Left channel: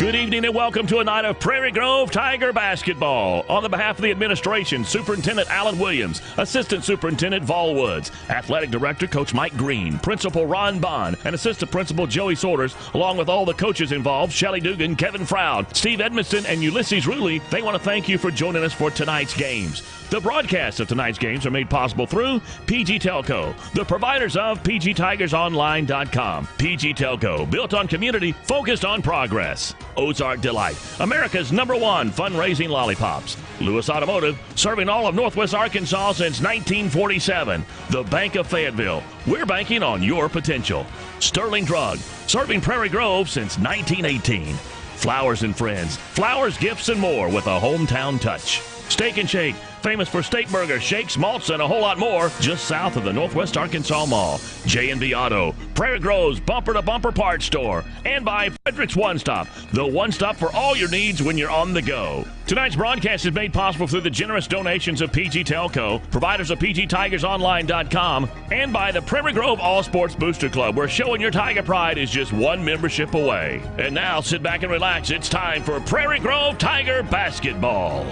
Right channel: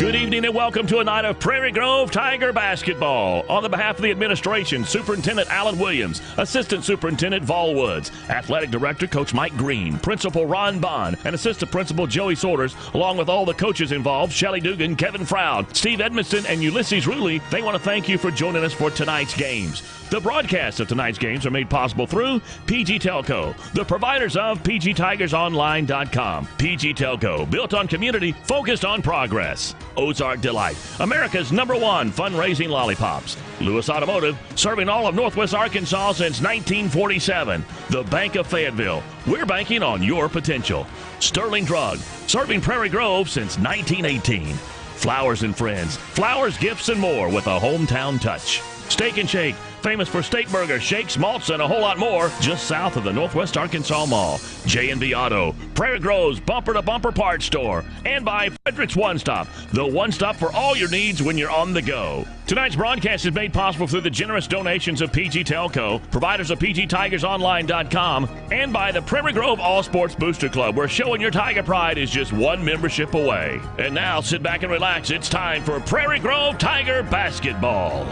Good evening and welcome to a night of Prairie Grove Tiger basketball. On the behalf of the administration, Superintendent Alan Williams, Assistant Superintendent Vol Woods, Athletic Director Coach Mike Green, Principal Ron Bond, and Assistant Principal Joey Sorters, along with all the coaches involved, Shelly Dugan, Kevin Froud, Steve Edmiston, and Ulysses Ruley, they want to thank you for joining us for tonight's games. The broadcasts of tonight's games are made possible through PG Telco, the providers of PGTigersOnline.com. PG Telco, built on community, focused on progress. Ozark Delight, America's #1 fundraising lollipops. Lewis Automotive, serving all of Northwest Arkansas since 1947. The Bank of Fayetteville, we're banking on your potential. Sterling Drug, serving Prairie Grove since 1918. Flowers and Friends, flowers, gifts, and more with a hometown touch. Steak and Shake, famous for steak burgers, shakes, malts, and a whole lot more, just south of the Northwest Arkansas Mall. J&B Auto, Prairie Grove's bumper-to-bumper parts store. And by Frederick's One Stop, the one stop for all your needs when you're on the go. Tonight's broadcast is made possible through the generous donations of PG Telco, providers of PGTigersOnline.com, and by the Prairie Grove All Sports Booster Club, where showing your Tiger pride is just one membership away. And now, sit back and relax. It's time for Prairie Grove Tiger basketball.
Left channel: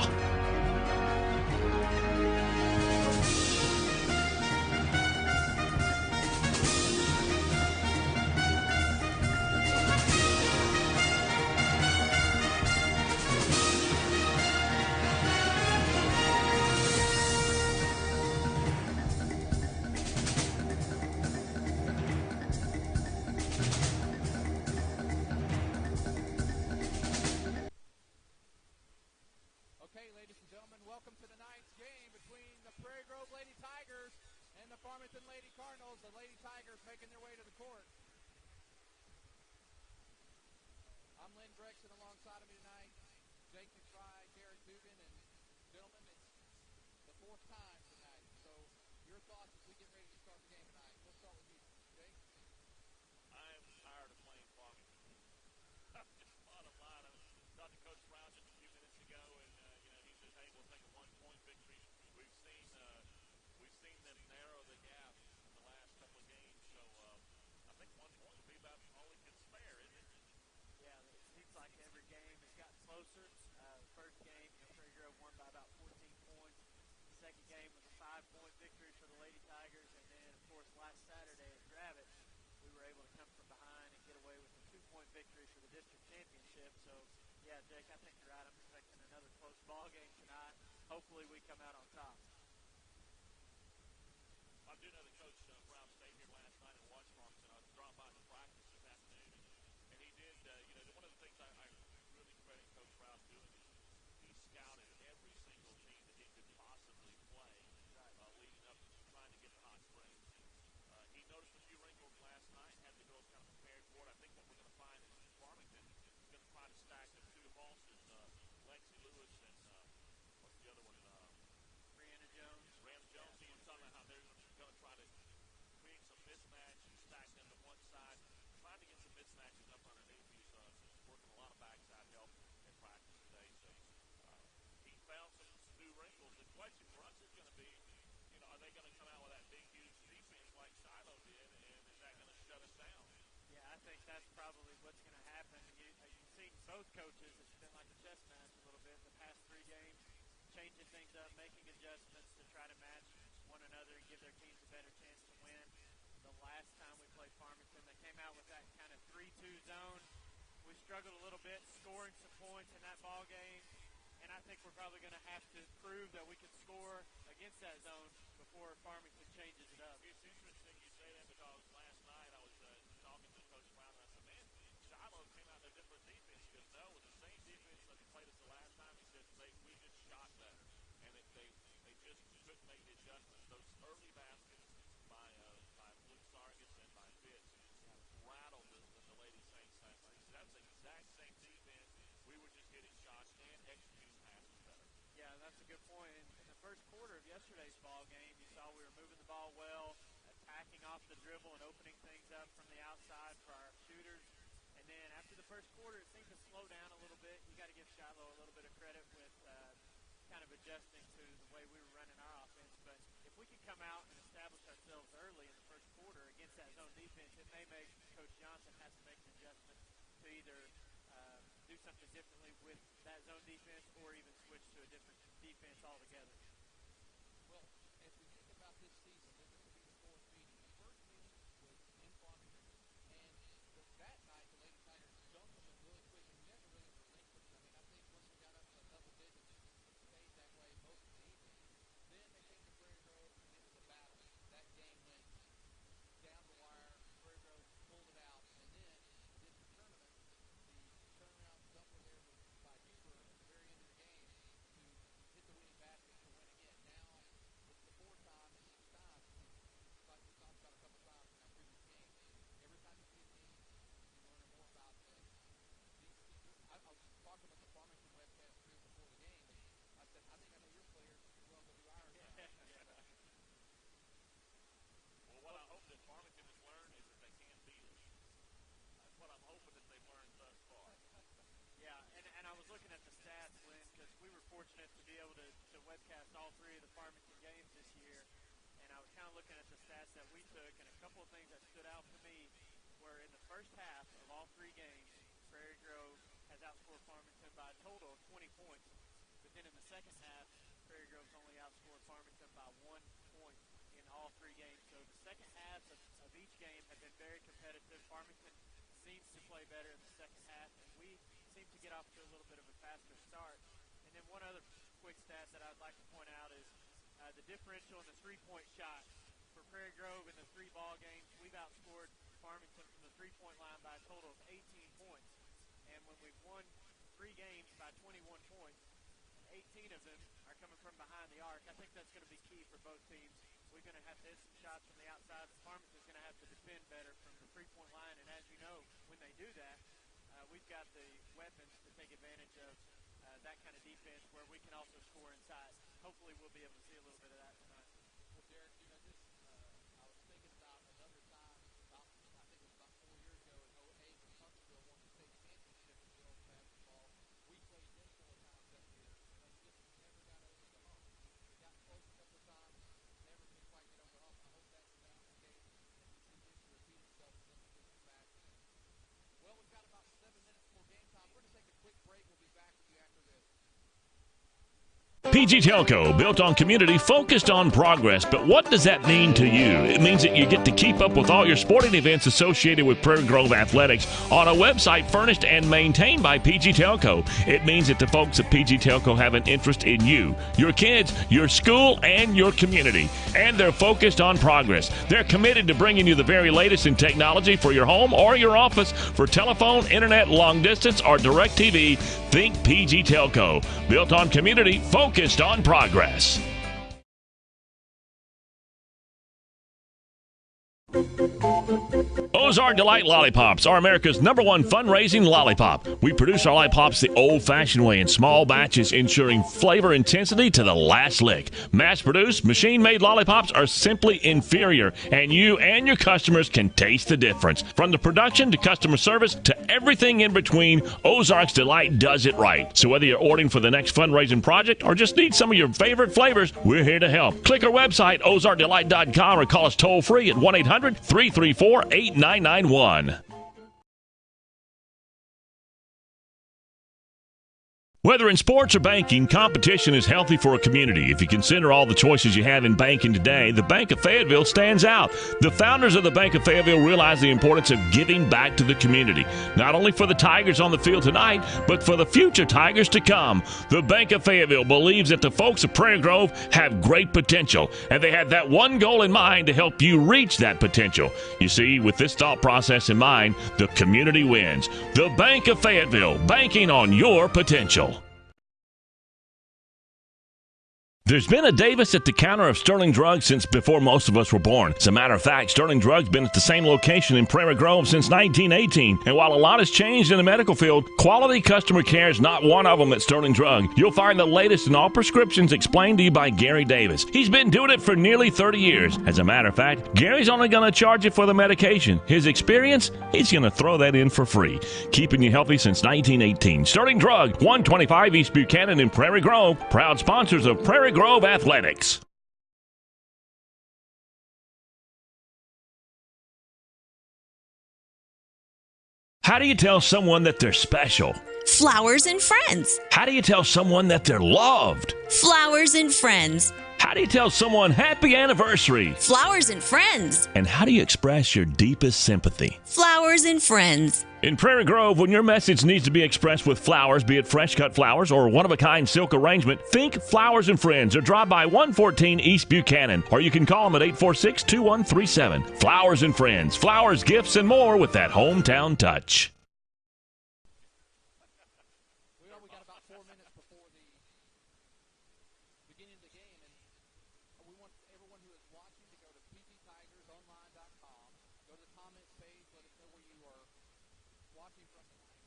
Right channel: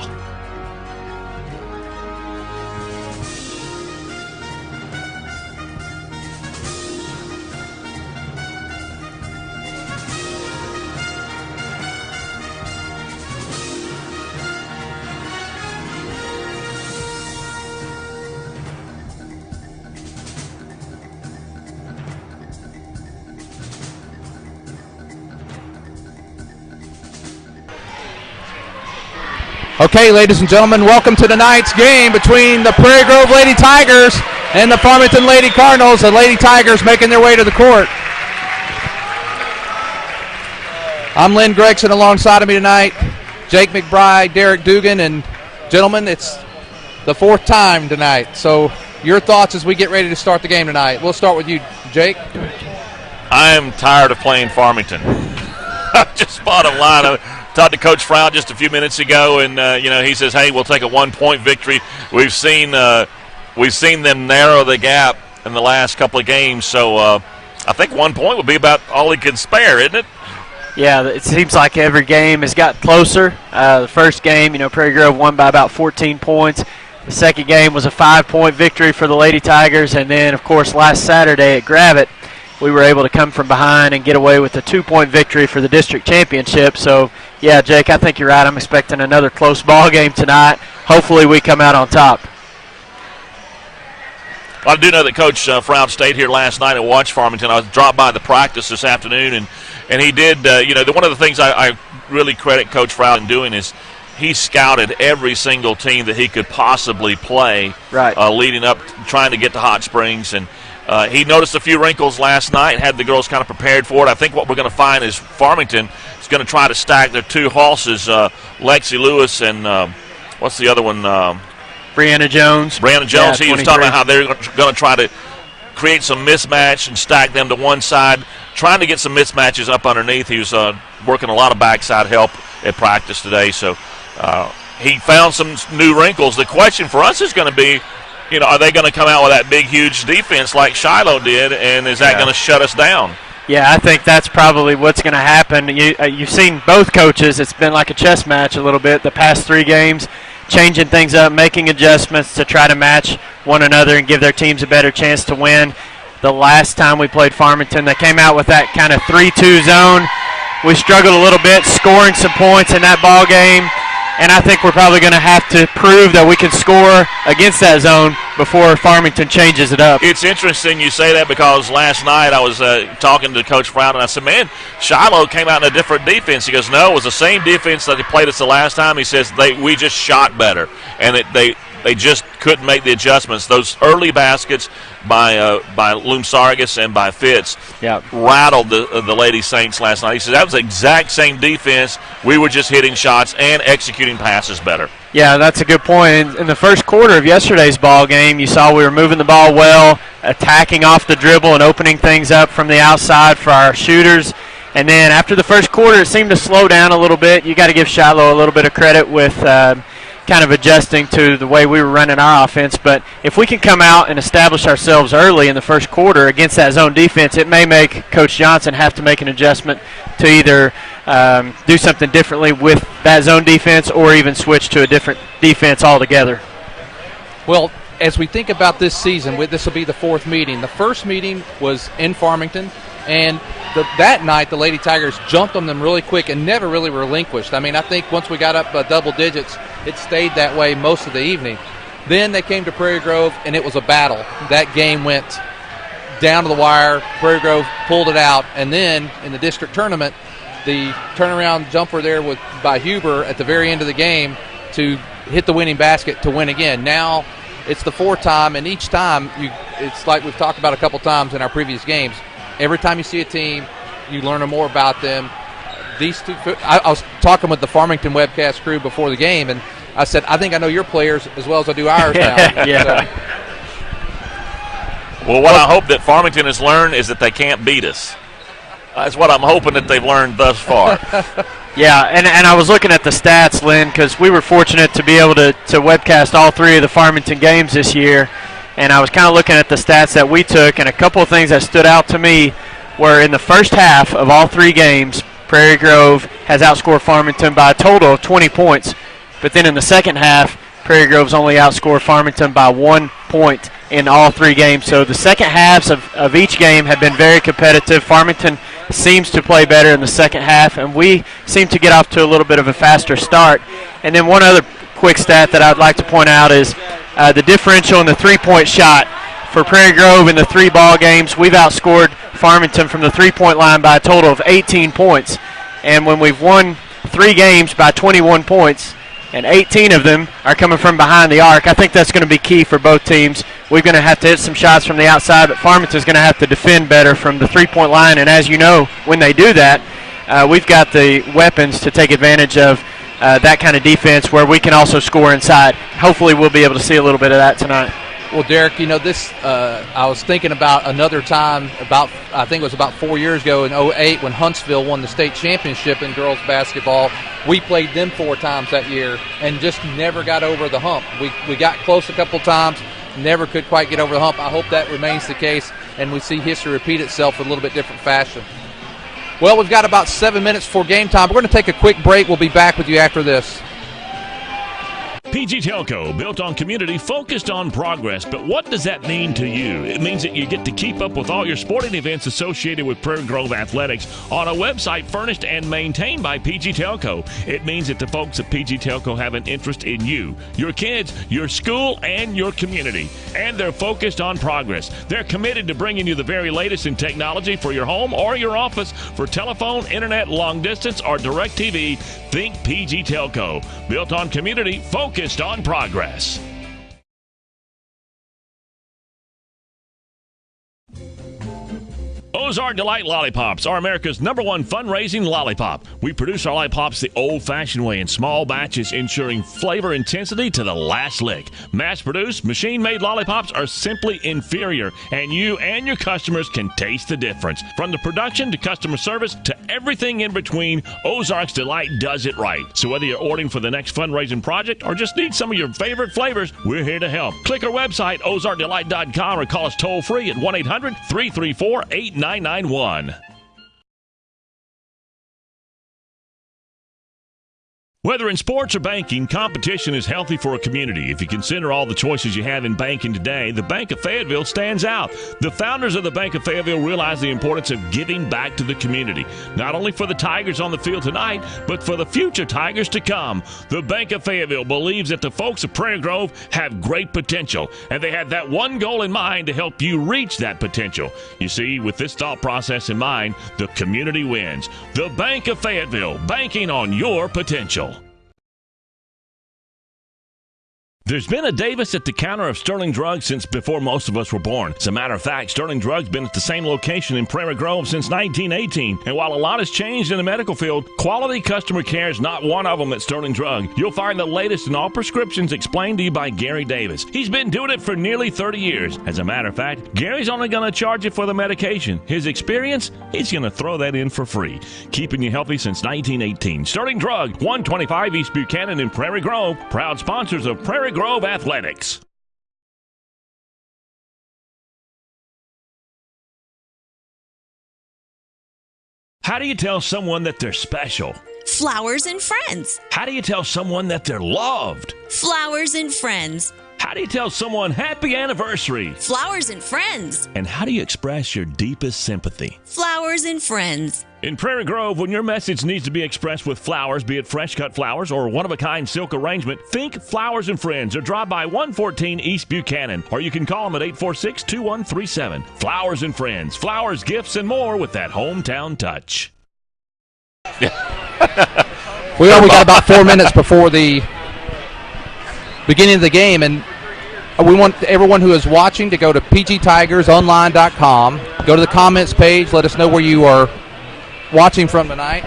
Okay, ladies and gentlemen, welcome to tonight's game between the Prairie Grove Lady Tigers and the Farmington Lady Cardinals. The Lady Tigers making their way to the court. I'm Lynn Gregson. Alongside of me tonight, Jake McBride, Derek Dugan, and gentlemen, it's the fourth time tonight. So your thoughts as we get ready to start the game tonight. We'll start with you, Jake. I am tired of playing Farmington. Just bottom line. I talked to Coach Froud just a few minutes ago, and he says, "Hey, we'll take a 1-point victory." We've seen them narrow the gap in the last couple of games, so I think 1 point would be about all he can spare, isn't it? Yeah, it seems like every game has got closer. The first game, Prairie Grove won by about 14 points. The second game was a 5-point victory for the Lady Tigers, and then, of course, last Saturday at Gravette, we were able to come from behind and get away with a 2-point victory for the district championship. So, yeah, Jake, I think you're right. I'm expecting another close ball game tonight. Hopefully we come out on top. Well, I do know that Coach Froud stayed here last night and watched Farmington. I dropped by the practice this afternoon, and he did, one of the things I really credit Coach Froud in doing is he scouted every single team that he could possibly play leading up, trying to get to Hot Springs. And he noticed a few wrinkles last night, had the girls kind of prepared for it. I think what we're going to find is Farmington is going to try to stack their two horses, Lexi Lewis and what's the other one? Brianna Jones. Yeah, he was talking about how they're going to try to create some mismatch and stack them to one side, trying to get some mismatches up underneath. He was working a lot of backside help at practice today, so he found some new wrinkles. The question for us is going to be, are they going to come out with that big, huge defense like Shiloh did, and is that going to shut us down? Yeah, I think that's probably what's going to happen. You've seen both coaches. It's been like a chess match a little bit the past 3 games, changing things up, making adjustments to try to match one another and give their teams a better chance to win. The last time we played Farmington, they came out with that kind of 3-2 zone. We struggled a little bit scoring some points in that ball game. And I think we're probably going to have to prove that we can score against that zone before Farmington changes it up. It's interesting you say that because last night I was talking to Coach Froud, and I said, man, Shiloh came out in a different defense. He goes, no, it was the same defense that they played us the last time. He says we just shot better, and they just couldn't make the adjustments. Those early baskets by Loom Sargis and by Fitz rattled the Lady Saints last night. He said that was the exact same defense. We were just hitting shots and executing passes better. Yeah, that's a good point. In the first quarter of yesterday's ball game, you saw we were moving the ball well, attacking off the dribble and opening things up from the outside for our shooters. And then after the first quarter, it seemed to slow down a little bit. You got to give Shiloh a little bit of credit with kind of adjusting to the way we were running our offense. But if we can come out and establish ourselves early in the first quarter against that zone defense, it may make Coach Johnson have to make an adjustment to either do something differently with that zone defense or even switch to a different defense altogether. Well, as we think about this season, this will be the 4th meeting. The first meeting was in Farmington, and that night the Lady Tigers jumped on them really quick and never really relinquished. I mean, I think once we got up double digits, it stayed that way most of the evening. Then they came to Prairie Grove, and it was a battle. That game went down to the wire. Prairie Grove pulled it out, and then in the district tournament, the turnaround jumper there by Huber at the very end of the game to hit the winning basket to win again. Now it's the 4th time, and each time it's like we've talked about a couple times in our previous games. Every time you see a team, you learn more about them. These two, I was talking with the Farmington webcast crew before the game, and I said, I think I know your players as well as I do ours now. Yeah. So, well, what I hope that Farmington has learned is that they can't beat us. That's what I'm hoping that they've learned thus far. Yeah, and I was looking at the stats, Lynn, because we were fortunate to be able to webcast all 3 of the Farmington games this year, and I was kind of looking at the stats that we took, and a couple of things that stood out to me were in the first half of all 3 games, Prairie Grove has outscored Farmington by a total of 20 points, but then in the second half, Prairie Grove's only outscored Farmington by 1 point in all 3 games. So the second halves of each game have been very competitive. Farmington seems to play better in the second half, and we seem to get off to a little bit of a faster start. And then one other quick stat that I'd like to point out is the differential in the 3-point shot. For Prairie Grove in the 3 ball games, we've outscored Farmington from the 3-point line by a total of 18 points. And when we've won 3 games by 21 points, and 18 of them are coming from behind the arc, I think that's going to be key for both teams. We're going to have to hit some shots from the outside, but Farmington's going to have to defend better from the 3-point line. And as you know, when they do that, we've got the weapons to take advantage of that kind of defense where we can also score inside. Hopefully we'll be able to see a little bit of that tonight. well, Derek, this I was thinking about another time, I think it was about 4 years ago in 2008 when Huntsville won the state championship in girls basketball. We played them 4 times that year and just never got over the hump. We got close a couple times, never could quite get over the hump. I hope that remains the case and we see history repeat itself in a little bit different fashion. Well, we've got about 7 minutes before game time. We're going to take a quick break. We'll be back with you after this. PG Telco, built on community, focused on progress. But what does that mean to you? It means that you get to keep up with all your sporting events associated with Prairie Grove Athletics on a website furnished and maintained by PG Telco. It means that the folks at PG Telco have an interest in you, your kids, your school, and your community. And they're focused on progress. They're committed to bringing you the very latest in technology for your home or your office. For telephone, internet, long distance, or direct TV, think PG Telco. Built on community, focused on progress. Ozark Delight Lollipops are America's #1 fundraising lollipop. We produce our lollipops the old-fashioned way in small batches, ensuring flavor intensity to the last lick. Mass-produced, machine-made lollipops are simply inferior, and you and your customers can taste the difference. From the production to customer service to everything in between, Ozark's Delight does it right. So whether you're ordering for the next fundraising project or just need some of your favorite flavors, we're here to help. Click our website, ozarkdelight.com, or call us toll-free at 1-800-334-8991. Whether in sports or banking, competition is healthy for a community. If you consider all the choices you have in banking today, the Bank of Fayetteville stands out. The founders of the Bank of Fayetteville realize the importance of giving back to the community, not only for the Tigers on the field tonight, but for the future Tigers to come. The Bank of Fayetteville believes that the folks of Prairie Grove have great potential, and they had that one goal in mind to help you reach that potential. You see, with this thought process in mind, the community wins. The Bank of Fayetteville, banking on your potential. There's been a Davis at the counter of Sterling Drugs since before most of us were born. As a matter of fact, Sterling Drugs been at the same location in Prairie Grove since 1918. And while a lot has changed in the medical field, quality customer care is not one of them at Sterling Drug. You'll find the latest in all prescriptions explained to you by Gary Davis. He's been doing it for nearly 30 years. As a matter of fact, Gary's only going to charge you for the medication. His experience, he's going to throw that in for free. Keeping you healthy since 1918. Sterling Drug, 125 East Buchanan in Prairie Grove. Proud sponsors of Prairie Grove Athletics. How do you tell someone that they're special? Flowers and friends. How do you tell someone that they're loved? Flowers and friends. How do you tell someone happy anniversary? Flowers and friends. And how do you express your deepest sympathy? Flowers and friends. In Prairie Grove, when your message needs to be expressed with flowers, be it fresh-cut flowers or one-of-a-kind silk arrangement, think Flowers and Friends or drop by 114 East Buchanan, or you can call them at 846-2137. Flowers and Friends, flowers, gifts, and more with that hometown touch. We only got about 4 minutes before the beginning of the game, and we want everyone who is watching to go to pgtigersonline.com, go to the comments page, let us know where you are watching from tonight.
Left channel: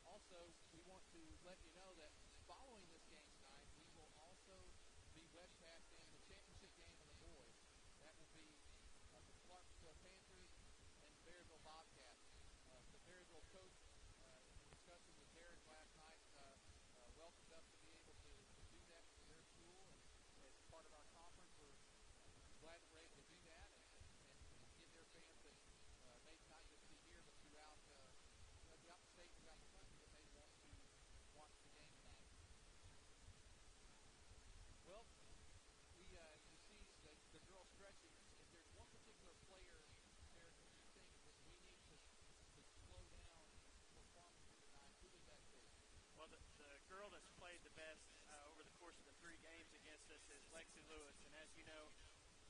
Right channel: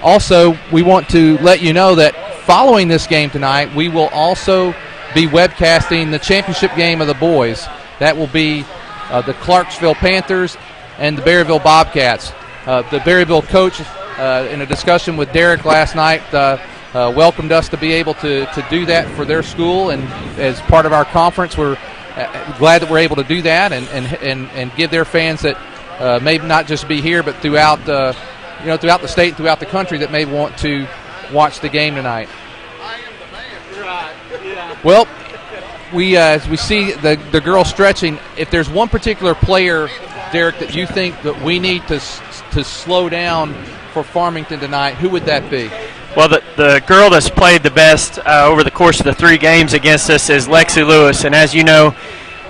Also, we want to let you know that following this game tonight, we will also be webcasting the championship game of the boys. That will be the Clarksville Panthers and the Berryville Bobcats. The Berryville coach, in a discussion with Derek last night, welcomed us to be able to do that for their school, and as part of our conference, we're glad that we're able to do that and give their fans that may not just be here, but throughout throughout the state, throughout the country, that may want to watch the game tonight. Well, as we see the girls stretching, if there's one particular player, Derek, that you think that we need to slow down for Farmington tonight, who would that be? Well, the girl that's played the best over the course of the 3 games against us is Lexi Lewis, and as you know,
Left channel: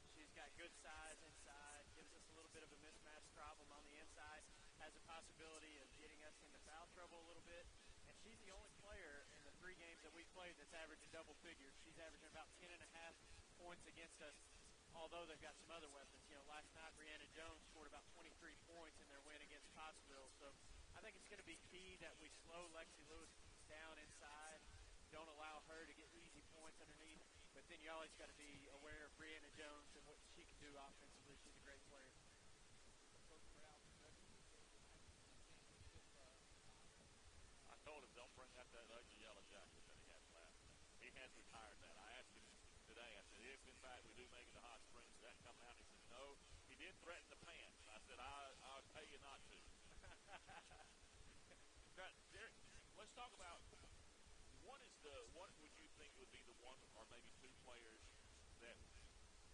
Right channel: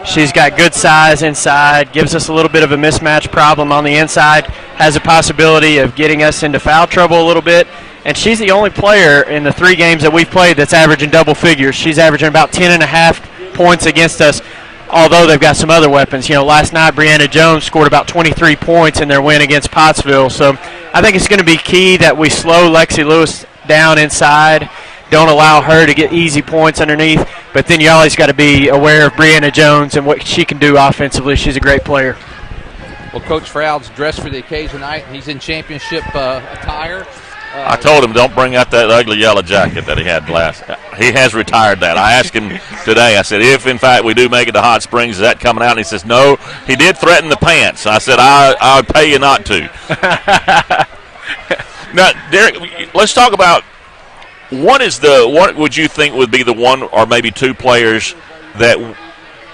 she's got good size inside, gives us a little bit of a mismatch problem on the inside, has a possibility of getting us into foul trouble a little bit, and she's the only player in the 3 games that we've played that's averaging double figures. She's averaging about 10.5 points against us, although they've got some other weapons. Last night Brianna Jones scored about 23 points in their win against Pottsville, so I think it's going to be key that we slow Lexi Lewis down inside, don't allow her to get easy points underneath, but then you always got to be aware of Brianna Jones and what she can do offensively. She's a great player. Well, Coach Froud's dressed for the occasion tonight. He's in championship attire. I told him don't bring out that ugly yellow jacket that he had last. He has retired that. I asked him today, I said, if in fact we do make it to Hot Springs, is that coming out? And he says, no. He did threaten the pants. I said, I would pay you not to. Now, Derek, let's talk about what would you think would be the one or maybe 2 players that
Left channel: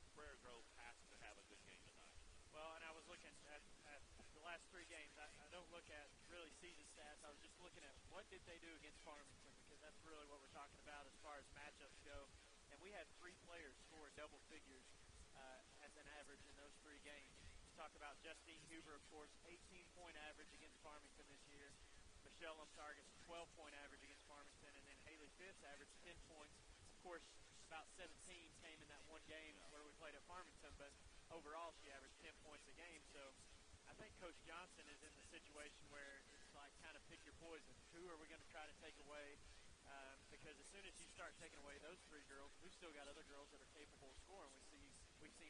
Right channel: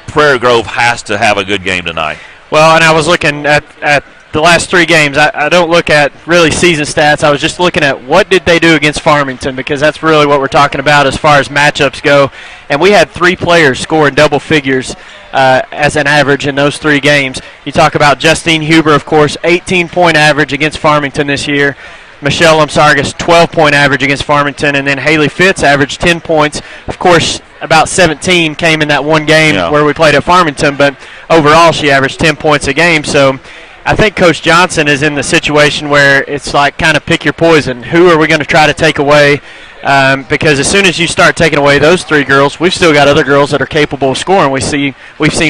Prairie Grove has to have a good game tonight? Well, and I was looking at the last 3 games. I don't look at really season stats. I was just looking at what did they do against Farmington, because that's really what we're talking about as far as matchups go. And we had 3 players score in double figures as an average in those 3 games. You talk about Justine Huber, of course, 18-point average against Farmington this year. Michelle Lumsargas, 12-point average against Farmington, and then Haley Fitz averaged 10 points. Of course, about 17 came in that one game where we played at Farmington, but overall she averaged 10 points a game. So I think Coach Johnson is in the situation where it's like kind of pick your poison. Who are we going to try to take away? Because as soon as you start taking away those 3 girls, we've still got other girls that are capable of scoring. We've seen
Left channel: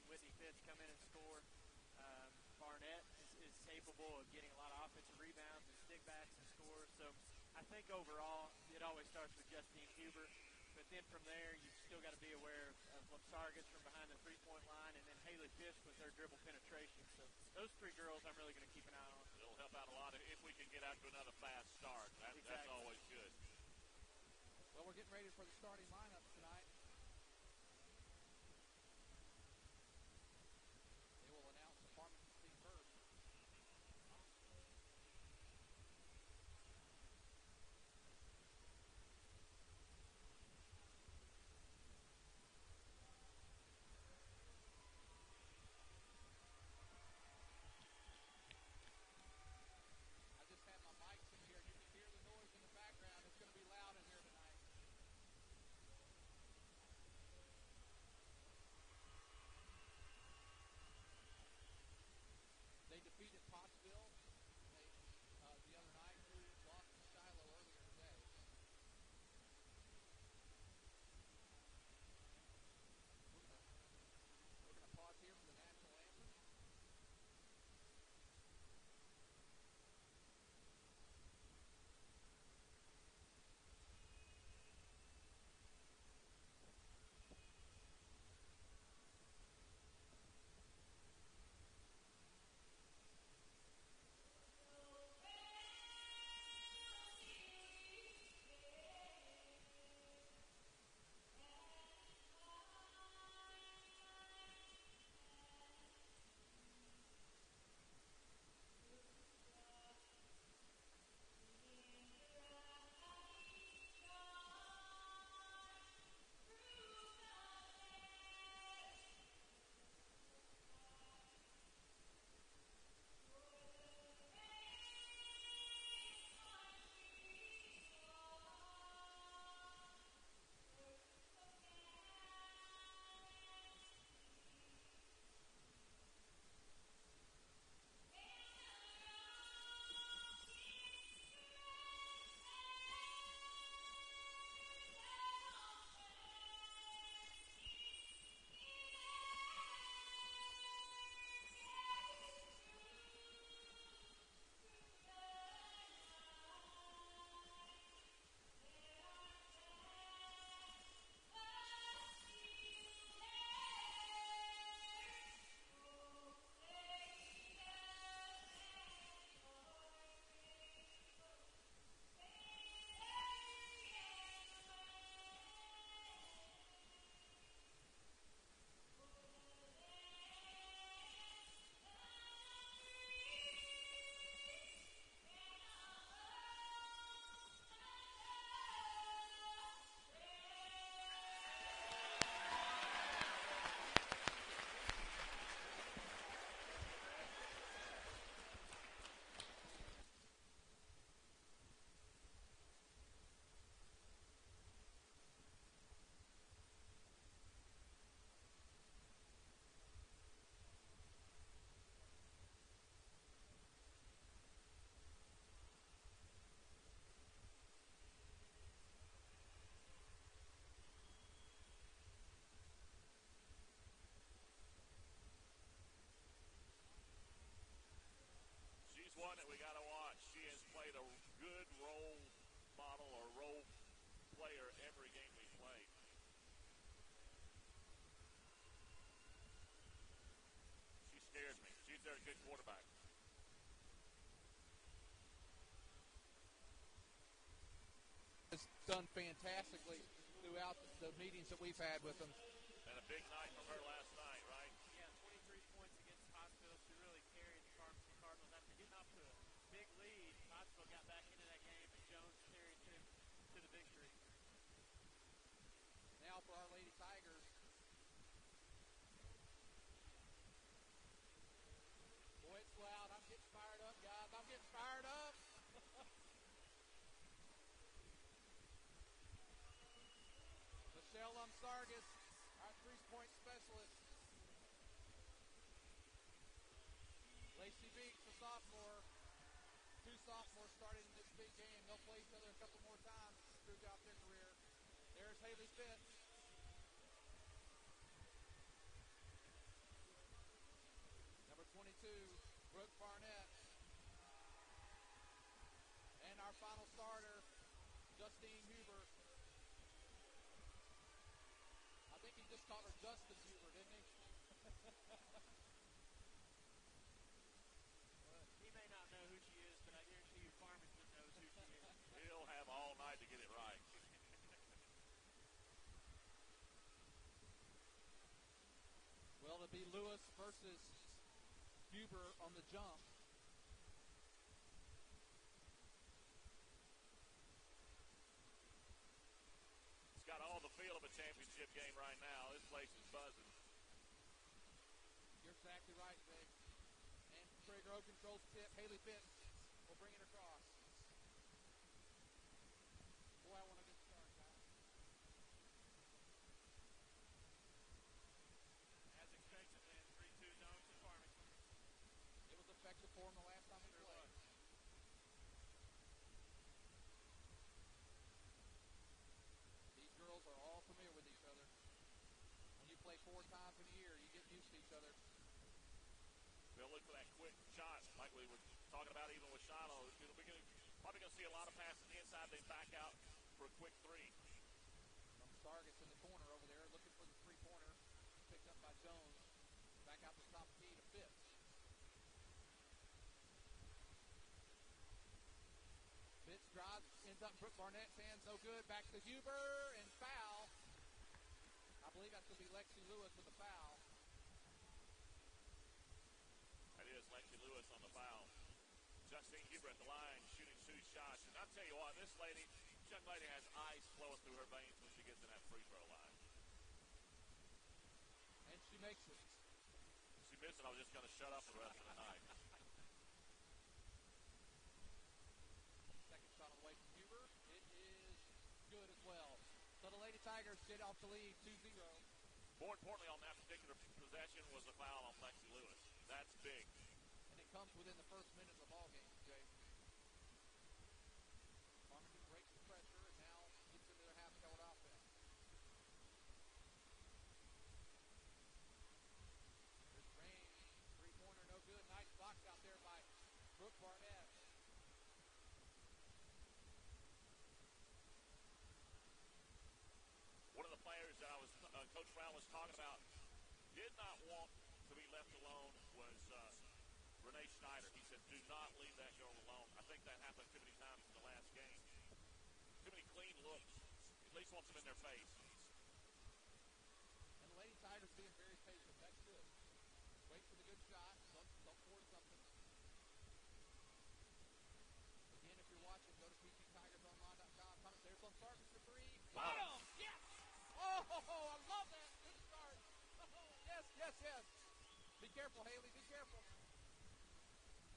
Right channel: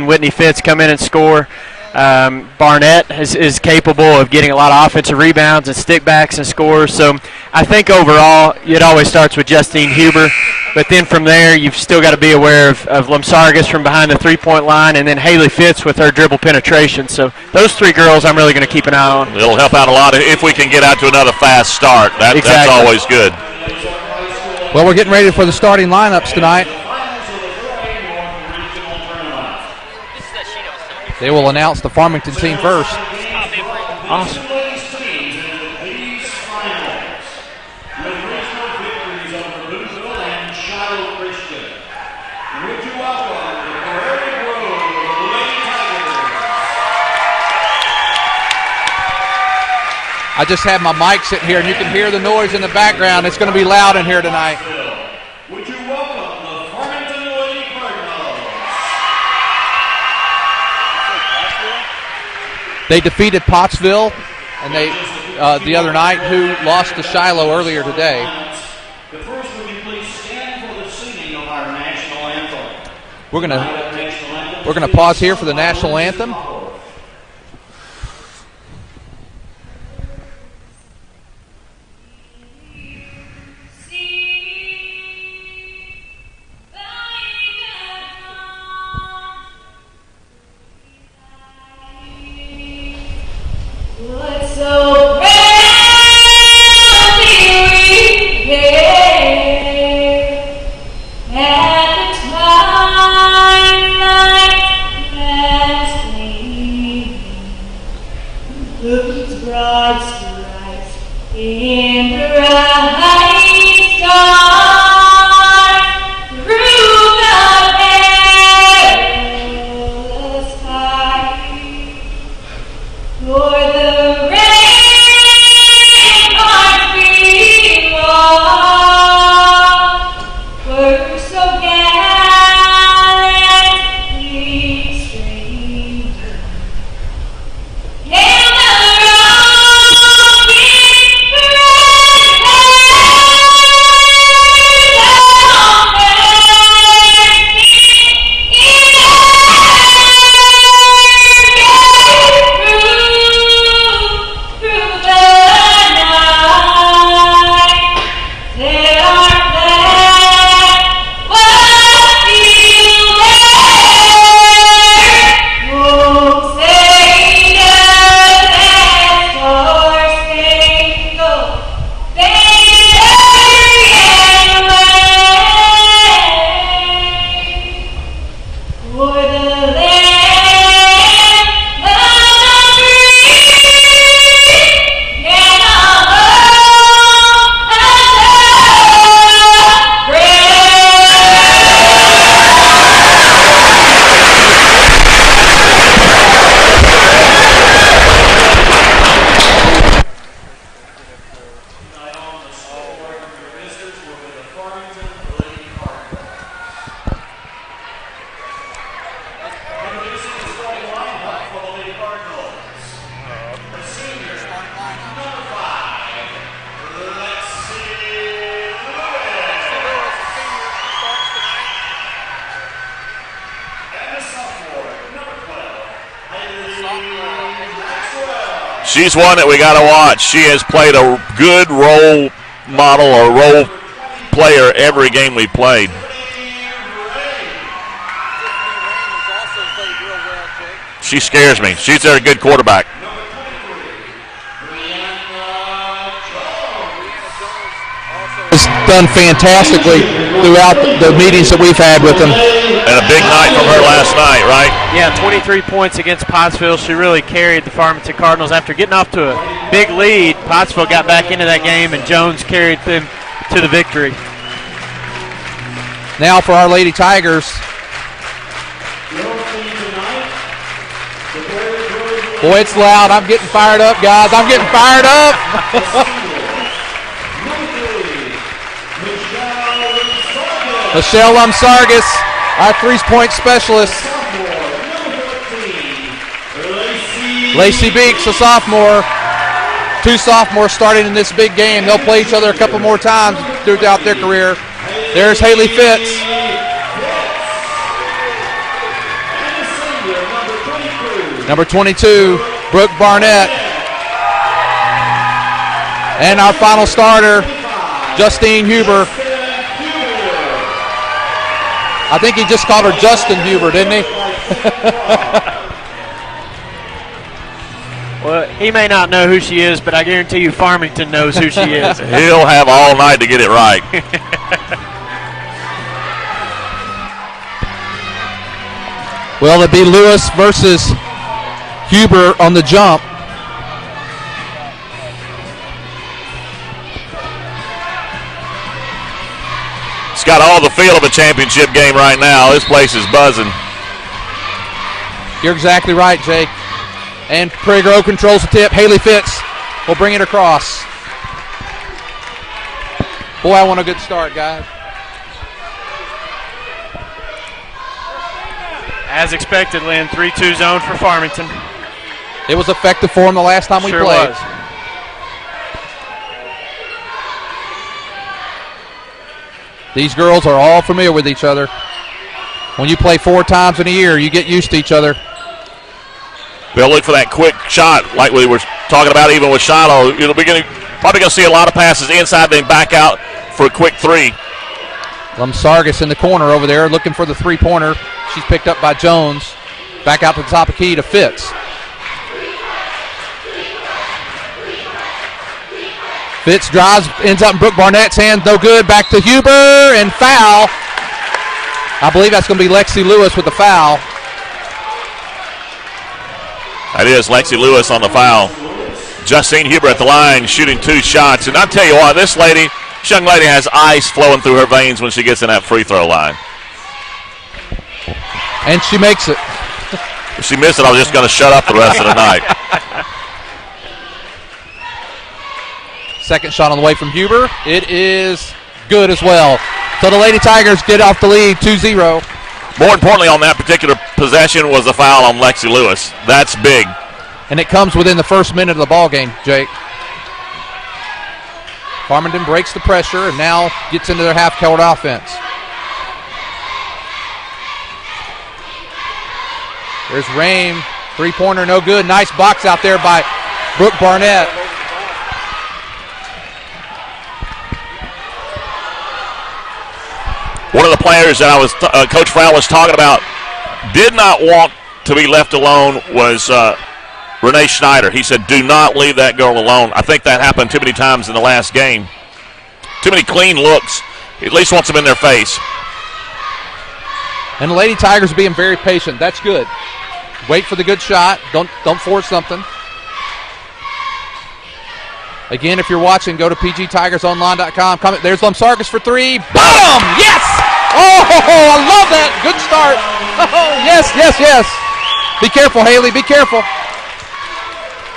Whitney Fitz come in and score. Barnett is capable of getting a lot of offensive rebounds and stickbacks and scores. So I think overall it always starts with Justine Huber. But then from there, you've still got to be aware of Lumsargas from behind the 3-point line, and then Haley Fitz with her dribble penetration. So those 3 girls I'm really going to keep an eye on. It'll help out a lot if we can get out to another fast start. Exactly. That's always good. Well, we're getting ready for the starting lineups tonight. They will announce the Farmington team first. Awesome. I just have my mic sitting here, and you can hear the noise in the background. It's going to be loud in here tonight. Would you welcome the Farmington Lady Cardinals? They defeated Pottsville, and they the other night, who lost to Shiloh earlier today. The first, would you please stand for the singing of our national anthem? We're gonna pause here for the national anthem. Let's celebrate! She's one that we got to watch. She has played a good role model or role player every game we played. She scares me. She's a good quarterback. Has done fantastically throughout the meetings that we've had with them. And a big night from her last night, right? Yeah, 23 points against Pottsville. She really carried the Farmington Cardinals. After getting off to a big lead, Pottsville got back into that game, and Jones carried them to the victory. Now for our Lady Tigers. Boy, it's loud. I'm getting fired up, guys. I'm getting fired up. Michelle Lumsargis, our 3-point specialist. Lacey Beeks, a sophomore. 2 sophomores starting in this big game. They'll play each other a couple more times throughout their career. There's Haley Fitz. Number 22, Brooke Barnett. And our final starter, Justine Huber. I think he just called her Justin Huber, didn't he? Well, he may not know who she is, but I guarantee you Farmington knows who she is. He'll have all night to get it right. Well, it'd be Lewis versus Huber on the jump. It's got all the feel of a championship game right now. This place is buzzing. You're exactly right, Jake. And Prairie Grove controls the tip. Haley Fitz will bring it across. Boy, I want a good start, guys. As expected, Lynn, 3-2 zone for Farmington. It was effective for them the last time we Sure played. was. These girls are all familiar with each other. When you play 4 times in a year, you get used to each other. They'll look for that quick shot like we were talking about even with Shiloh. It'll be probably going to see a lot of passes inside, then back out for a quick 3. Lumsargis in the corner over there looking for the 3-pointer. She's picked up by Jones. Back out to the top of key to Fitz. Fitz drives, ends up in Brooke Barnett's hand. No good. Back to Huber and foul. I believe that's going to be Lexi Lewis with the foul. That is Lexi Lewis on the foul. Justine Huber at the line shooting 2 shots. And I'll tell you what, this young lady has ice flowing through her veins when she gets in that free throw line. And she makes it. If she missed it, I was just going to shut up the rest of the night. Second shot on the way from Huber. It is good as well. So the Lady Tigers get off the lead 2-0. More importantly on that particular possession was the foul on Lexi Lewis. That's big. And it comes within the first minute of the ball game, Jake. Farmington breaks the pressure and now gets into their half-court offense. There's Rain. 3-pointer, no good. Nice box out there by Brooke Barnett. One of the players that Coach Frown was talking about did not want to be left alone was Renee Schneider. He said, do not leave that girl alone. I think that happened too many times in the last game. Too many clean looks. He at least wants them in their face. And the Lady Tigers being very patient. That's good. Wait for the good shot. Don't force something. Again, if you're watching, go to pgtigersonline.com. There's Lumsargis for 3. Boom! Yes! Oh, I love that. Good start. Oh, yes. Be careful, Haley. Be careful.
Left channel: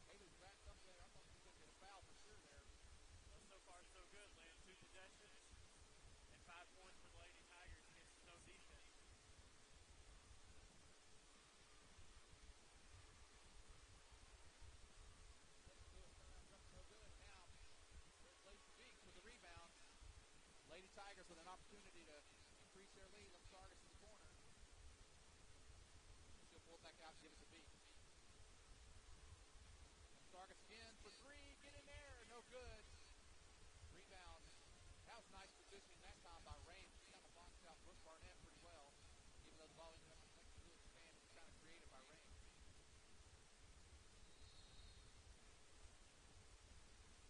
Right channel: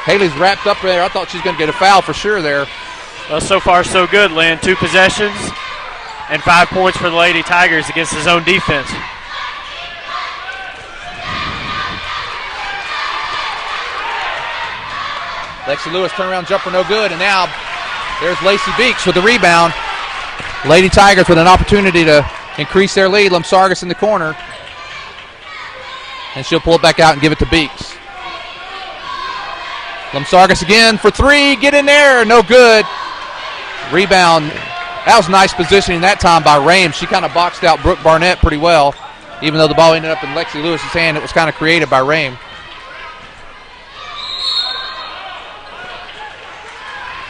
Haley's wrapped up there. I thought she was going to get a foul for sure there. Well, so far so good, Lynn. 2 possessions and 5 points for the Lady Tigers against his own defense. Lexi Lewis turnaround jumper, no good. And now there's Lacey Beeks with the rebound. Lady Tigers with an opportunity to increase their lead. Lumsargis in the corner. And she'll pull it back out and give it to Beeks. Lamsargas again for three. Get in there. No good. Rebound. That was nice positioning that time by Rames. She kind of boxed out Brooke Barnett pretty well. Even though the ball ended up in Lexi Lewis's hand, it was kind of created by Rame.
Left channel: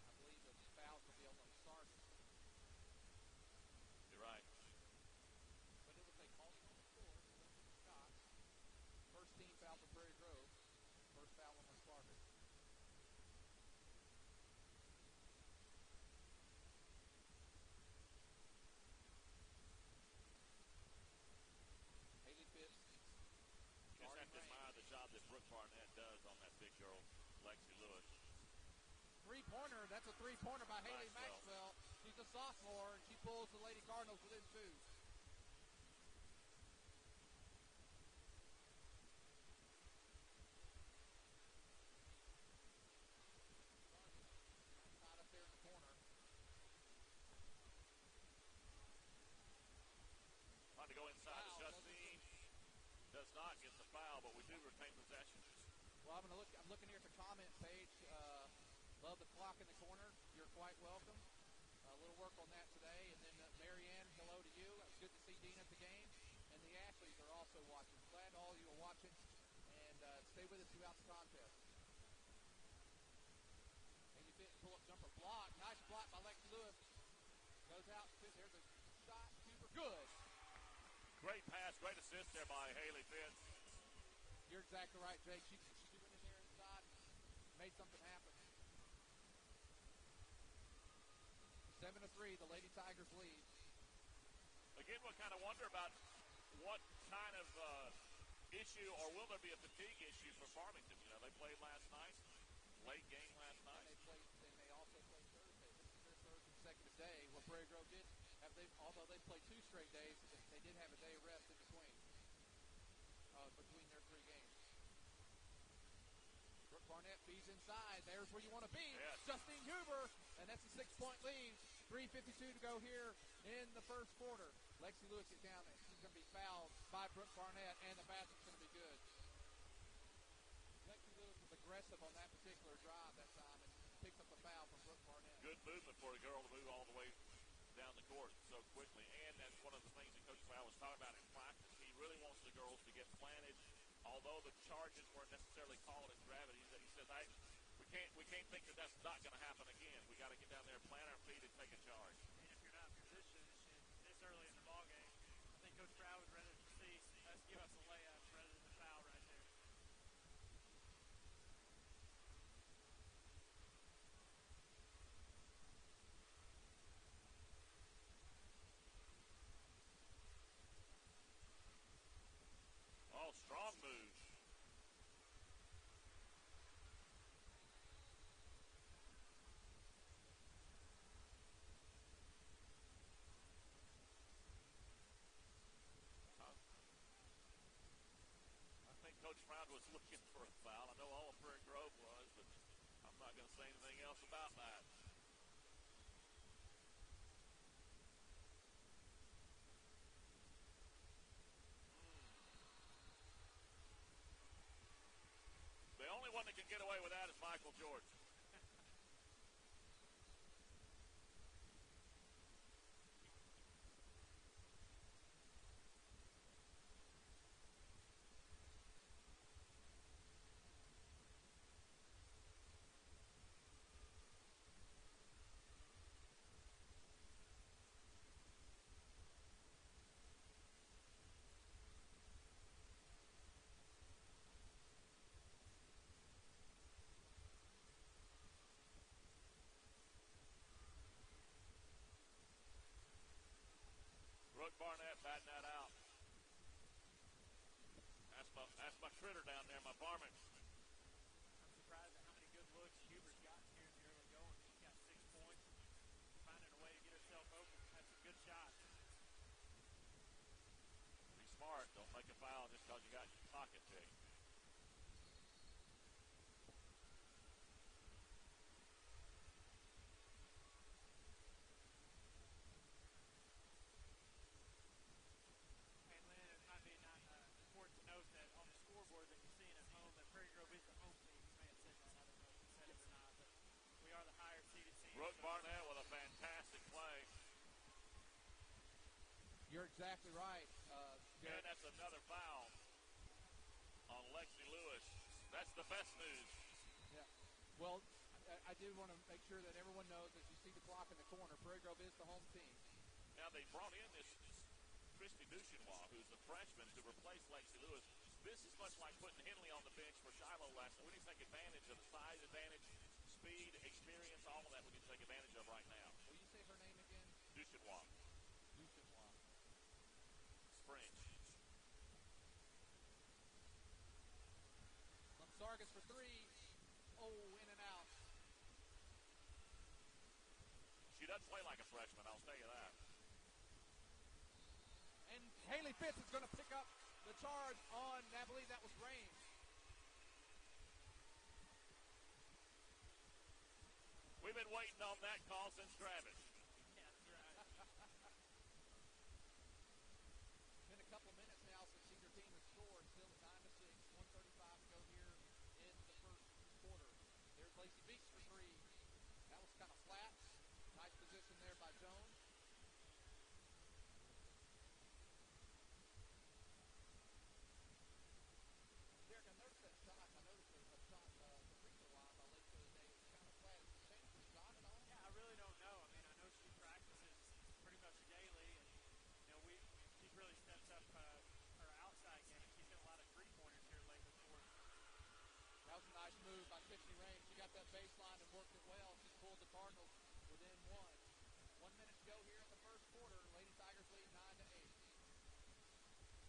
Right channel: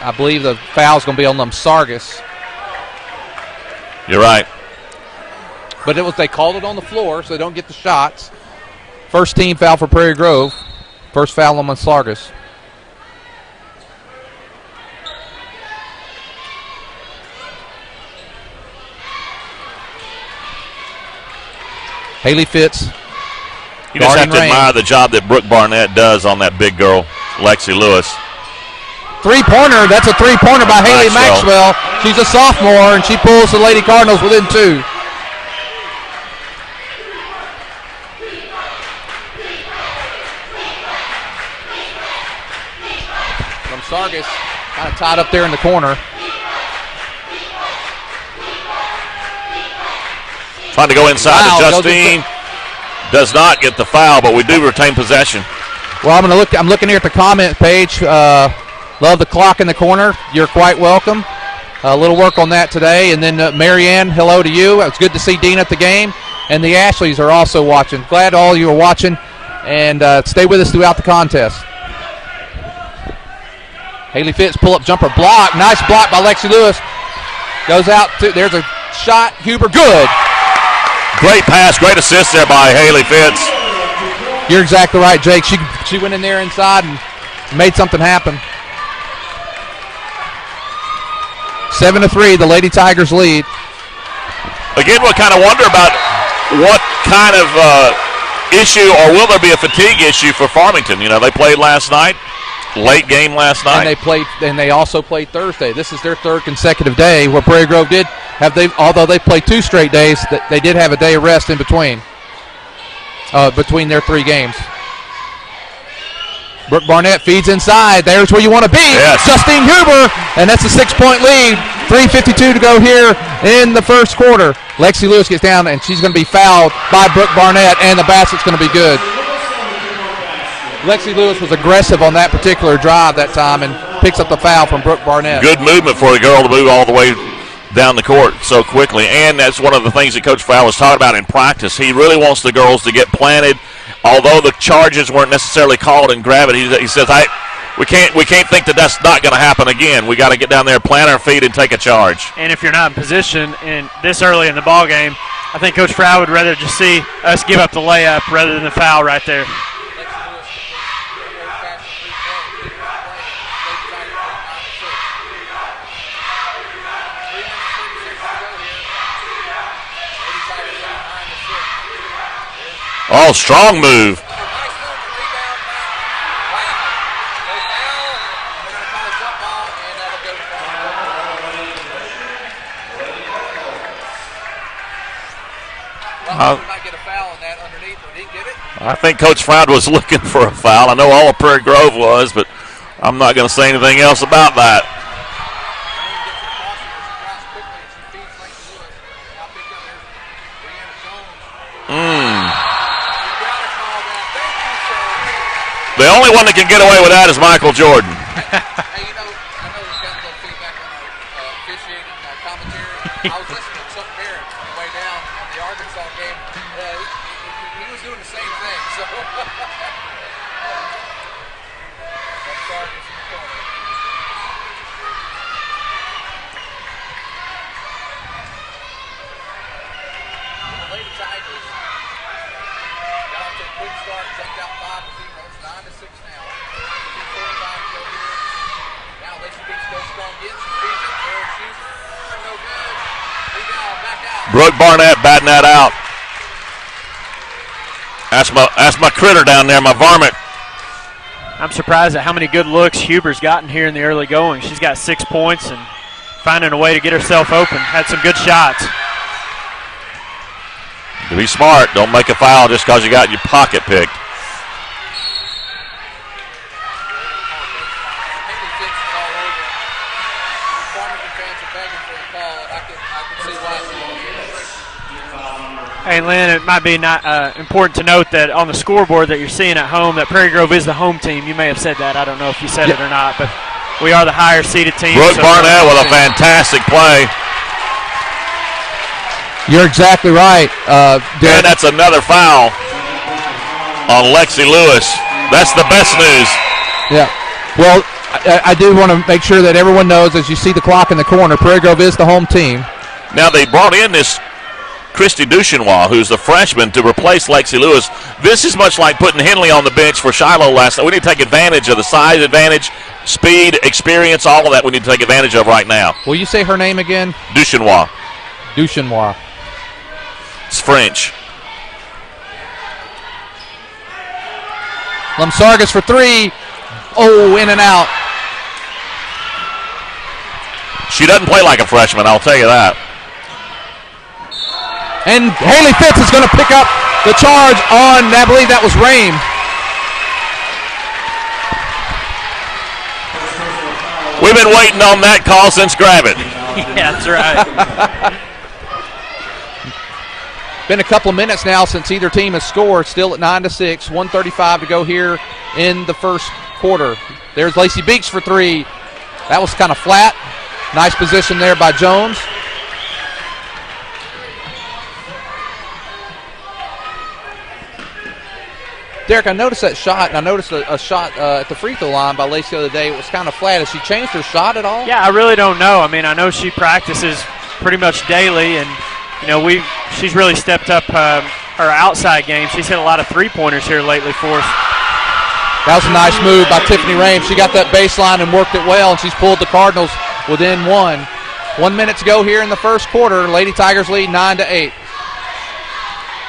I believe the foul's going to be on Lamsargas. You're right. But they called it on the floor, so they don't get the shots. First team foul for Prairie Grove. First foul on Lamsargas. Haley Fitz. You just have to admire the job that Brooke Barnett does on that big girl, Lexi Lewis. Three-pointer. That's a three-pointer by Haley Maxwell. She's a sophomore, and she pulls the Lady Cardinals within two. Lamsargas kind of tied up there in the corner. Trying to go inside to Justine. Does not get the foul, but we do retain possession. Well, I'm looking here at the comment page. Love the clock in the corner. You're quite welcome. A little work on that today. And then Marianne, hello to you. It's good to see Dean at the game. And the Ashleys are also watching. Glad all you are watching. And stay with us throughout the contest. Haley Fitz, pull-up jumper, block. Nice block by Lexi Lewis. Goes out. There's a shot. Huber, good. Great pass, great assist there by Haley Fitz. You're exactly right, Jake. She went in there inside and made something happen. 7-3, the Lady Tigers lead. Again, we'll kind of wonder about what kind of issue, or will there be a fatigue issue for Farmington? You know, they played last night, late game last night. And they also played Thursday. This is their third consecutive day where Prairie Grove did have although they played 2 straight days, they did have a day of rest in between their 3 games. Brooke Barnett feeds inside. There's where you want to be. Yes. Justine Huber, and that's a 6-point lead. 3:52 to go here in the first quarter. Lexi Lewis gets down, and she's going to be fouled by Brooke Barnett, and the basket's going to be good. Lexi Lewis was aggressive on that particular drive that time and picks up the foul from Brooke Barnett. Good movement for the girl to move all the way down the court so quickly, and that's one of the things that Coach Farrell was talking about in practice. He really wants the girls to get planted. Although the charges weren't necessarily called and grab it, he says, we can't think that that's not going to happen again. We got to get down there, plant our feet, and take a charge. And if you're not in position in this early in the ball game, I think Coach Farrell would rather just see us give up the layup rather than the foul right there. Oh, strong move. I think Coach Froud was looking for a foul. I know all of Prairie Grove was, but I'm not going to say anything else about that. The only one that can get away with that is Michael Jordan. Hey, I know we've got a little feedback on our officiating commentary. I was listening to Chuck Barrett on the way down on the Arkansas game. He was doing the same thing. So. The Lady Tigers got off to a quick start, jumped out 5-0. It's 9-6 now. 2:45 to go here. Now Lacey Beach goes strong, gets it, feeds it, throws, shoots, no good. Rebound, back out. Brooke Barnett batting that out. That's my critter down there, my varmint. I'm surprised at how many good looks Huber's gotten here in the early going. She's got 6 points and finding a way to get herself open. Had some good shots. To be smart, don't make a foul just because you got your pocket picked. Hey, Lynn, it might be important to note that on the scoreboard that you're seeing at home, that Prairie Grove is the home team. You may have said that. I don't know if you said it or not, but we are the higher seeded team. Brooke Barnett with a fantastic play. You're exactly right. And that's another foul on Lexi Lewis. That's the best news. Yeah. Well, I do want to make sure that everyone knows, as you see the clock in the corner, Prairie Grove is the home team. Now they brought in this Christy Duchenois, who's a freshman, to replace Lexi Lewis. This is much like putting Henley on the bench for Shiloh last night. We need to take advantage of the size advantage, speed, experience, all of that we need to take advantage of right now. Will you say her name again? Duchenois. Duchenois. It's French. Lamsargas for three. Oh, in and out. She doesn't play like a freshman, I'll tell you that. And Haley Fitz is going to pick up the charge on, I believe that was Rame. We've been waiting on that call since grab it. Yeah, that's right. Been a couple of minutes now since either team has scored. Still at 9-6. 1:35 to go here in the first quarter. There's Lacey Beeks for three. That was kind of flat. Nice position there by Jones. Derek, I noticed that shot, and I noticed a shot at the free throw line by Lacey the other day. It was kind of flat. Has she changed her shot at all? Yeah, I really don't know. I mean, I know she practices pretty much daily, and she's really stepped up her outside game. She's hit a lot of three-pointers here lately for us. That was a nice move by Tiffany Rame. She got that baseline and worked it well, and she's pulled the Cardinals within one. 1 minute to go here in the first quarter. Lady Tigers lead 9-8.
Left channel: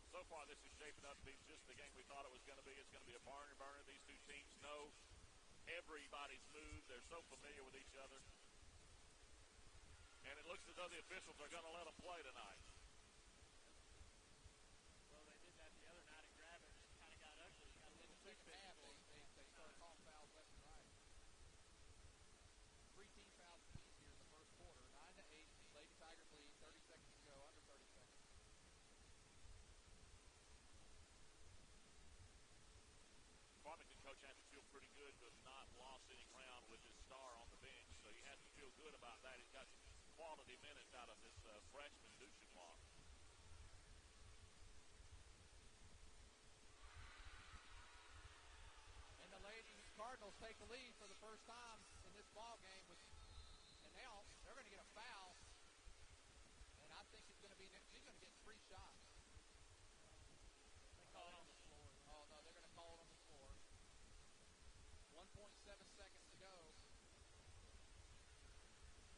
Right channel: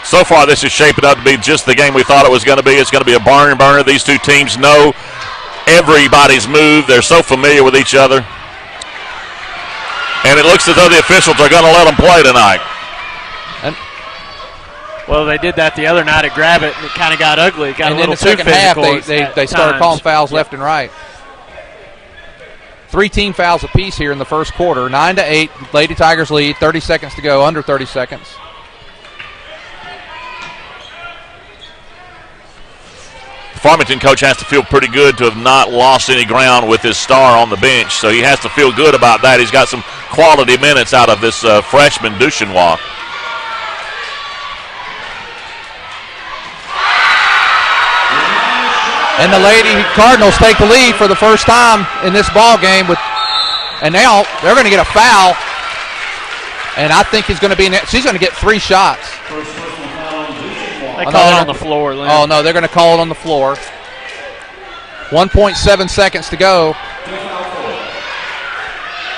So far, this is shaping up to be just the game we thought it was going to be. It's going to be a barn burner. These two teams know everybody's move. They're so familiar with each other. And it looks as though the officials are going to let them play tonight. Well, they did that the other night at Grab It, and it kind of got ugly. It got a little too physical. And in the second half, they started calling fouls left and right. 3 team fouls apiece here in the first quarter. 9-8, Lady Tigers lead. 30 seconds to go, under 30 seconds. The Farmington coach has to feel pretty good to have not lost any ground with his star on the bench, so he has to feel good about that. He's got some quality minutes out of this freshman, Duchenois. And the Lady Cardinals take the lead for the first time in this ball game. And now they're going to get a foul. And I think she's going to get 3 shots. They call it on the floor, Lynn. Oh, no, they're going to call it on the floor. 1.7 seconds to go.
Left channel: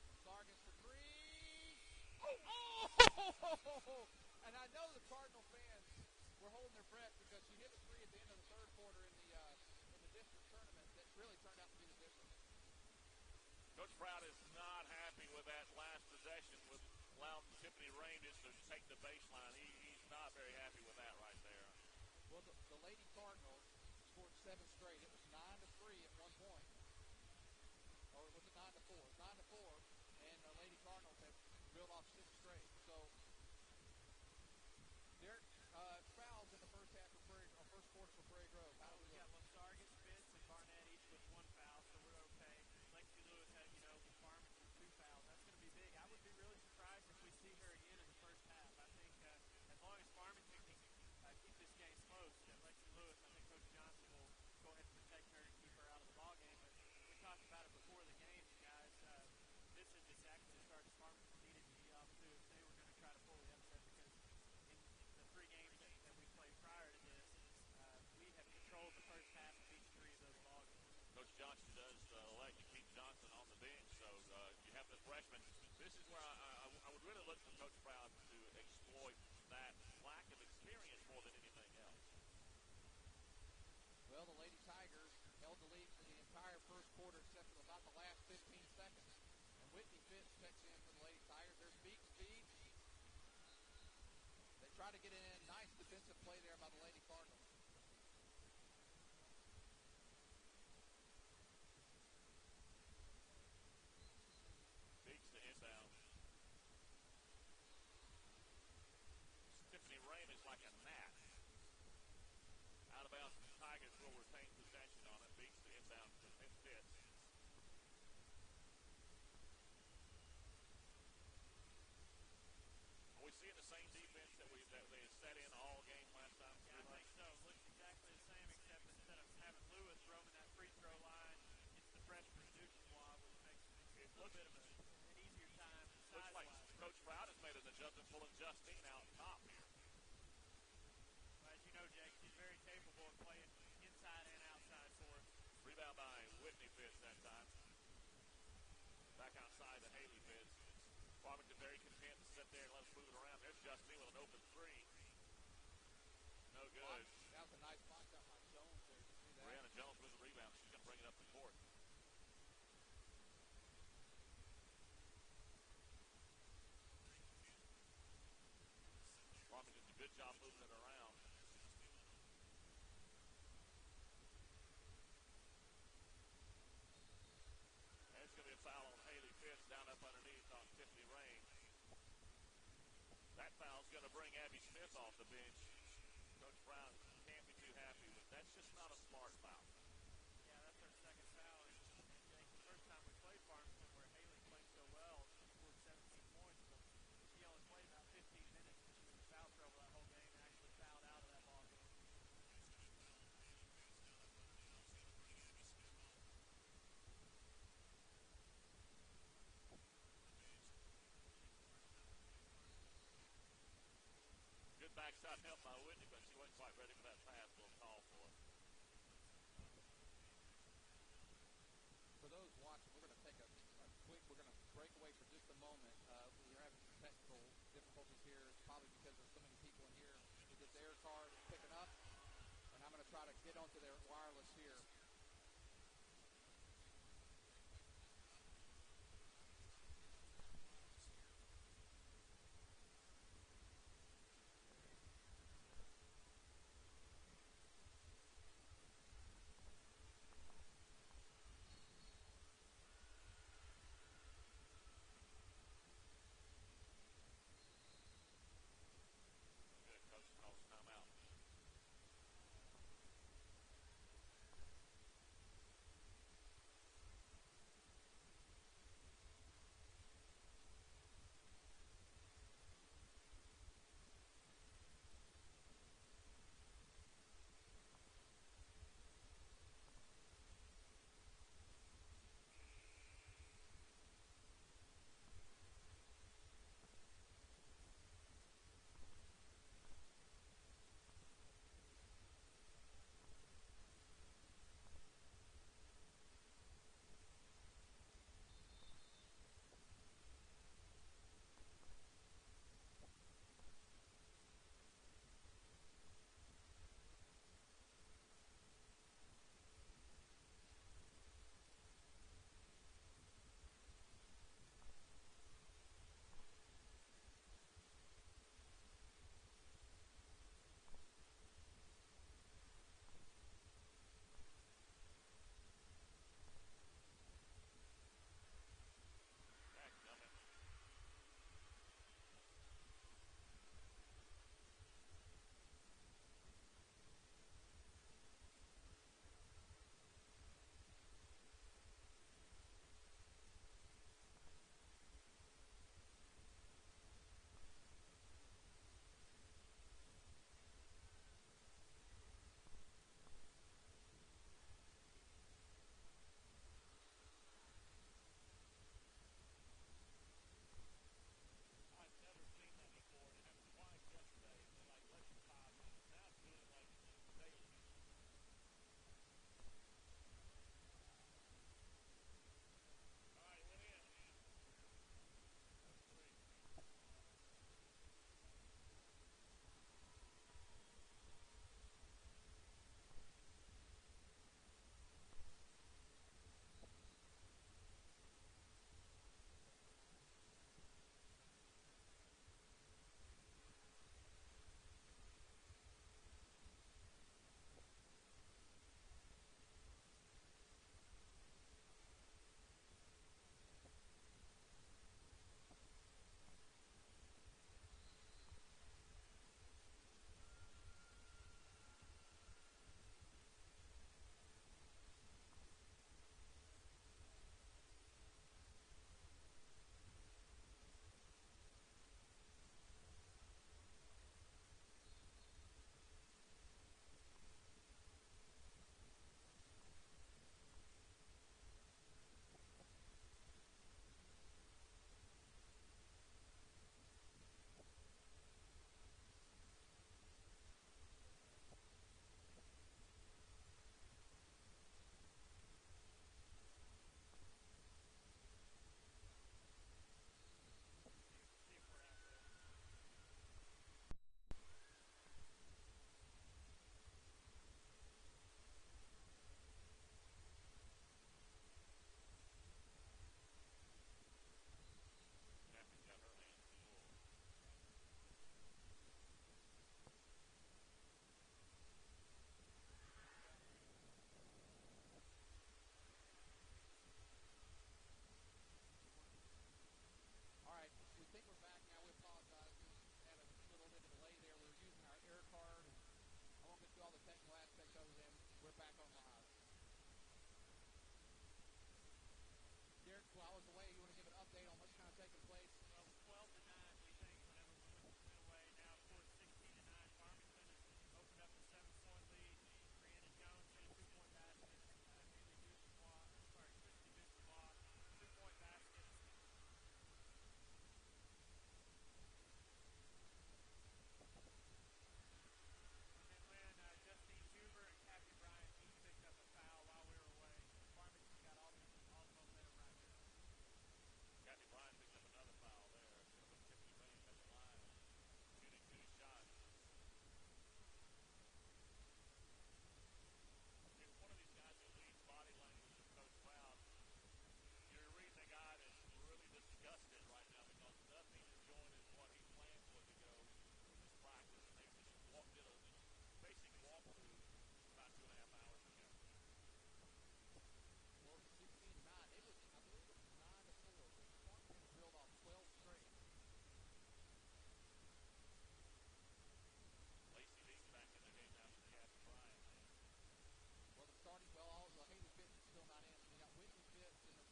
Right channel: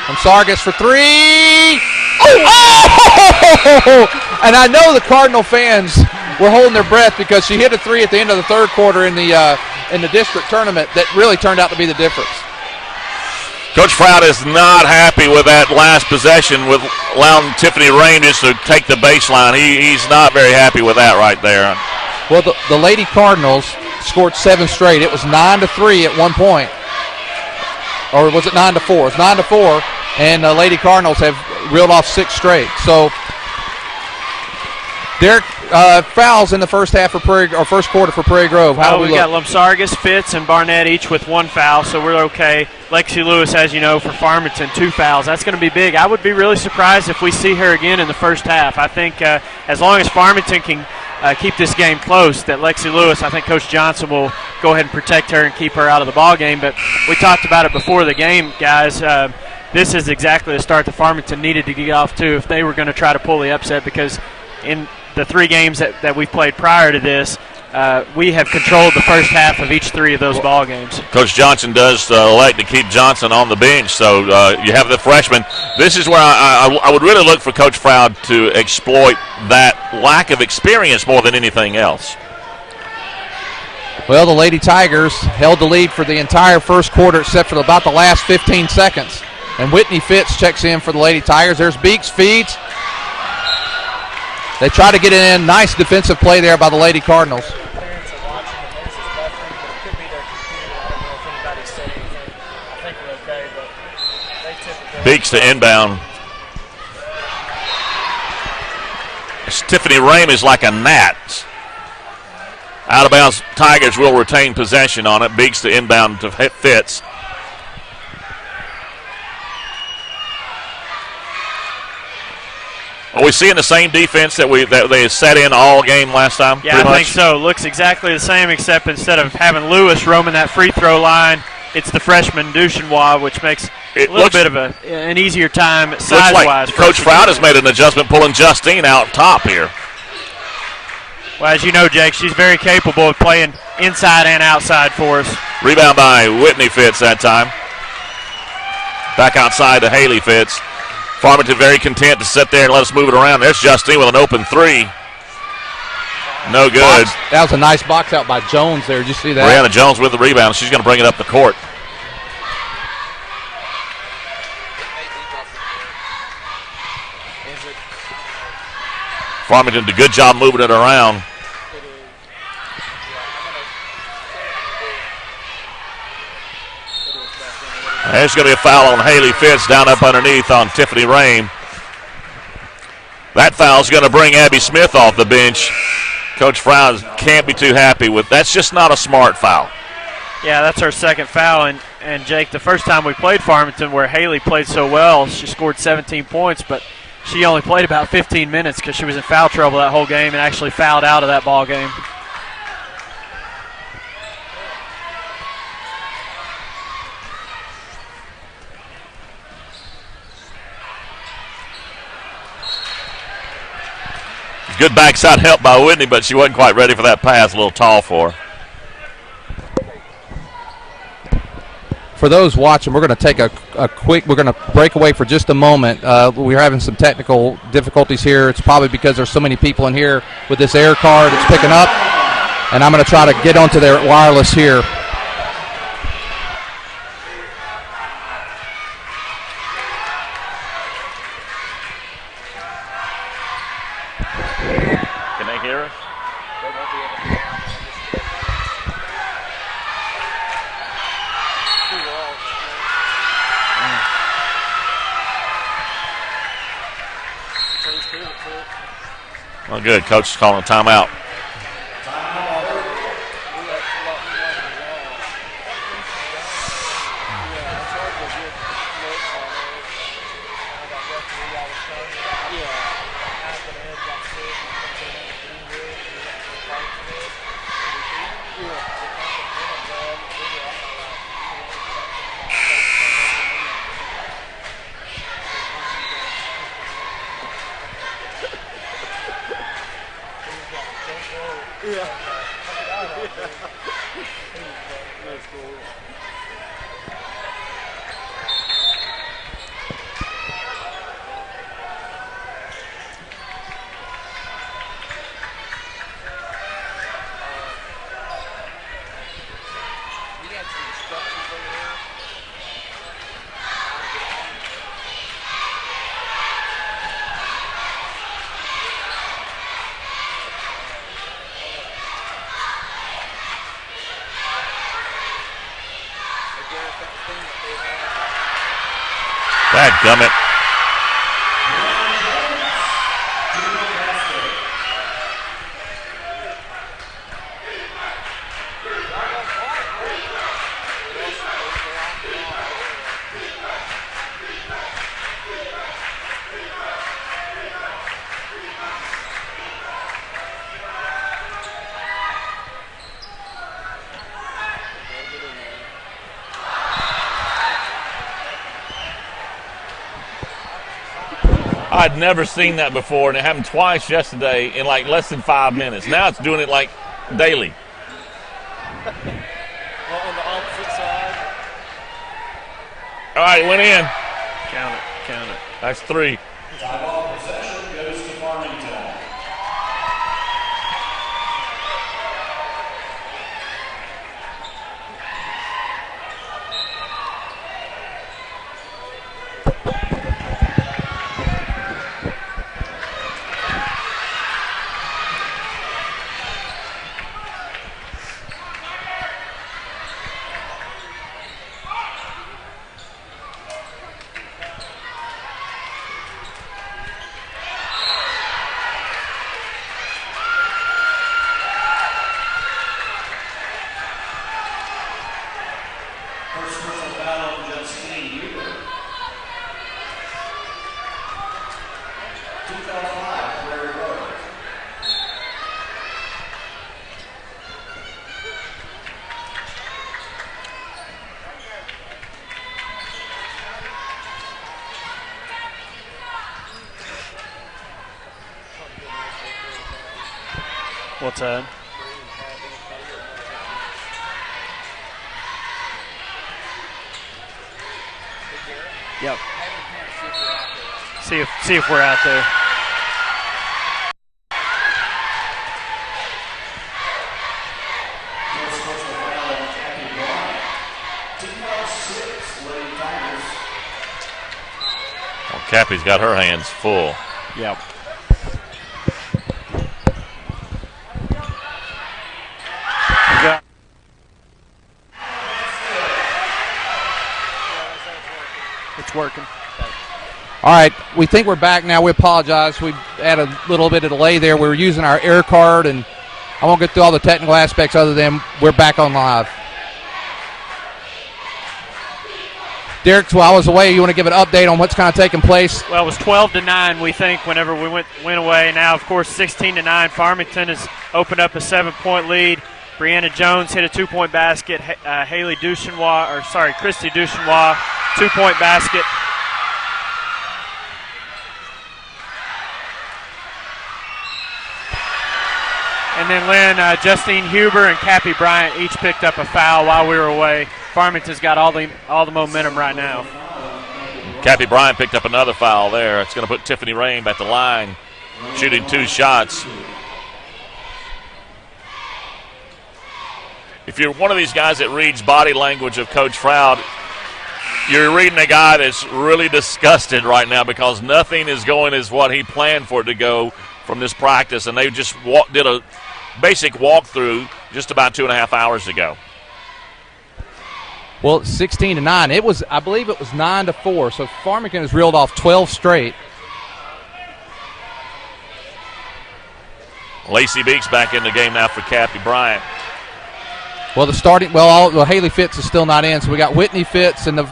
From Sargis for 3. Oh! And I know the Cardinal fans were holding their breath because she hit a 3 at the end of the third quarter in the district tournament that really turned out to be the difference. Coach Froud is not happy with that last possession with allowing Tiffany Rangers to take the baseline. He's not very happy with that right there. Well, the Lady Cardinals scored 7 straight. It was 9-3 at one point. Or was it 9-4? It's 9-4, and the Lady Cardinals have reeled off 6 straight. So Derek, fouls in the first quarter for Prairie Grove. How do we look? Got Lamsargas, Fitz, and Barnett each with 1 foul, so we're okay. Lexi Lewis, as you know, for Farmington, 2 fouls. That's going to be big. I would be really surprised if we see her again in the first half. I think as long as Farmington can keep this game close, that Lexi Lewis, I think Coach Johnson will go ahead and protect her and keep her out of the ball game. But we talked about it before the game, guys. This is exactly the start that Farmington needed to get off to if they were going to try to pull the upset, because in the 3 games that we've played prior to this, we have controlled the first half of each 3 of those ball games. Coach Johnson does elect to keep Johnson on the bench, so you have the freshman. This is where I would really look for Coach Froud to exploit that lack of experience more than anything else. Well, the Lady Tigers held the lead for the entire first quarter except for about the last 15 seconds. And Whitney Fitz checks in for the Lady Tigers. There's Beeks, feeds. They try to get it in. Nice defensive play there by the Lady Cardinals. Beeks to inbound. Tiffany Rame is like a gnat. Out of bounds, Tigers will retain possession on it. Beeks to inbound to Fitz. Are we seeing the same defense that they set in all game last time? Yeah, I think so. Looks exactly the same, except instead of having Lewis roaming that free throw line, it's the freshman Duchenois, which makes a little bit of an easier time size-wise. Like Coach Froud has made an adjustment, pulling Justine out top here. Well, as you know, Jake, she's very capable of playing inside and outside for us. Rebound by Whitney Fitz that time. Back outside to Haley Fitz. Farmington very content to sit there and let us move it around. There's Justine with an open three. No good. That was a nice box out by Jones there. Did you see that? Brianna Jones with the rebound. She's going to bring it up the court. Farmington did a good job moving it around. There's going to be a foul on Haley Fitz down up underneath on Tiffany Rame. That foul's going to bring Abby Smith off the bench. Coach Froud can't be too happy with. That's just not a smart foul. Yeah, that's our second foul. And Jake, the first time we played Farmington where Haley played so well, she scored 17 points, but she only played about 15 minutes because she was in foul trouble that whole game and actually fouled out of that ball game. Good backside help by Whitney, but she wasn't quite ready for that pass. A little tall for her. For those watching, we're going to take we're going to break away for just a moment. We're having some technical difficulties here. It's probably because there's so many people in here with this air card it's picking up. And I'm going to try to get onto their wireless here. Can they hear us? Well, good. Coach is calling a timeout. Dadgummit. I'd never seen that before, and it happened twice yesterday in like less than 5 minutes. Now it's doing it like daily. Well, on the opposite side. All right, went in. Count it. That's 3. Ball possession goes to Farmington. What's that? Yep. See if we're out there. Well, Cappy's got her hands full. Yep. It's working. All right, we think we're back now. We apologize. We had a little bit of delay there. We were using our air card, and I won't get through all the technical aspects other than we're back on live. Derek, while I was away, you want to give an update on what's kind of taking place? Well, it was 12-9, we think, whenever we went away. Now, of course, 16-9. Farmington has opened up a 7-point lead. Brianna Jones hit a 2-point basket. Christy Duchenois, 2-point basket. And then Lynn, Justine Huber and Cappy Bryant each picked up a foul while we were away. Farmington's got all the momentum right now. Cappy Bryant picked up another foul there. It's going to put Tiffany Rain at the line, shooting 2 shots. If you're one of these guys that reads body language of Coach Froud, you're reading a guy that's really disgusted right now because nothing is going as what he planned for it to go from this practice, and they just did a basic walkthrough just about 2.5 hours ago. Well, 16-9. I believe it was 9-4. So Farmington has reeled off 12 straight. Lacey Beeks back in the game now for Cappy Bryant. Well, Haley Fitz is still not in, so we got Whitney Fitz and the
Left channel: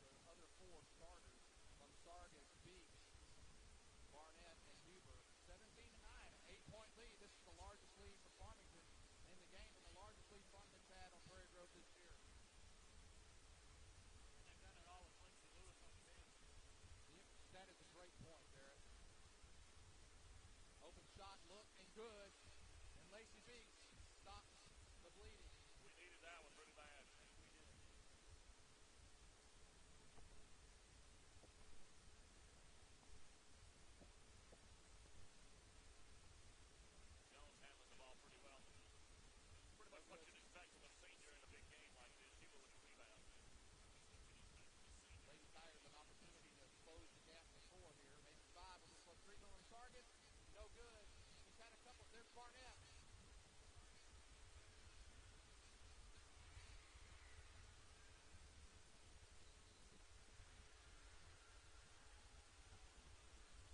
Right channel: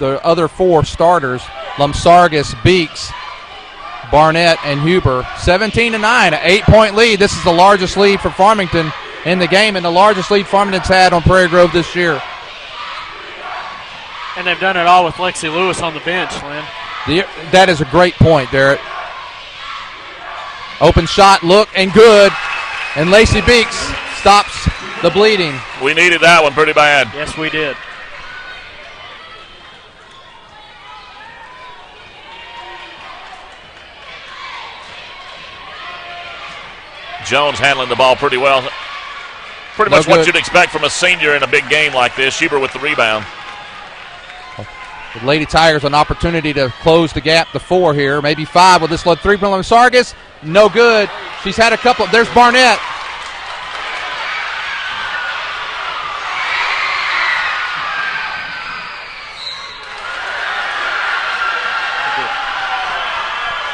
other 4 starters: Lumsargis, Beeks, Barnett, and Huber. 17-9, an 8-point lead. This is the largest lead for Farmington in the game, and the largest lead Farmington's had on Prairie Grove this year. And they've done it all with Lexi Lewis on the bench, Lynn. That is a great point, Derek. Open shot, look, and good. And Lacey Beeks stops the bleeding. We needed that one pretty bad. Yes, we did. Jones handling the ball pretty well. Pretty much what you'd expect from a senior in a big game like this. Huber with the rebound. The Lady Tigers an opportunity to close the gap to 4 here, maybe 5 with this low 3 from Sargis. No good. She's had a couple. There's Barnett.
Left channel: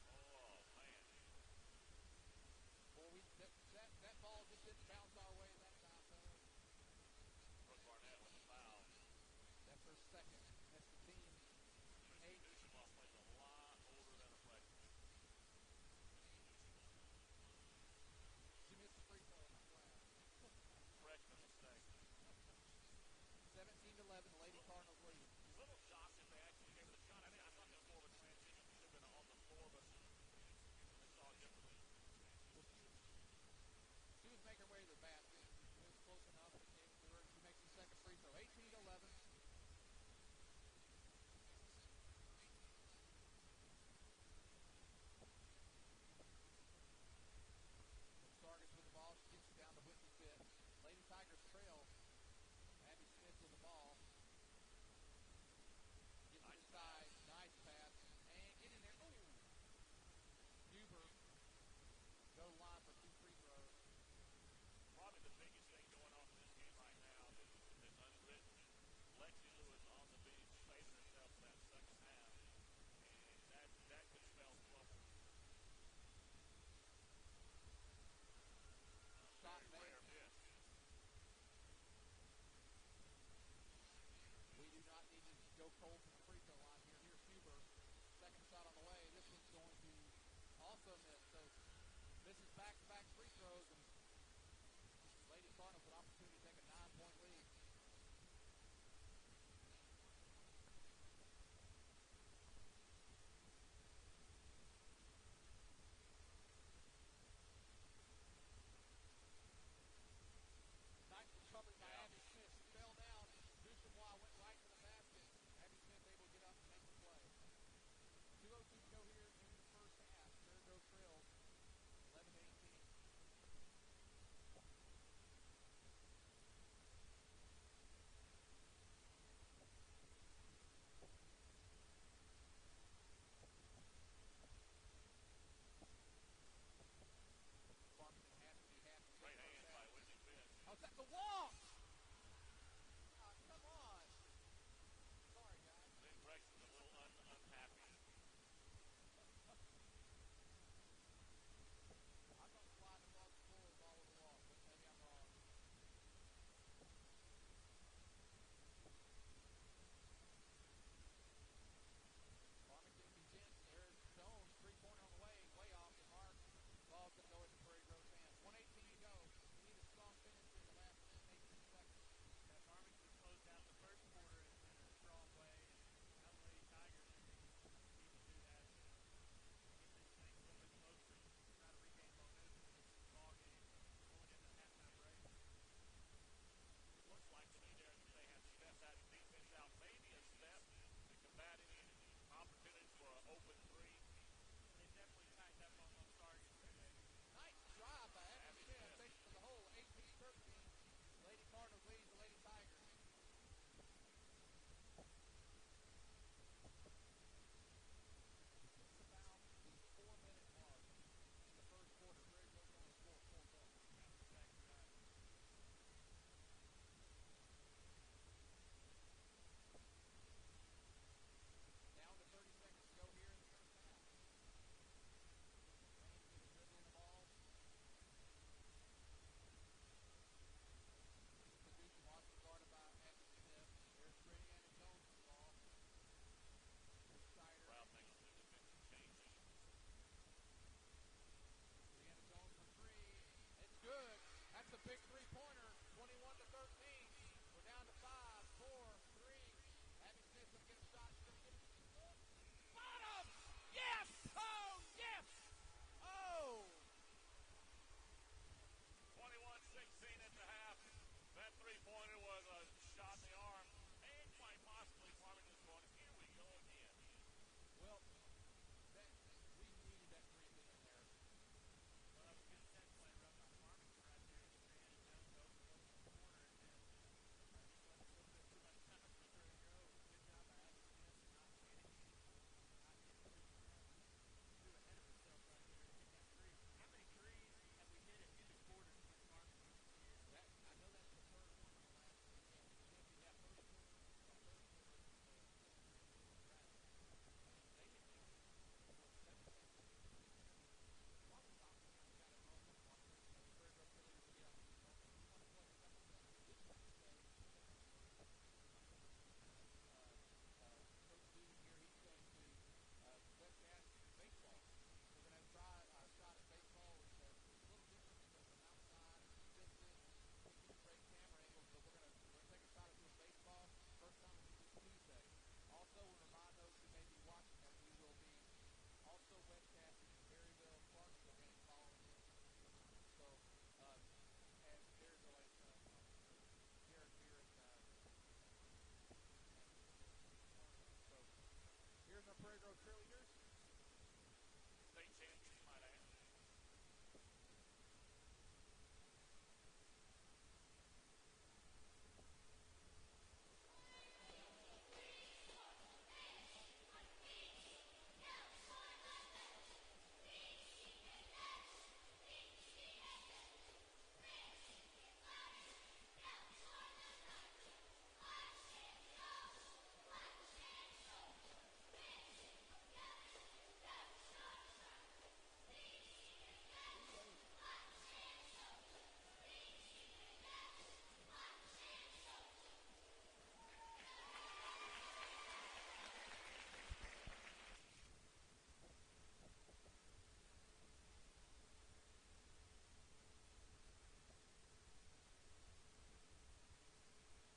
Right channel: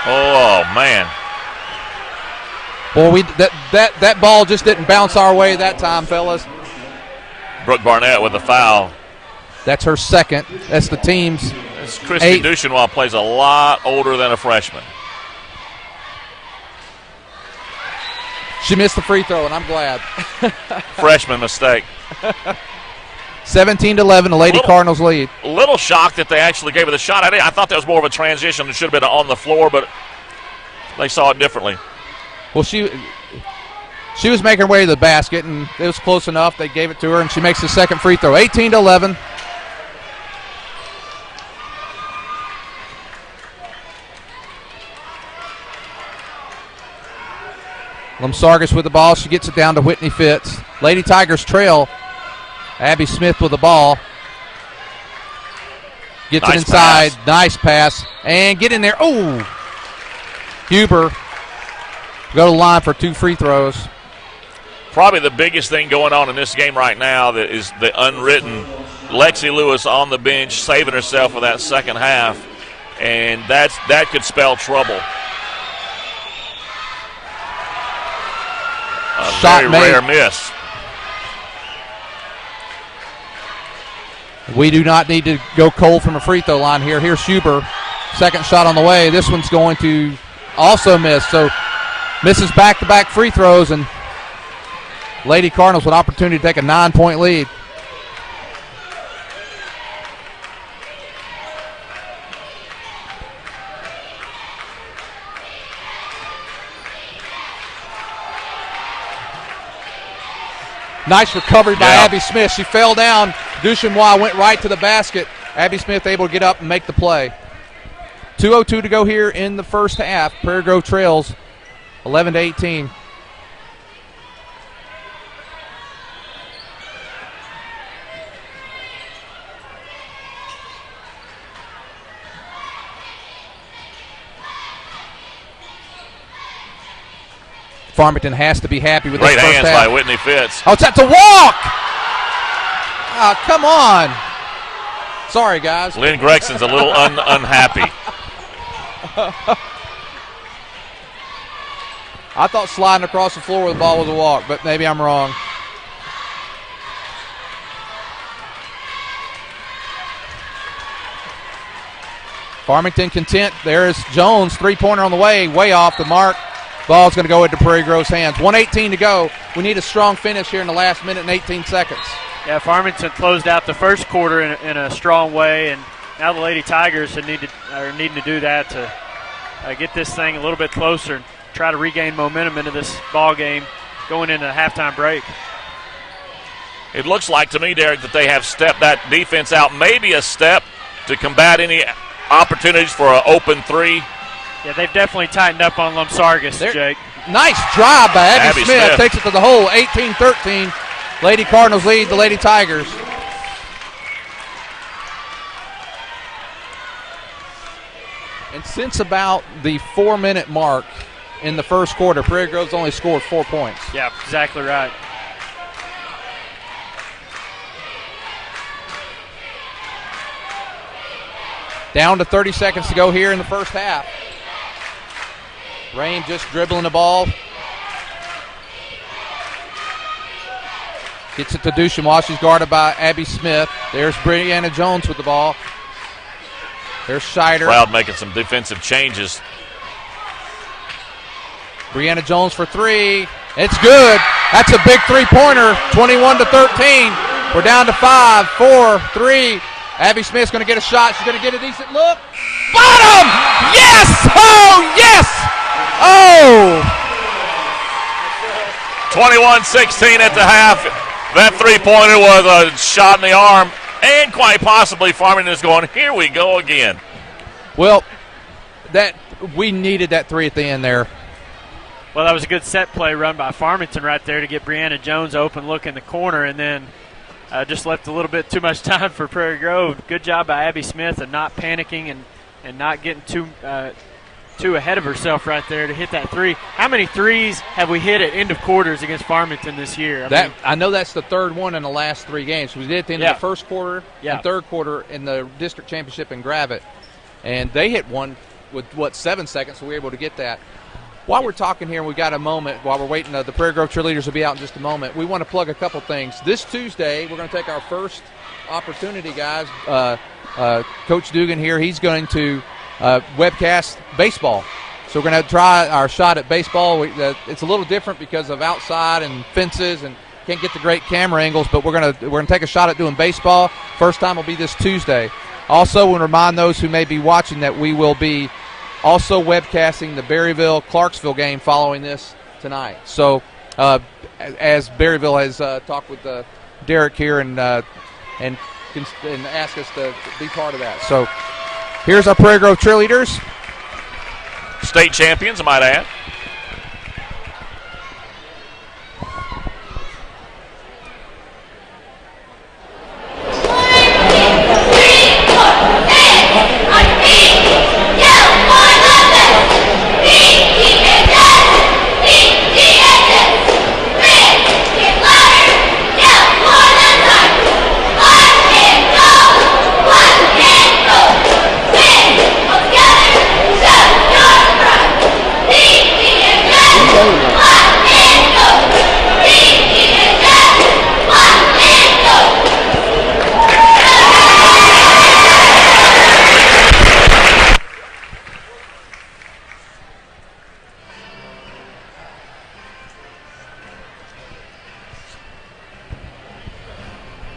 Oh man. Boy, that ball just didn't bounce our way that time, fellas. Brooke Barnett with a foul. That's her second. That's the team's. Christy Duchenois plays a lot older than a freshman. She missed the free throw, and I'm glad. Freshman mistake. 17-11, the Lady Cardinals lead. A little shocked that they actually gave her the shot. I thought that was more of a transition. It should have been on the floor, but they saw it differently. Well, she was making her way to the basket, and it was close enough. They gave it to her, and she makes the second free throw. 18-11. Lumsargis with the ball. She gets it down to Whitney Fitz. Lady Tigers trail. Abby Smith with the ball. Gets it inside. Pass. Nice pass. And get in there. Oh! Huber go to the line for 2 free throws. Probably the biggest thing going on in this game right now that is the unwritten. Lexi Lewis on the bench saving herself for that second half. And that could spell trouble. A Shot very made. rare miss. We do not need to go cold from a free throw line here. Here's Huber. Second shot on the way. This one's going to also miss. So misses back-to-back free throws, and Lady Cardinals with an opportunity to take a 9-point lead. Nice recovery by Yeah. Abby Smith. She fell down. Duchemois went right to the basket. Abby Smith able to get up and make the play. 2:02 to go here in the first half. Prairie Grove trails 11-18. Farmington has to be happy with Great this first hands half. by Whitney Fitz. Oh, it's at the walk! Oh, come on. Sorry, guys. Lynn Gregson's a little unhappy. I thought sliding across the floor with the ball was a walk, but maybe I'm wrong. Farmington content. There's Jones, three-pointer on the way off the mark. Ball's going to go into Prairie Grove's hands. 1:18 to go. We need a strong finish here in the last minute and 18 seconds. Yeah, Farmington closed out the first quarter in a strong way, and now the Lady Tigers are needing to do that to get this thing a little bit closer and try to regain momentum into this ball game going into the halftime break. It looks like to me, Derek, that they have stepped that defense out maybe a step to combat any opportunities for an open three. Yeah, they've definitely tightened up on Lumsargas, Jake. Nice drive by Abby Smith. Smith. Takes it to the hole. 18-13. Lady Cardinals lead the Lady Tigers. And since about the 4-minute mark in the first quarter, Prairie Grove's only scored 4 points. Yeah, exactly right. Down to 30 seconds to go here in the first half. Rain just dribbling the ball. Gets it to Duchemois. She's guarded by Abby Smith. There's Brianna Jones with the ball. There's Scheider. Proud making some defensive changes. Brianna Jones for three. It's good. That's a big three-pointer. 21-13. We're down to 5, 4, 3. Abby Smith's going to get a shot. She's going to get a decent look. Bottom! Yes! Oh, yes! Oh! 21-16 at the half. That three-pointer was a shot in the arm, and quite possibly Farmington is going, here we go again. Well, we needed that three at the end there. Well, that was a good set play run by Farmington right there to get Brianna Jones open look in the corner, and then just left a little bit too much time for Prairie Grove. Good job by Abby Smith of not panicking and not getting too ahead of herself right there to hit that three. How many threes have we hit at end of quarters against Farmington this year? I know that's the third one in the last 3 games. We did at the end of the first quarter and third quarter in the district championship in Gravette. And they hit one with, 7 seconds, so we were able to get that. While we're talking here, and we've got a moment, while we're waiting, the Prairie Grove cheerleaders will be out in just a moment. We want to plug a couple things. This Tuesday, we're going to take our first opportunity, guys. Coach Dugan here, he's going to webcast baseball. So we're going to try our shot at baseball. It's a little different because of outside and fences and can't get the great camera angles, but we're going to take a shot at doing baseball. First time will be this Tuesday. Also, we'll remind those who may be watching that we will be also webcasting the Berryville-Clarksville game following this tonight. So as Berryville has talked with Derek here and asked us to be part of that. So here's our Prairie Grove cheerleaders. State champions, I might add.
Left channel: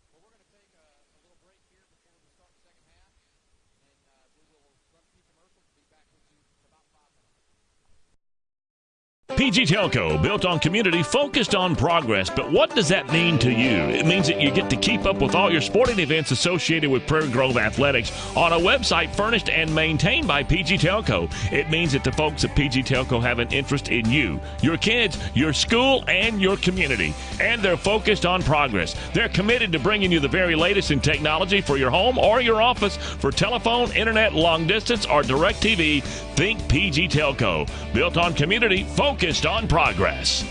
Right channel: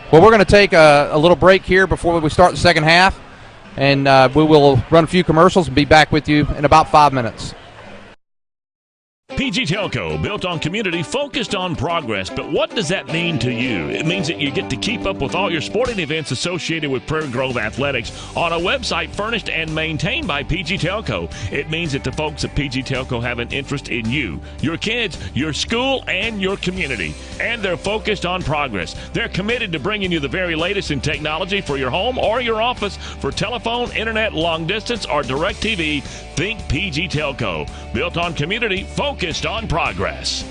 Well, we're going to take a little break here before we start the second half, and we will run a few commercials and be back with you in about 5 minutes. PG Telco, built on community, focused on progress. But what does that mean to you? It means that you get to keep up with all your sporting events associated with Prairie Grove Athletics on a website furnished and maintained by PG Telco. It means that the folks at PG Telco have an interest in you, your kids, your school, and your community. And they're focused on progress. They're committed to bringing you the very latest in technology for your home or your office. For telephone, internet, long distance, or direct TV, think PG Telco. Built on community, focused on progress.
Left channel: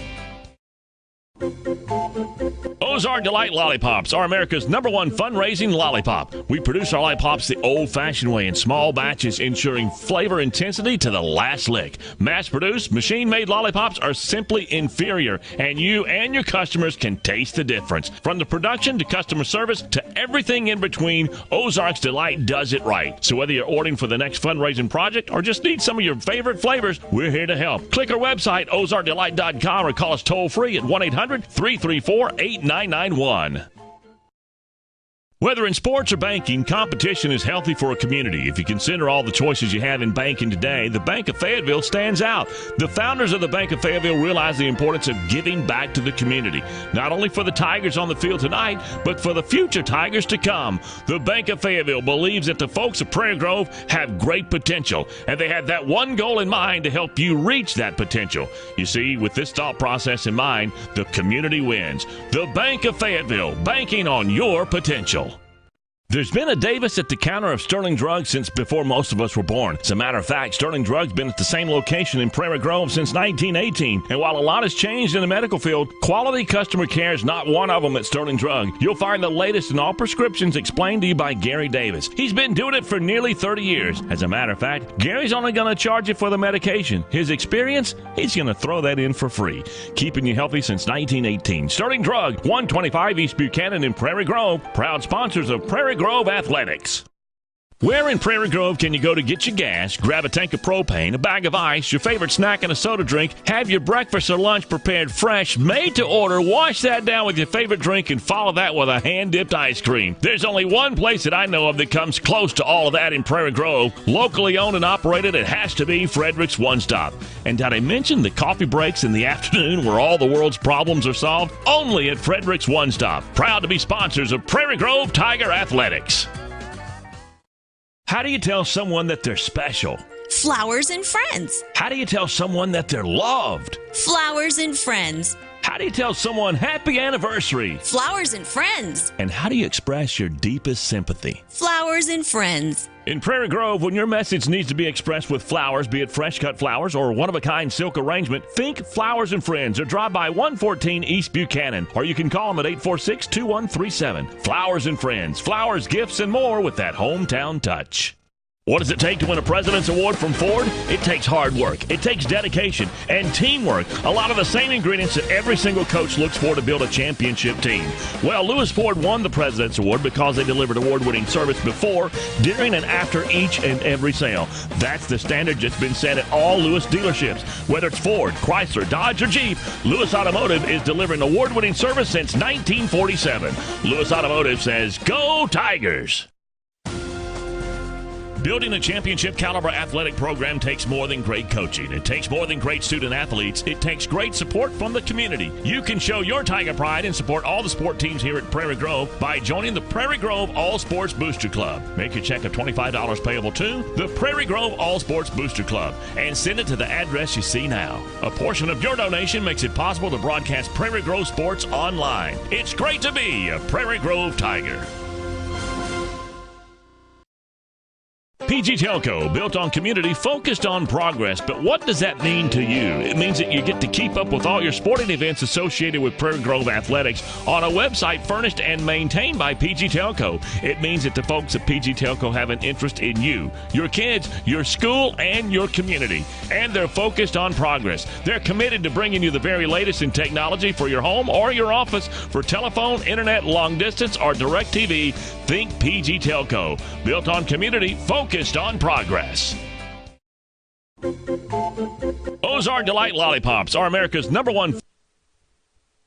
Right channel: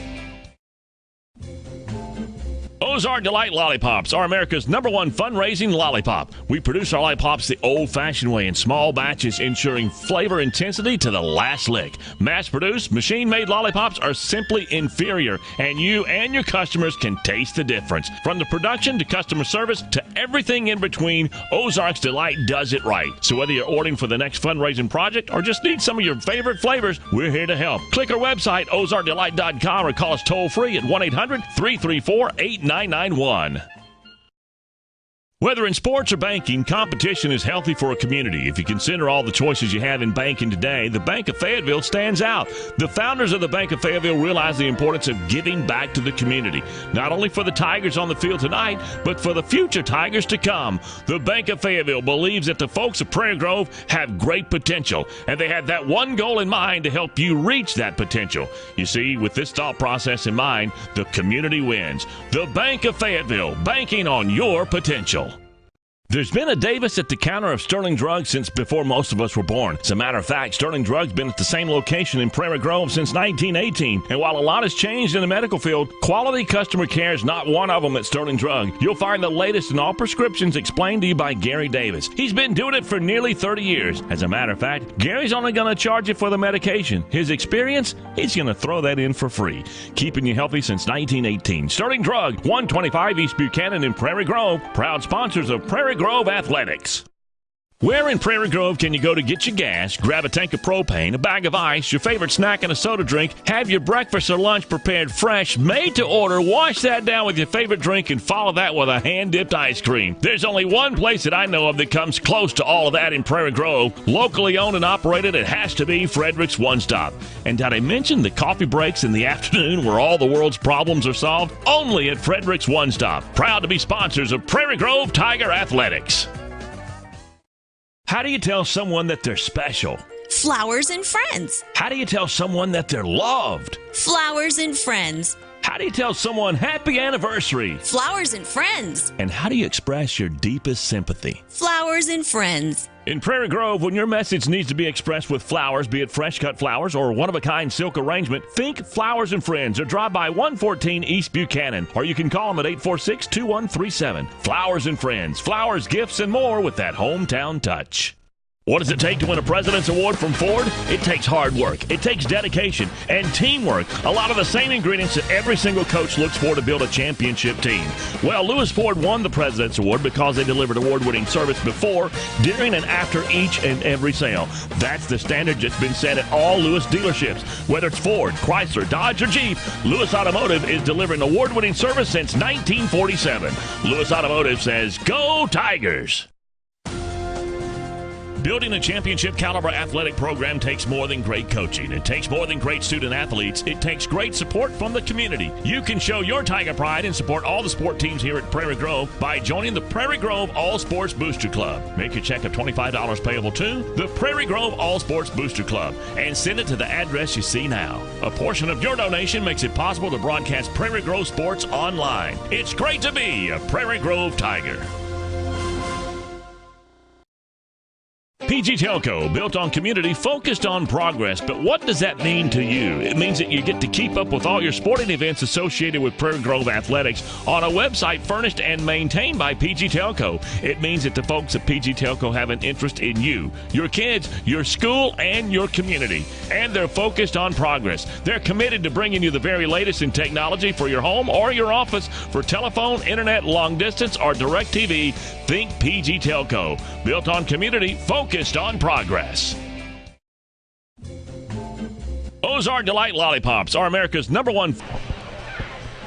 Ozark Delight Lollipops are America's #1 fundraising lollipop. We produce our lollipops the old-fashioned way in small batches, ensuring flavor intensity to the last lick. Mass-produced, machine-made lollipops are simply inferior, and you and your customers can taste the difference. From the production to customer service to everything in between, Ozark's Delight does it right. So whether you're ordering for the next fundraising project or just need some of your favorite flavors, we're here to help. Click our website, ozarkdelight.com, or call us toll-free at 1-800-334-8991. Whether in sports or banking, competition is healthy for a community. If you consider all the choices you have in banking today, the Bank of Fayetteville stands out. The founders of the Bank of Fayetteville realize the importance of giving back to the community, not only for the Tigers on the field tonight, but for the future Tigers to come. The Bank of Fayetteville believes that the folks of Prairie Grove have great potential, and they have that one goal in mind to help you reach that potential. You see, with this thought process in mind, the community wins. The Bank of Fayetteville, banking on your potential. There's been a Davis at the counter of Sterling Drugs since before most of us were born. As a matter of fact, Sterling Drugs been at the same location in Prairie Grove since 1918. And while a lot has changed in the medical field, quality customer care is not one of them at Sterling Drug. You'll find the latest in all prescriptions explained to you by Gary Davis. He's been doing it for nearly 30 years. As a matter of fact, Gary's only going to charge you for the medication. His experience, he's going to throw that in for free. Keeping you healthy since 1918. Sterling Drug, 125 East Buchanan in Prairie Grove. Proud sponsors of Prairie Grove Athletics. Where in Prairie Grove can you go to get your gas, grab a tank of propane, a bag of ice, your favorite snack, and a soda drink, have your breakfast or lunch prepared fresh, made to order, wash that down with your favorite drink, and follow that with a hand-dipped ice cream? There's only one place that I know of that comes close to all of that in Prairie Grove. Locally owned and operated, it has to be Frederick's One Stop. And did I mention the coffee breaks in the afternoon where all the world's problems are solved? Only at Frederick's One Stop. Proud to be sponsors of Prairie Grove Tiger Athletics. How do you tell someone that they're special? Flowers and friends. How do you tell someone that they're loved? Flowers and friends. How do you tell someone happy anniversary? Flowers and friends. And how do you express your deepest sympathy? Flowers and friends. In Prairie Grove, when your message needs to be expressed with flowers, be it fresh-cut flowers or one-of-a-kind silk arrangement, think Flowers and Friends or drive by 114 East Buchanan, or you can call them at 846-2137. Flowers and Friends, flowers, gifts, and more with that hometown touch. What does it take to win a President's Award from Ford? It takes hard work. It takes dedication and teamwork. A lot of the same ingredients that every single coach looks for to build a championship team. Well, Lewis Ford won the President's Award because they delivered award-winning service before, during, and after each and every sale. That's the standard that's been set at all Lewis dealerships. Whether it's Ford, Chrysler, Dodge, or Jeep, Lewis Automotive is delivering award-winning service since 1947. Lewis Automotive says, "Go Tigers!" Building a championship caliber athletic program takes more than great coaching. It takes more than great student athletes. It takes great support from the community. You can show your Tiger pride and support all the sport teams here at Prairie Grove by joining the Prairie Grove All Sports Booster Club. Make your check of $25 payable to the Prairie Grove All Sports Booster Club and send it to the address you see now. A portion of your donation makes it possible to broadcast Prairie Grove sports online. It's great to be a Prairie Grove Tiger. PG Telco, built on community, focused on progress. But what does that mean to you? It means that you get to keep up with all your sporting events associated with Prairie Grove Athletics on a website furnished and maintained by PG Telco. It means that the folks at PG Telco have an interest in you, your kids, your school, and your community. And they're focused on progress. They're committed to bringing you the very latest in technology for your home or your office. For telephone, internet, long distance, or direct TV, think PG Telco. Built on community, focused on progress. Ozark Delight Lollipops are America's #1.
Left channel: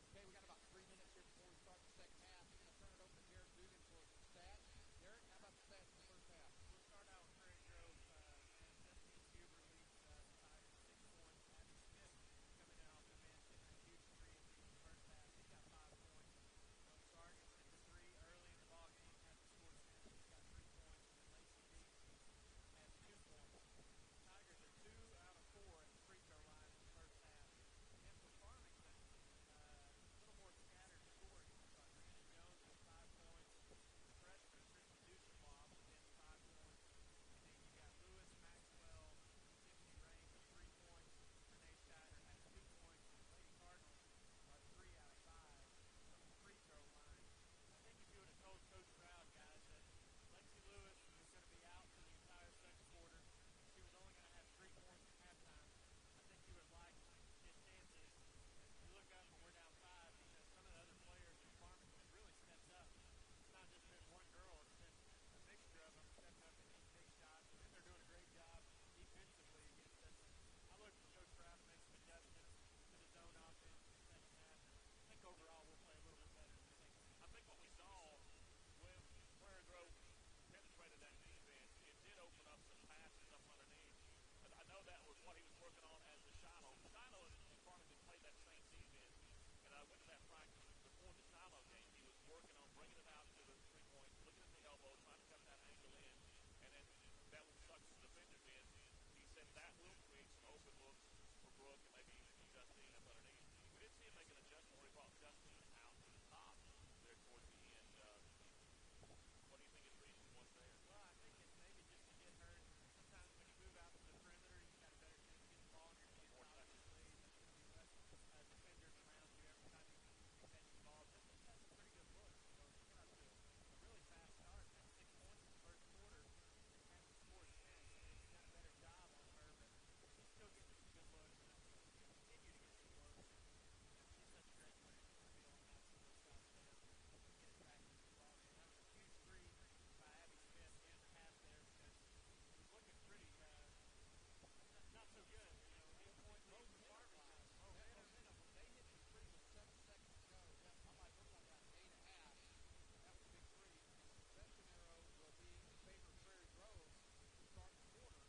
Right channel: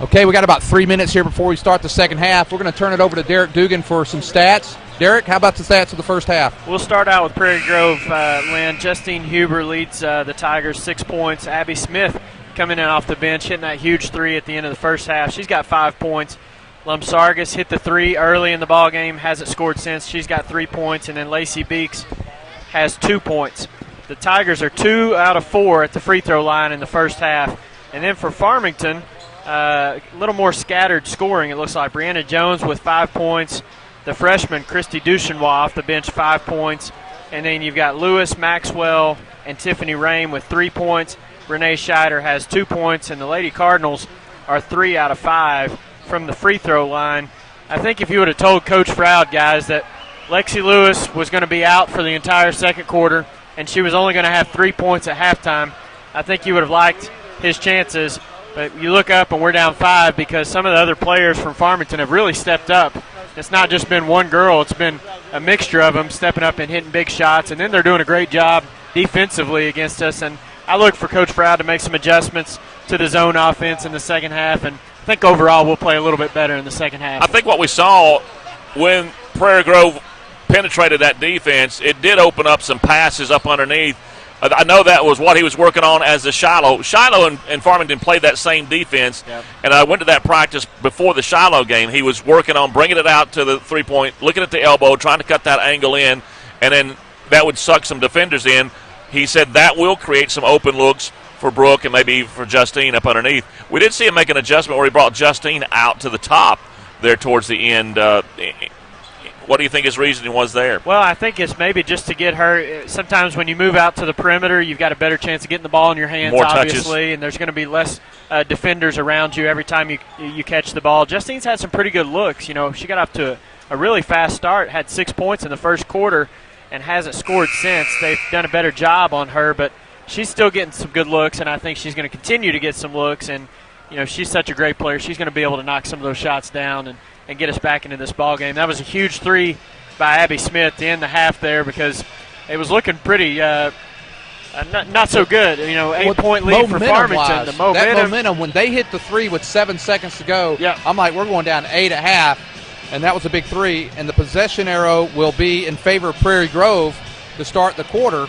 Okay, we got about 3 minutes here before we start the second half. We're going to turn it over to Derek Dugan for some stats. Derek, how about the stats of the first half? We'll start out with Prairie Grove, Lynn. Justine Huber leads the Tigers 6 points. Abby Smith coming in off the bench, hitting that huge three at the end of the first half. She's got 5 points. Lumsargis hit the three early in the ball game, hasn't scored since. She's got 3 points, and then Lacey Beeks has 2 points. The Tigers are 2 out of 4 at the free throw line in the first half. And then for Farmington, a little more scattered scoring, it looks like. Brianna Jones with 5 points. The freshman, Christy Duchenois, off the bench, 5 points. And then you've got Lewis, Maxwell, and Tiffany Rain with 3 points. Renee Scheider has 2 points. And the Lady Cardinals are 3 out of 5 from the free throw line. I think if you would have told Coach Froud, guys, that Lexi Lewis was going to be out for the entire second quarter and she was only going to have 3 points at halftime, I think you would have liked his chances. But you look up and we're down 5 because some of the other players from Farmington have really stepped up. It's not just been one girl. It's been a mixture of them stepping up and hitting big shots, and then they're doing a great job defensively against us. And I look for Coach Froud to make some adjustments to the zone offense in the second half, and I think overall we'll play a little bit better in the second half. I think what we saw when Prairie Grove penetrated that defense, it did open up some passes up underneath. I know that was what he was working on as the Shiloh. Shiloh and Farmington played that same defense, yep. And I went to that practice before the Shiloh game. He was working on bringing it out to the three-point, looking at the elbow, trying to cut that angle in, and then that would suck some defenders in. He said that will create some open looks for Brooke and maybe for Justine up underneath. We did see him make an adjustment where he brought Justine out to the top there towards the end. What do you think his reasoning was there? Well, I think it's maybe just to get her. Sometimes when you move out to the perimeter, you've got a better chance of getting the ball in your hands, more obviously, touches. And there's going to be less defenders around you every time you catch the ball. Justine's had some pretty good looks. You know, she got off to a really fast start, had 6 points in the first quarter, and hasn't scored since. They've done a better job on her, but she's still getting some good looks, and I think she's going to continue to get some looks. And, you know, she's such a great player. She's going to be able to knock some of those shots down and get us back into this ball game. That was a huge three by Abby Smith to end the half there because it was looking pretty not so good. You know, 8-point lead for Farmington. The momentum, when they hit the three with 7 seconds to go, yeah. I'm like, we're going down 8 at half, and that was a big three. And the possession arrow will be in favor of Prairie Grove to start the quarter.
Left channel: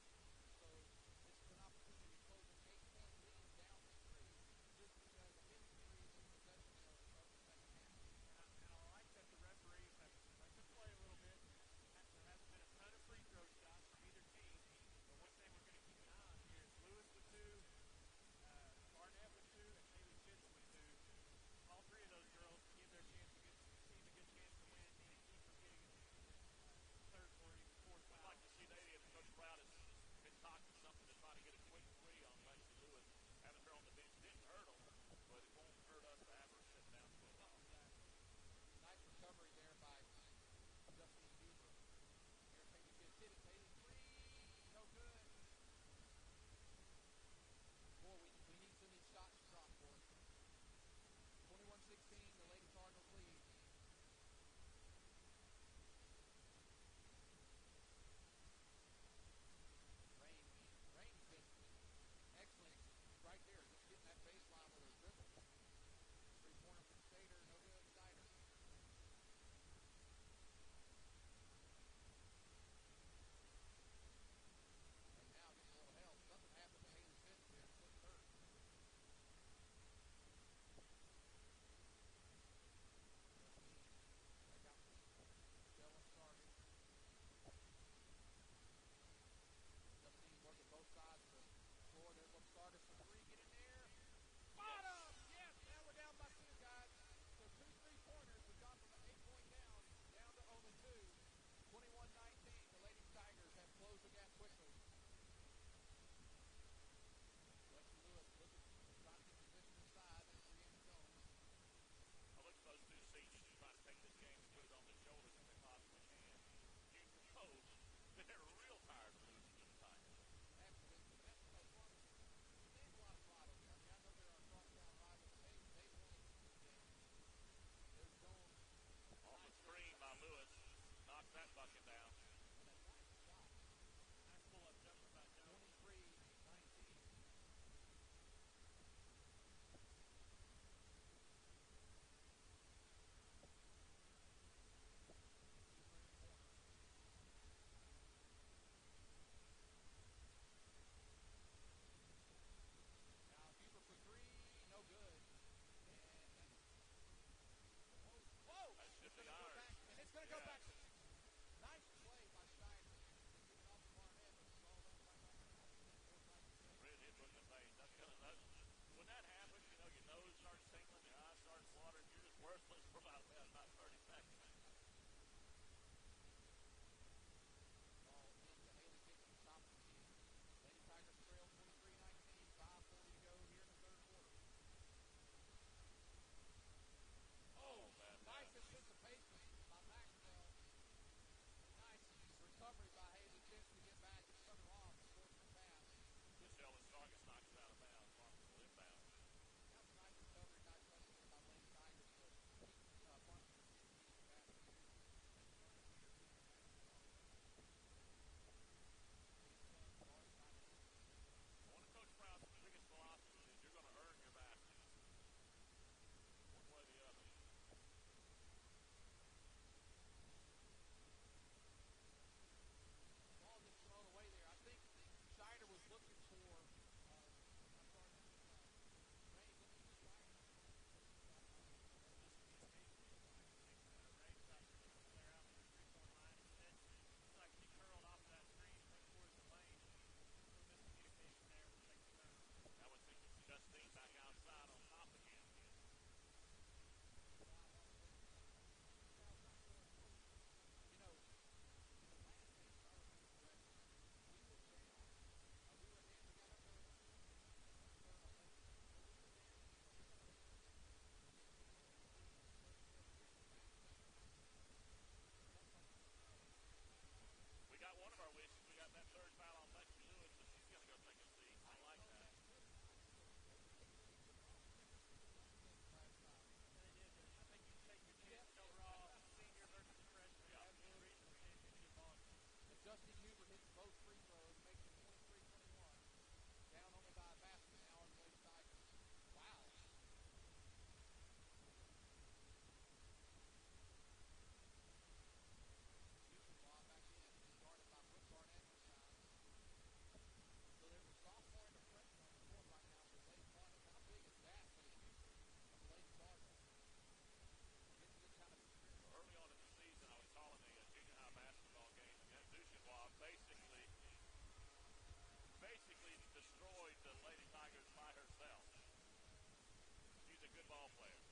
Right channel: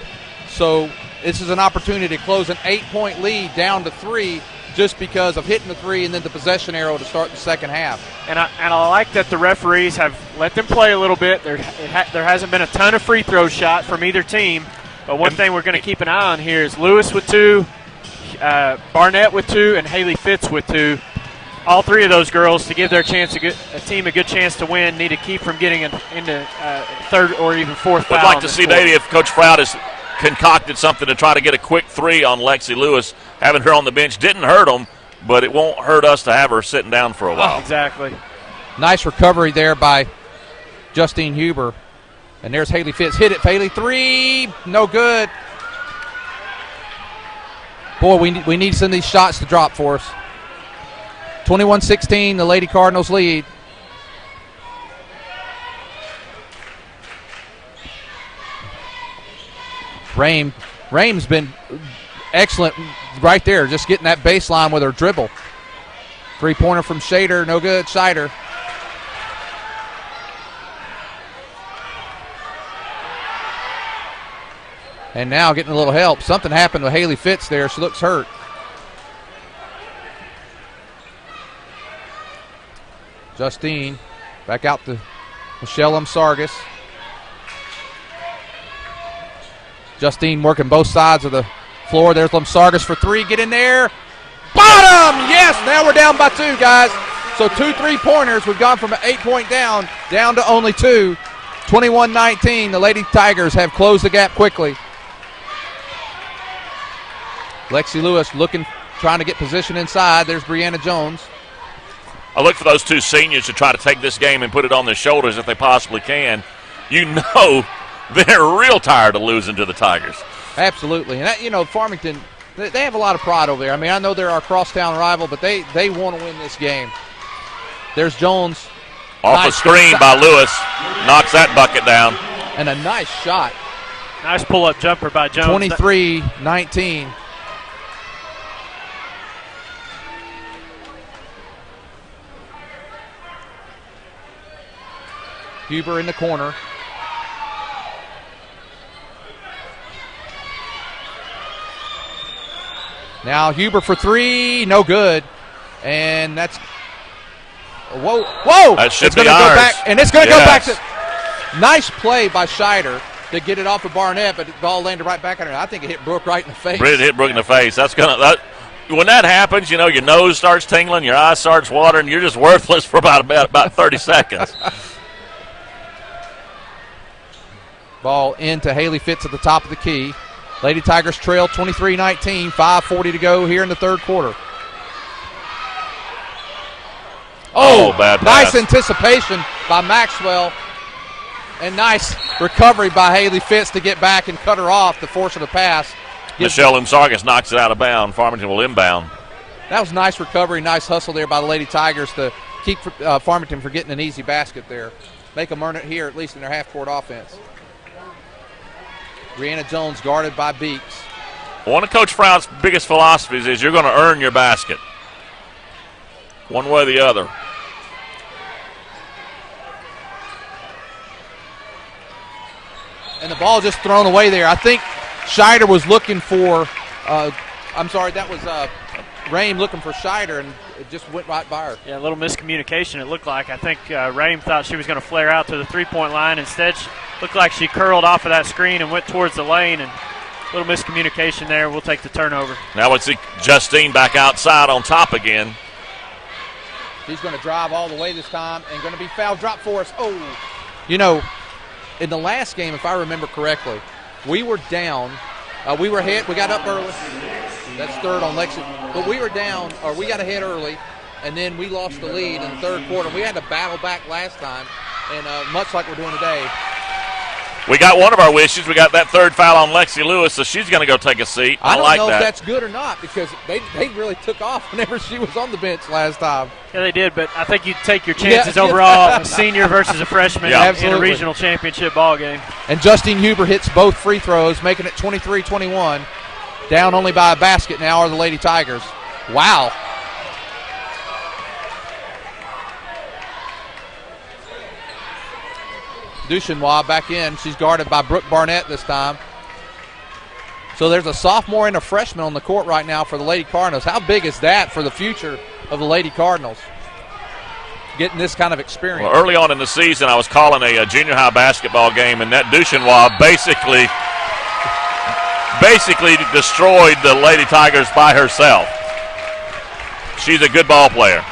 So this is an opportunity to close an 8-point lead down to 3 just because of hitting the three and then the possession arrow to start the second half. And I like that the referees have let them play a little bit. There hasn't been a ton of free throw shot from either team. But one thing we're going to keep an eye on here is Lewis with 2, Barnett with 2, and Haley Fitz with 2. All 3 of those girls, to give their team a good chance to win, need to keep from getting into third or even fourth foul. I'd like to see maybe if Coach Froud has concocted something to try to get a quick 3 on Lexi Lewis. Having her on the bench didn't hurt them, but it won't hurt us to have her sitting down for a while. Exactly. Nice recovery there by Justine Huber. And there's Haley Fitz. Hit it, Haley. 3, no good. Boy, we need some of these shots to drop for us. 21-16, the Lady Cardinals lead. Rame's been excellent right there, just getting that baseline with her dribble. 3-pointer from Shader, no good. Scheider. And now getting a little help. Something happened with Haley Fitz there. She looks hurt. Justine back out to Michelle Sargis. Justine working both sides of the floor. There's Sargis for 3. Get in there. Bottom! Yes, now we're down by 2, guys. So 2 3-pointers. We've gone from an 8-point down to only 2. 21-19. The Lady Tigers have closed the gap quickly. Lexi Lewis trying to get position inside. There's Brianna Jones. I look for those 2 seniors to try to take this game and put it on their shoulders if they possibly can. You know they're real tired of losing to the Tigers. Absolutely. And, Farmington, they have a lot of pride over there. I mean, I know they're our crosstown rival, but they want to win this game. There's Jones. Off a screen by Lewis. Knocks that bucket down. And a nice shot. Nice pull-up jumper by Jones. 23-19. Huber in the corner. Now Huber for three, no good. And that's whoa! That should it's be going to go ours. back, and it's going to go back Yes. to. Nice play by Scheider to get it off of Barnett, but the ball landed right back on her. I think it hit Brooke right in the face. It hit Brooke in the face. When that happens, your nose starts tingling, your eyes starts watering, you're just worthless for about 30 seconds. Ball into Haley Fitz at the top of the key. Lady Tigers trail 23-19, 5:40 to go here in the third quarter. Oh, bad nice pass. anticipation by Maxwell, and nice recovery by Haley Fitz to get back and cut her off to force her to pass. Michelle Umsargas knocks it out of bounds. Farmington will inbound. That was nice recovery, nice hustle there by the Lady Tigers to keep Farmington from getting an easy basket there. Make them earn it here, at least in their half-court offense. Brianna Jones guarded by Beeks. One of Coach Froud's biggest philosophies is you're going to earn your basket, one way or the other. And the ball just thrown away there. I think Scheider was looking for, that was Rame looking for Scheider, and it just went right by her. Yeah, a little miscommunication it looked like. I think Rame thought she was going to flare out to the three-point line. Instead, looked like she curled off of that screen and went towards the lane, and a little miscommunication there. We'll take the turnover. Now we'll see Justine back outside on top again. She's going to drive all the way this time and going to be foul drop for us. Oh, in the last game, if I remember correctly, we were down. We were ahead. We got up early. That's third on Lexington. But we were down, or we got ahead early, and then we lost the lead in the third quarter. We had to battle back last time, and much like we're doing today. We got one of our wishes. We got that third foul on Lexi Lewis, so she's going to go take a seat. I don't like know that. if that's good or not, because they really took off whenever she was on the bench last time. Yeah, they did, but I think you take your chances overall, a senior versus a freshman in a regional championship ball game. And Justine Huber hits both free throws, making it 23-21. Down only by a basket now are the Lady Tigers. Wow. Duchenois back in. She's guarded by Brooke Barnett this time. So there's a sophomore and a freshman on the court right now for the Lady Cardinals. How big is that for the future of the Lady Cardinals? Getting this kind of experience. Well, early on in the season, I was calling a junior high basketball game, and that Duchenois basically destroyed the Lady Tigers by herself. She's a good ball player.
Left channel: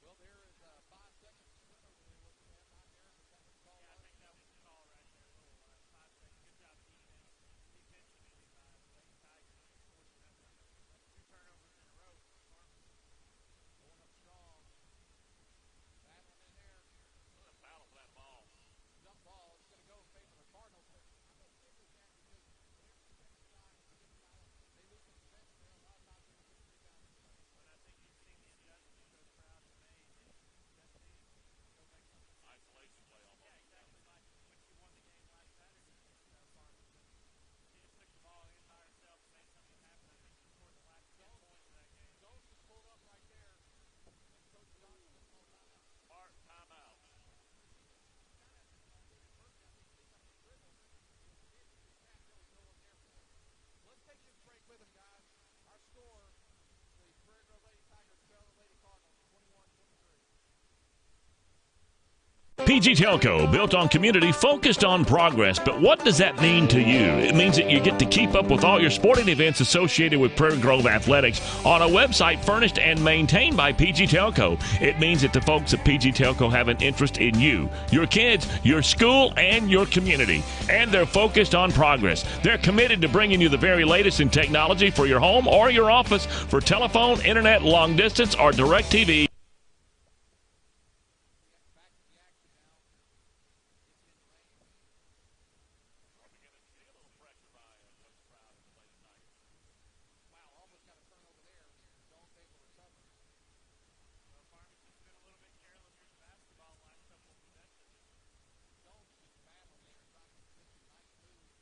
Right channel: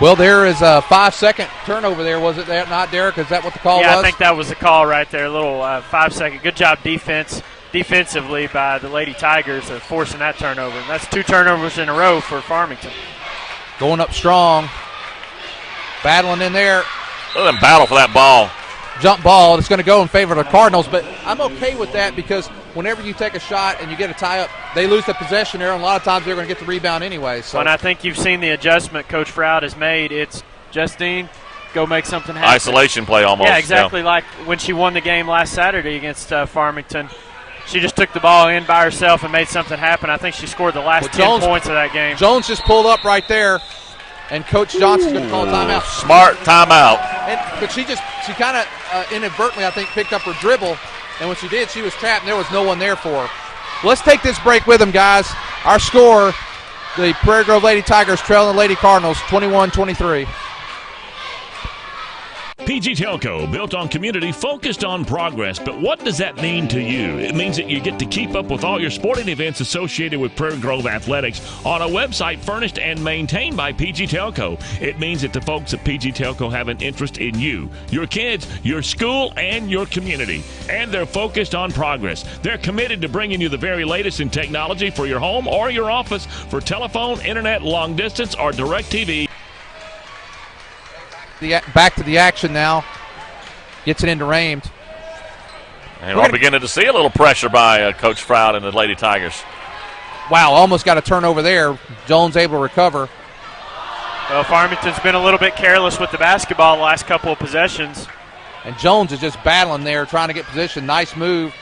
Well, there is a 5-second turnover there. Was it that not, Derek? Is that what the call was? Yeah, I think that was the call right there. A little 5-second. Good job defensively by the Lady Tigers of forcing that turnover. And that's 2 turnovers in a row for Farmington. Going up strong. Battling in there. Let them battle for that ball. Jump ball. It's going to go in favor of the Cardinals, but I'm okay with that because whenever you take a shot and you get a tie-up, they lose the possession there, and a lot of times they're going to get the rebound anyway. So. And I think you've seen the adjustment Coach Froud has made. It's Justine, go make something happen. Isolation play almost. Yeah, exactly like when she won the game last Saturday against Farmington. She just took the ball in by herself and made something happen. I think she scored the last 10 points of that game. Jones just pulled up right there, and Coach Johnson's going to call a timeout. Smart timeout. But she kind of inadvertently, I think, picked up her dribble, and when she did, she was trapped, and there was no one there for her. Well, let's take this break with them, guys. Our score, the Prairie Grove Lady Tigers trailing the Lady Cardinals 21-23. PG Telco, built on community, focused on progress. But what does that mean to you? It means that you get to keep up with all your sporting events associated with Prairie Grove Athletics on a website furnished and maintained by PG Telco. It means that the folks at PG Telco have an interest in you, your kids, your school, and your community. And they're focused on progress. They're committed to bringing you the very latest in technology for your home or your office for telephone, internet, long distance, or direct TV. Back to the action now. Gets it into Rames. And we're beginning to see a little pressure by Coach Froud and the Lady Tigers. Wow, almost got a turnover there. Jones able to recover. Well, Farmington's been a little bit careless with the basketball the last couple of possessions. And Jones is just battling there, trying to get position. Nice move.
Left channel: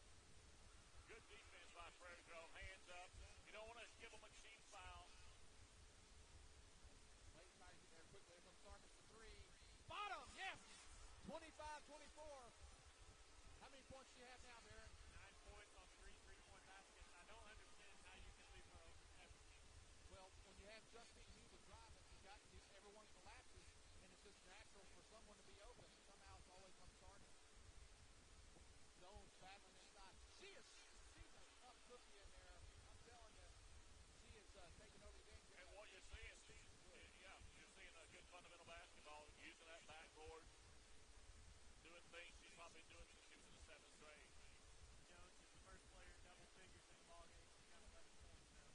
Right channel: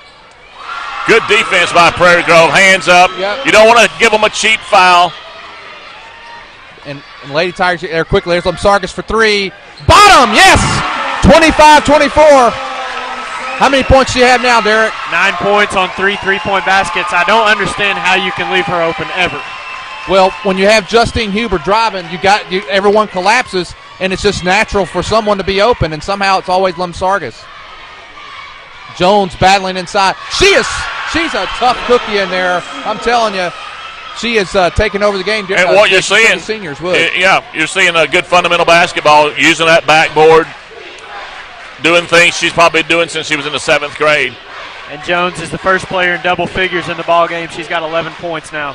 Good defense by Prairie Grove. Hands up. Yep. You don't want to give them a cheap foul. And Lady Tigers there quickly. There's Sargis for 3. Bottom, yes! 25-24. How many points do you have now, Derek? 9 points on 3 3-point baskets. I don't understand how you can leave her open ever. Well, when you have Justine Huber driving, everyone collapses, and it's just natural for someone to be open, and somehow it's always Sargis. Jones battling inside. She's a tough cookie in there. I'm telling you, she is taking over the game. And what you're seeing, the seniors would. You're seeing a good fundamental basketball, using that backboard, doing things she's probably doing since she was in the 7th grade. And Jones is the first player in double figures in the ball game. She's got 11 points now.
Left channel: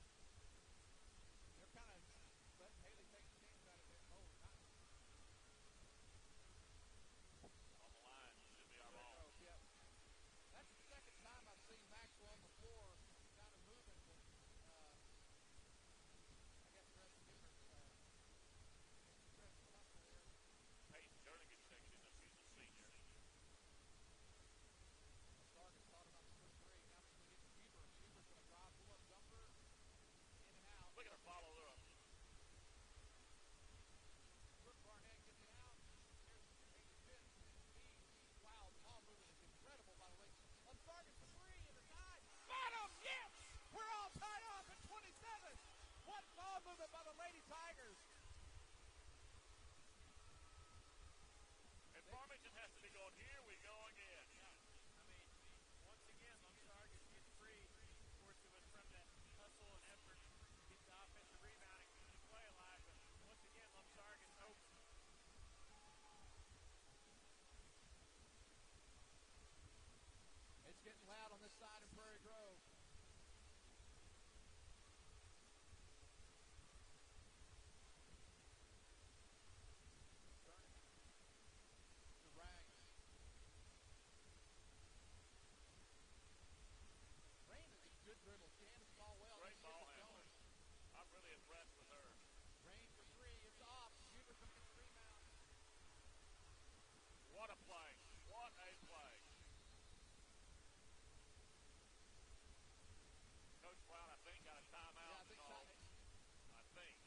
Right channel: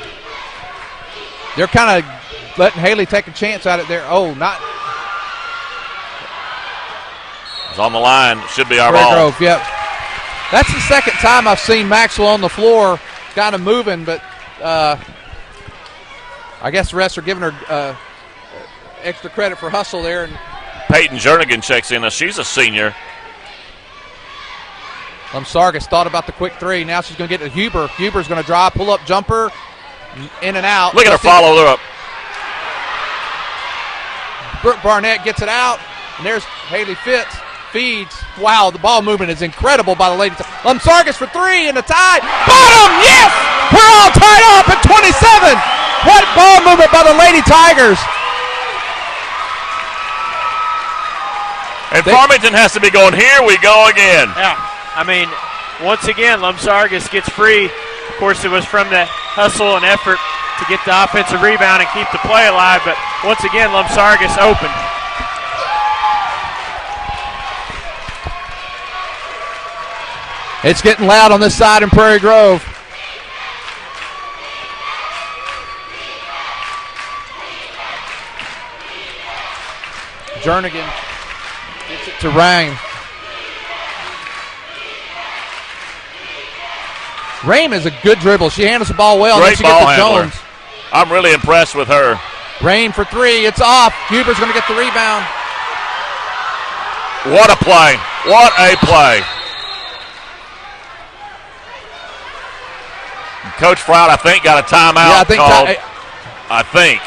They're kind of letting Haley take a chance at it there. Oh, not. It's on the line. Should be our Prairie ball. Grove, yep. That's the second time I've seen Maxwell on the floor kind of moving, but I guess the rest are giving her extra credit for hustle there. And Peyton Jernigan checks in. She's a senior. Sargis thought about the quick three. Now she's going to get to Huber. Huber's going to drive, pull-up jumper, in and out. Look at her follow her up. Brooke Barnett gets it out, and there's Haley Fitz. Feeds. Wow, the ball movement is incredible by the ladies. Sargis for three in the tie. Bottom, yes! We're all tied up at 27. What ball movement by the Lady Tigers. And Farmington has to be going, here we go again. Yeah, I mean, once again, Sargis gets free. Of course, it was from the hustle and effort to get the offensive rebound and keep the play alive, but once again, Sargis open. It's getting loud on this side in Prairie Grove. Jernigan gets it to Rain. Rain is a good dribble. She handles the ball well. Great and then she ball gets to handler. Jones. I'm really impressed with her. Rain for three. It's off. Huber's going to get the rebound. What a play. What a play. Coach Froud, I think, got a timeout Yeah, I think called. I think.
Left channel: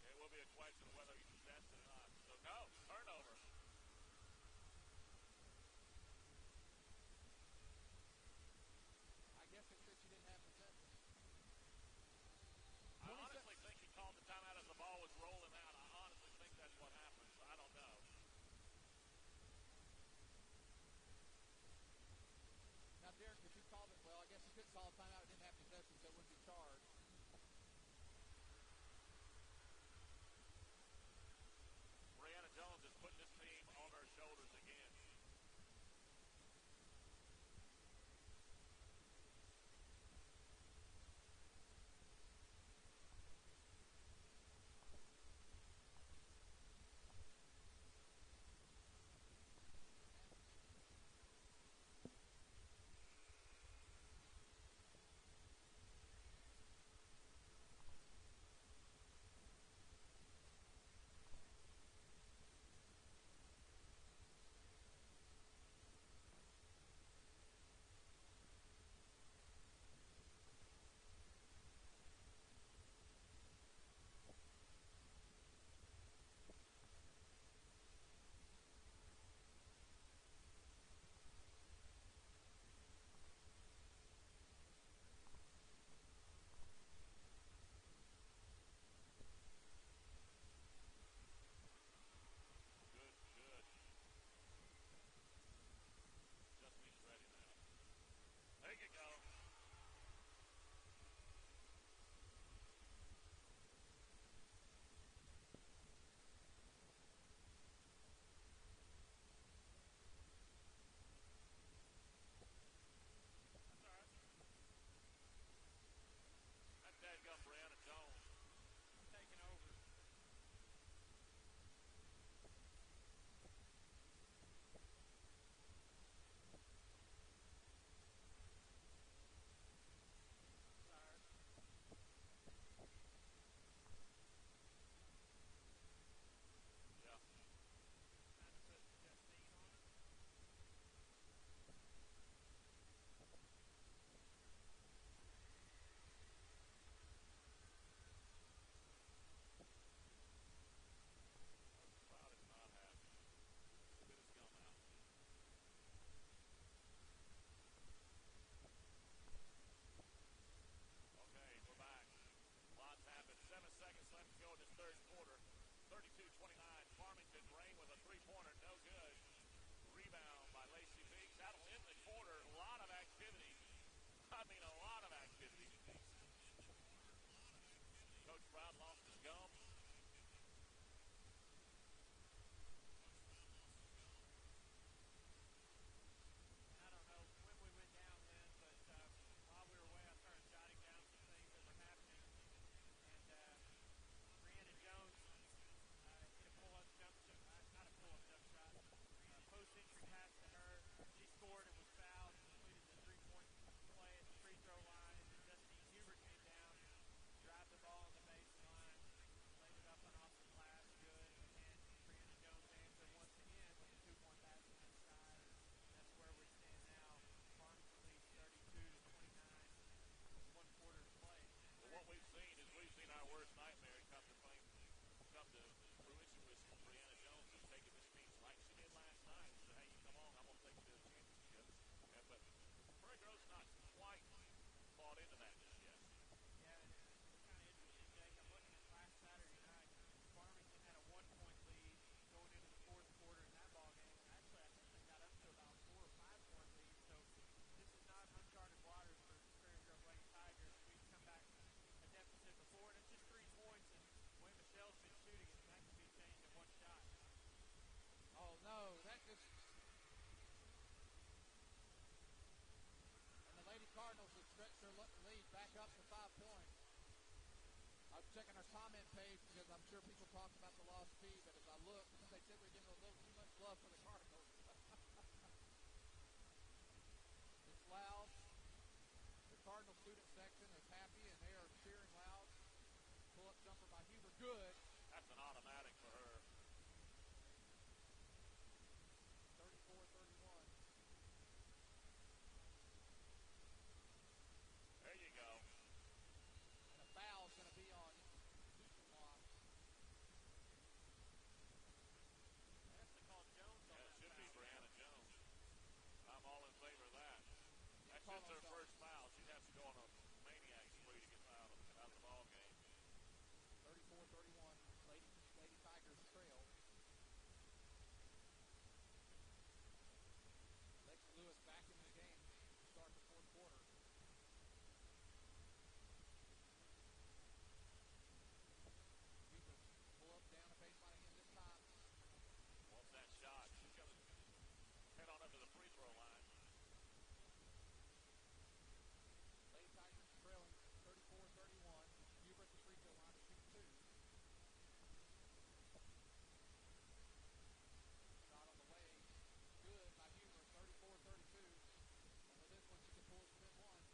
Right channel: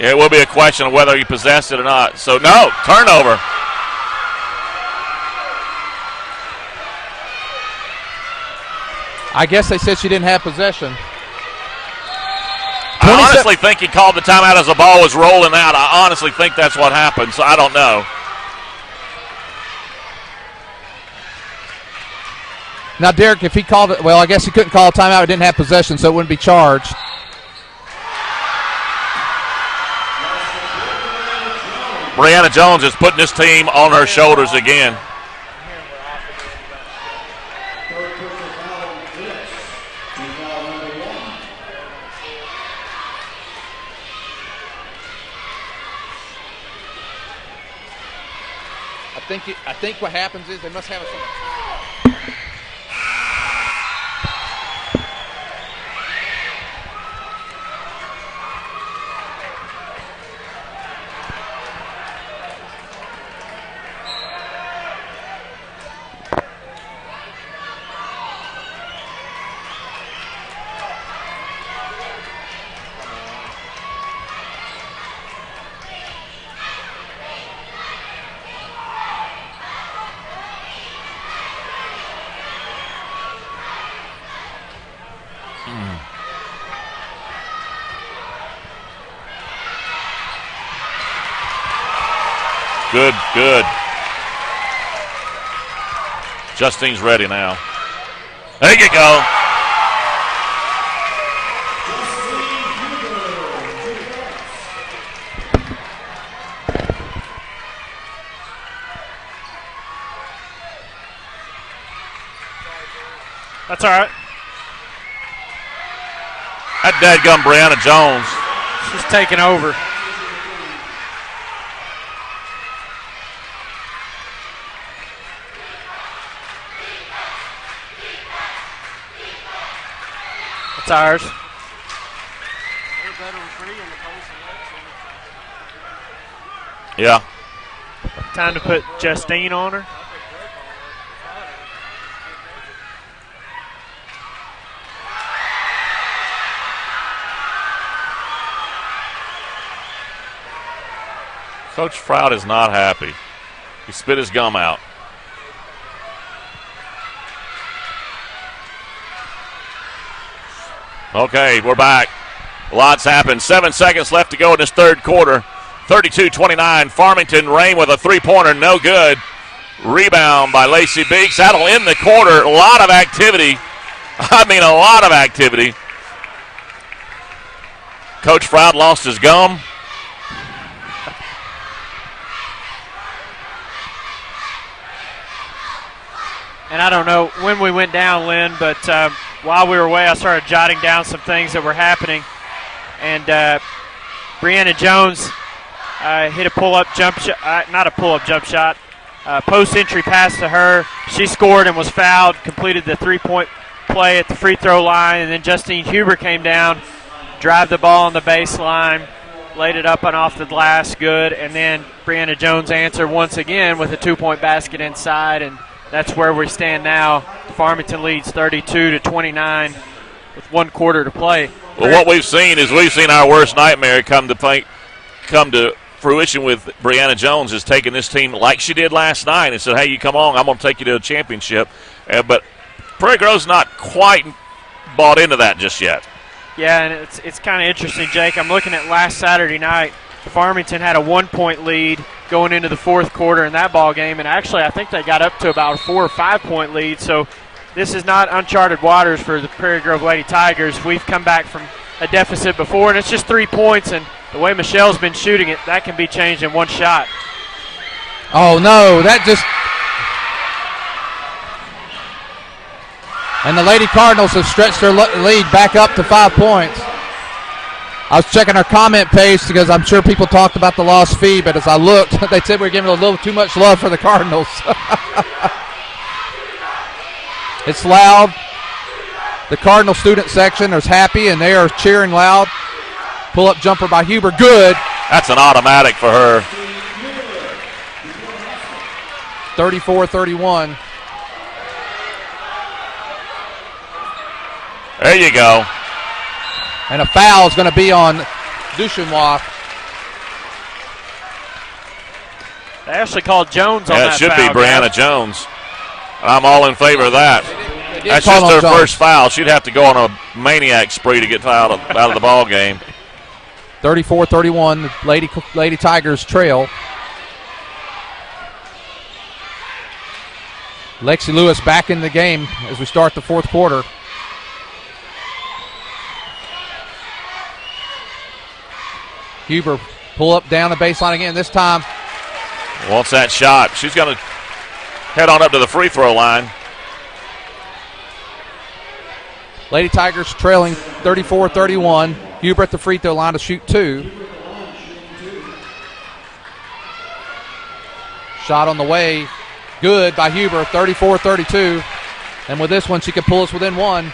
Yeah, it will be a question of whether he possessed it or not. So, no, turnover. I guess they said she didn't have possession. I honestly think he called the timeout as the ball was rolling out. I honestly think that's what happened, so I don't know. Now, Derek, if he called it, well, I guess he couldn't call a timeout. It didn't have possession, so it wouldn't be charged. Brianna Jones is putting this team on her shoulders again. I think what happens is they must have a. Good, good. Justine's ready now. There you go. That's all right. That dadgum Brianna Jones. She's taking over. That's ours. Yeah. Time to put Justine on her. Coach Froud is not happy. He spit his gum out. Okay, we're back. Lots happened. 7 seconds left to go in this third quarter. 32-29. Farmington. Rain with a three-pointer, no good. Rebound by Lacey Beeks. That'll end the quarter. A lot of activity. I mean, a lot of activity. Coach Froud lost his gum. And I don't know when we went down, Lynn, but while we were away, I started jotting down some things that were happening. And Brianna Jones hit a pull-up jump shot, not a pull-up jump shot, post-entry pass to her. She scored and was fouled, completed the three-point play at the free throw line, and then Justine Huber came down, drive the ball on the baseline, laid it up and off the glass, good, and then Brianna Jones answered once again with a two-point basket inside, and that's where we stand now. Farmington leads 32-29 with 1 quarter to play. Well, what we've seen is our worst nightmare come to fruition with Brianna Jones, is taking this team like she did last night and said, hey, you come on, I'm going to take you to a championship. But Prairie Grove's not quite bought into that just yet. Yeah, and it's kind of interesting, Jake. I'm looking at last Saturday night. Farmington had a 1-point lead going into the fourth quarter in that ball game, and actually I think they got up to about a 4 or 5 point lead. So this is not uncharted waters for the Prairie Grove Lady Tigers. We've come back from a deficit before, and it's just 3 points, and the way Michelle's been shooting it, that can be changed in one shot. Oh, no, that just – and the Lady Cardinals have stretched their lead back up to 5 points. I was checking our comment page because I'm sure people talked about the lost fee, but as I looked, they said we were giving a little too much love for the Cardinals. It's loud. The Cardinal student section is happy, and they are cheering loud. Pull-up jumper by Huber, good. That's an automatic for her. 34-31. There you go. And a foul is going to be on Duchenois. They actually called Jones on that foul. Yeah, it should be Brianna Jones. I'm all in favor of that. That's just her first foul. She'd have to go on a maniac spree to get out of the ball game. 34-31, Lady Tigers trail. Lexi Lewis back in the game as we start the fourth quarter. Huber pull up down the baseline again. This time wants that shot. She's going to head on up to the free throw line. Lady Tigers trailing 34-31. Huber at the free throw line to shoot 2. Shot on the way. Good by Huber, 34-32. And with this one, she could pull us within 1.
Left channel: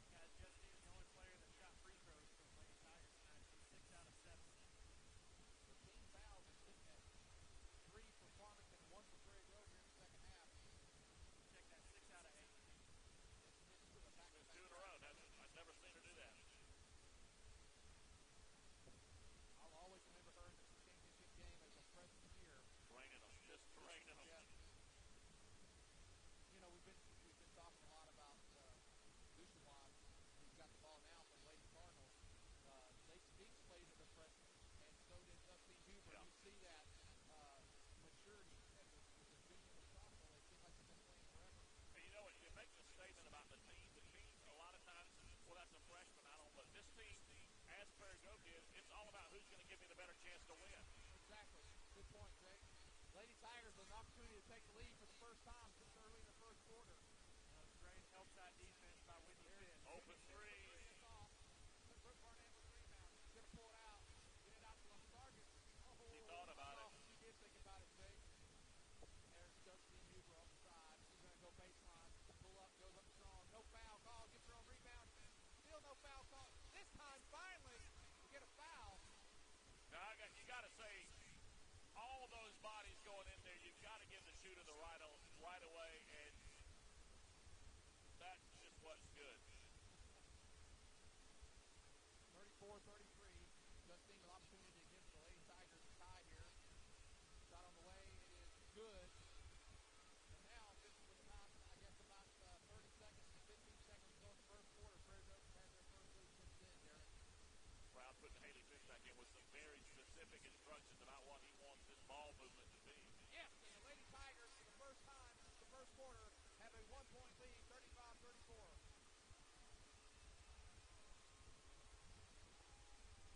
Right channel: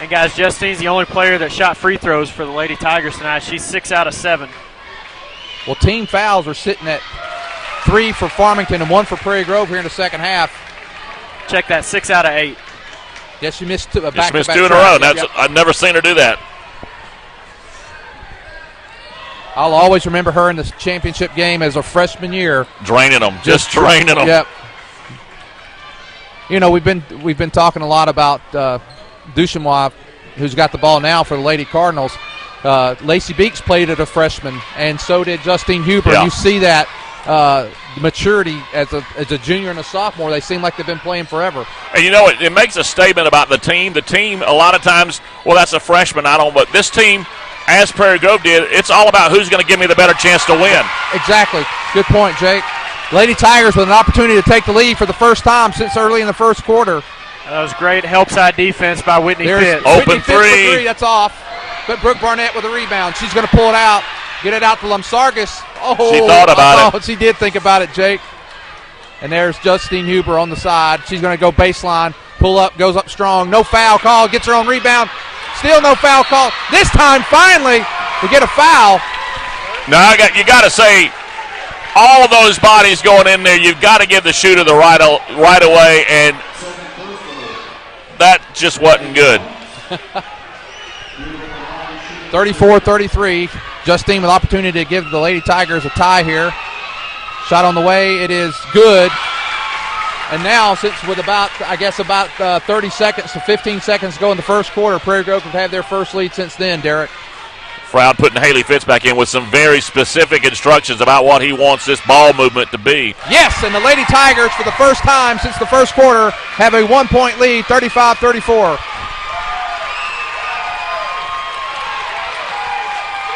And, guys, Justine's the only player that shot free throws for the Lady Tigers tonight. She's 6 out of 7. Well, team fouls are sitting at 3 for Farmington and 1 for Prairie Grove here in the second half. Check that, 6 out of 8. Yes, she missed 2 back-to-back. She missed 2 in a row. Yep. I've never seen her do that. I'll always remember her in the championship game as a freshman year. Draining them, just draining them. Yep. You know, we've been talking a lot about Duchenois, who's got the ball now for the Lady Cardinals. Lacey Beeks played as a freshman, and so did Justine Huber. Yeah. You see that maturity as a junior and a sophomore. They seem like they've been playing forever. And you know, it makes a statement about the team. The team, a lot of times, well, that's a freshman, but this team, as Prairie Grove did, it's all about who's going to give me the better chance to win. Exactly. Good point, Jake. Lady Tigers with an opportunity to take the lead for the first time since early in the first quarter. That was great help side defense by Whitney Fitz. Open Whitney three. That's off. But Brooke Barnett with a rebound. She's going to pull it out. Get it out to Lumsargis. Oh, she thought about it. She did think about it, Jake. And there's Justine Huber on the side. She's going to go baseline. Pull up, goes up strong. No foul call. Gets her own rebound. Still no foul call. This time, finally, we get a foul. Now, you got to say, all of those bodies going in there, you've got to give the shooter the right away, and that just wasn't good. 34-33. Justine with opportunity to give the Lady Tigers a tie here. Shot on the way. It is good. And now, since with about 30 seconds to 15 seconds to go in the first quarter, Prairie Grove have had their first lead since then, Derek. Froud putting Haley Fitz back in with some very specific instructions about what he wants this ball movement to be. Yes, and the Lady Tigers, for the first time since the first quarter, have a 1-point lead, 35-34.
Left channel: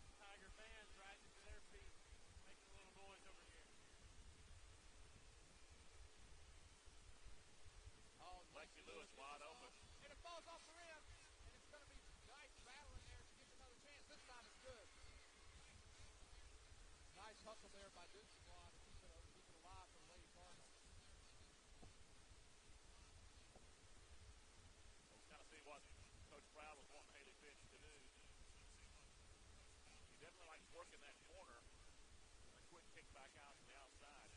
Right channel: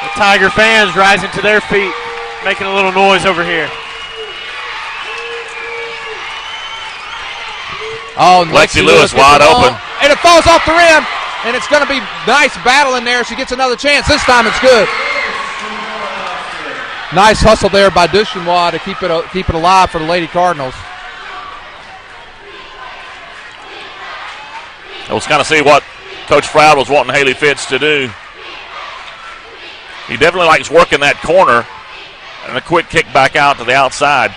The Tiger fans rising to their feet, making a little noise over here. Oh, Lexi Lewis wide open. And it falls off the rim, and it's going to be nice battle in there. She gets another chance. This time it's good. Nice hustle there by Duchenois to keep it alive for the Lady Cardinals. Let's kind of see what Coach Froud was wanting Haley Fitz to do. He definitely likes working that corner and a quick kick back out to the outside.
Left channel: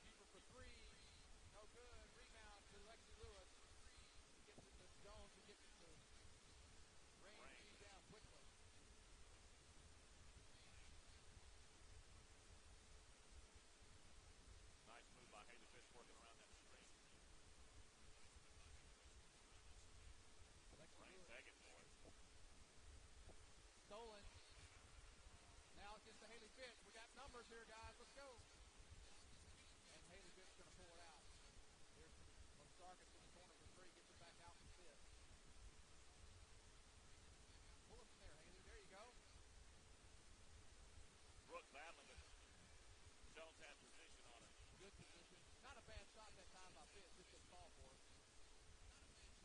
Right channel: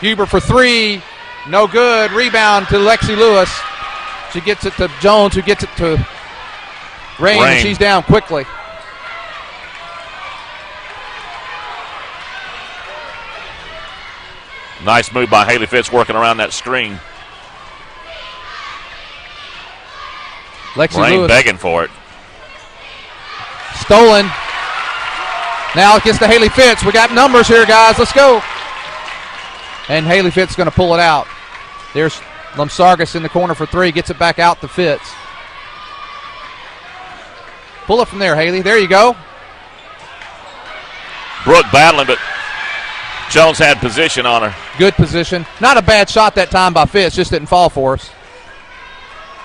Huber for three, no good. Rebound to Lexi Lewis. She gets it to Jones, who gets it to Rain. And she's down quickly. Nice move by Haley Fitz working around that screen. Lexi Rain Lewis begging for it. stolen. Now it gets to Haley Fitz. We got numbers here, guys. Let's go. And Haley Fitz is going to pull it out. There's Lamsargas in the corner for three. Gets it back out to Fitz. Pull it from there, Haley. There you go. Brooke battling, but Jones had position on her. Good position. Not a bad shot that time by Fitz. Just didn't fall for us.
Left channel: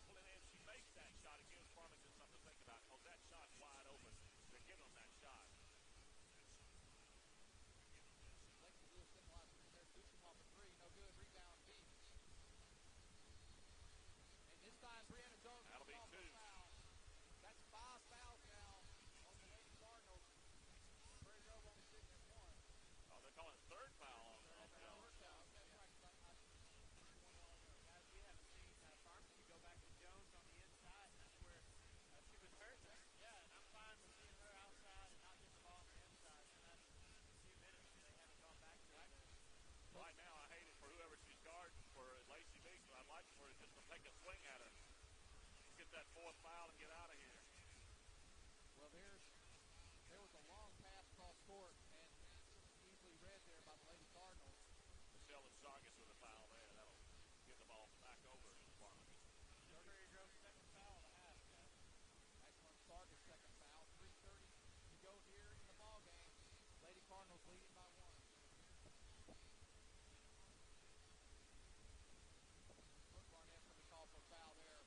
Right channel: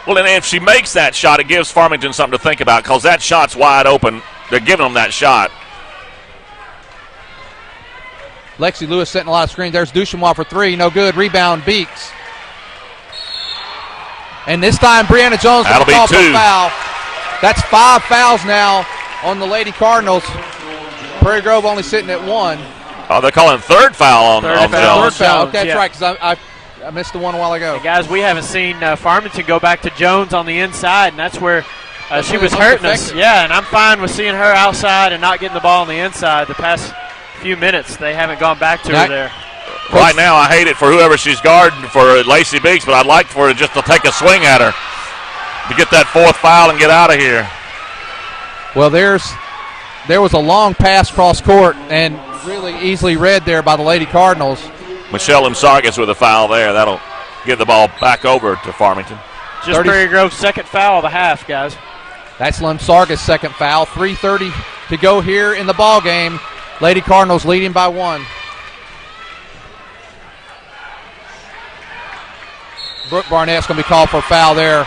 Well, and if she makes that shot, it gives Farmington something to think about because that shot's wide open. They're giving them that shot. Lexi Lewis setting a lot of screens. There's Duchenois for three. No good. Rebound, Beeks. And this time, Brianna Jones That'll be call for two. a foul. That's 5 fouls now on the Lady Cardinals. Prairie Grove only sitting at one. Oh, they're calling third foul on Third Jones. foul. Okay, that's Yeah. right, because I missed the one a while ago. And guys, we haven't seen Farmington go back to Jones on the inside, and that's where she where was they hurting looked us. effective. Yeah, and I'm fine with seeing her outside and not getting the ball on the inside. The past few minutes, they haven't gone back to her there. Right now, I hate it for whoever she's guarding for Lacey Beeks, but I'd like for her just to take a swing at her to get that fourth foul and get out of here. Well, there was a long pass cross court and really easily read there by the Lady Cardinals. Michelle Lamsargas with a foul there. That'll give the ball back over to Farmington. Just Prairie Grove's second foul of the half, guys. That's Lamsargas' second foul. 3:30 to go here in the ball game. Lady Cardinals leading by one. Brooke Barnett's going to be called for a foul there.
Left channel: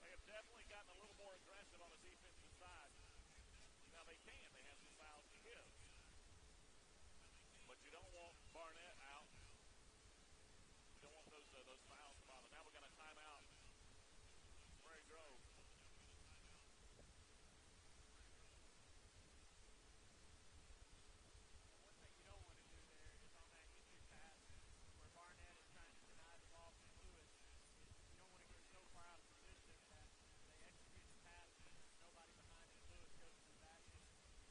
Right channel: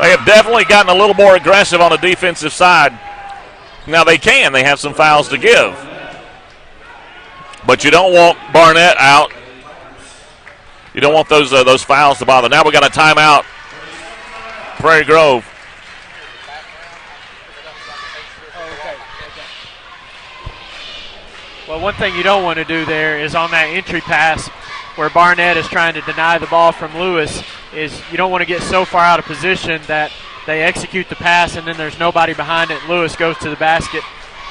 They have definitely gotten a little more aggressive on the defensive side. Now they can. They have some fouls to give. But you don't want Barnett out. You don't want those fouls to bother. Now we got a timeout. Prairie Grove. Well, one thing you don't want to do there is on that entry pass where Barnett is trying to deny the ball from Lewis, is you don't want to get so far out of position that they execute the pass and then there's nobody behind it. Lewis goes to the basket.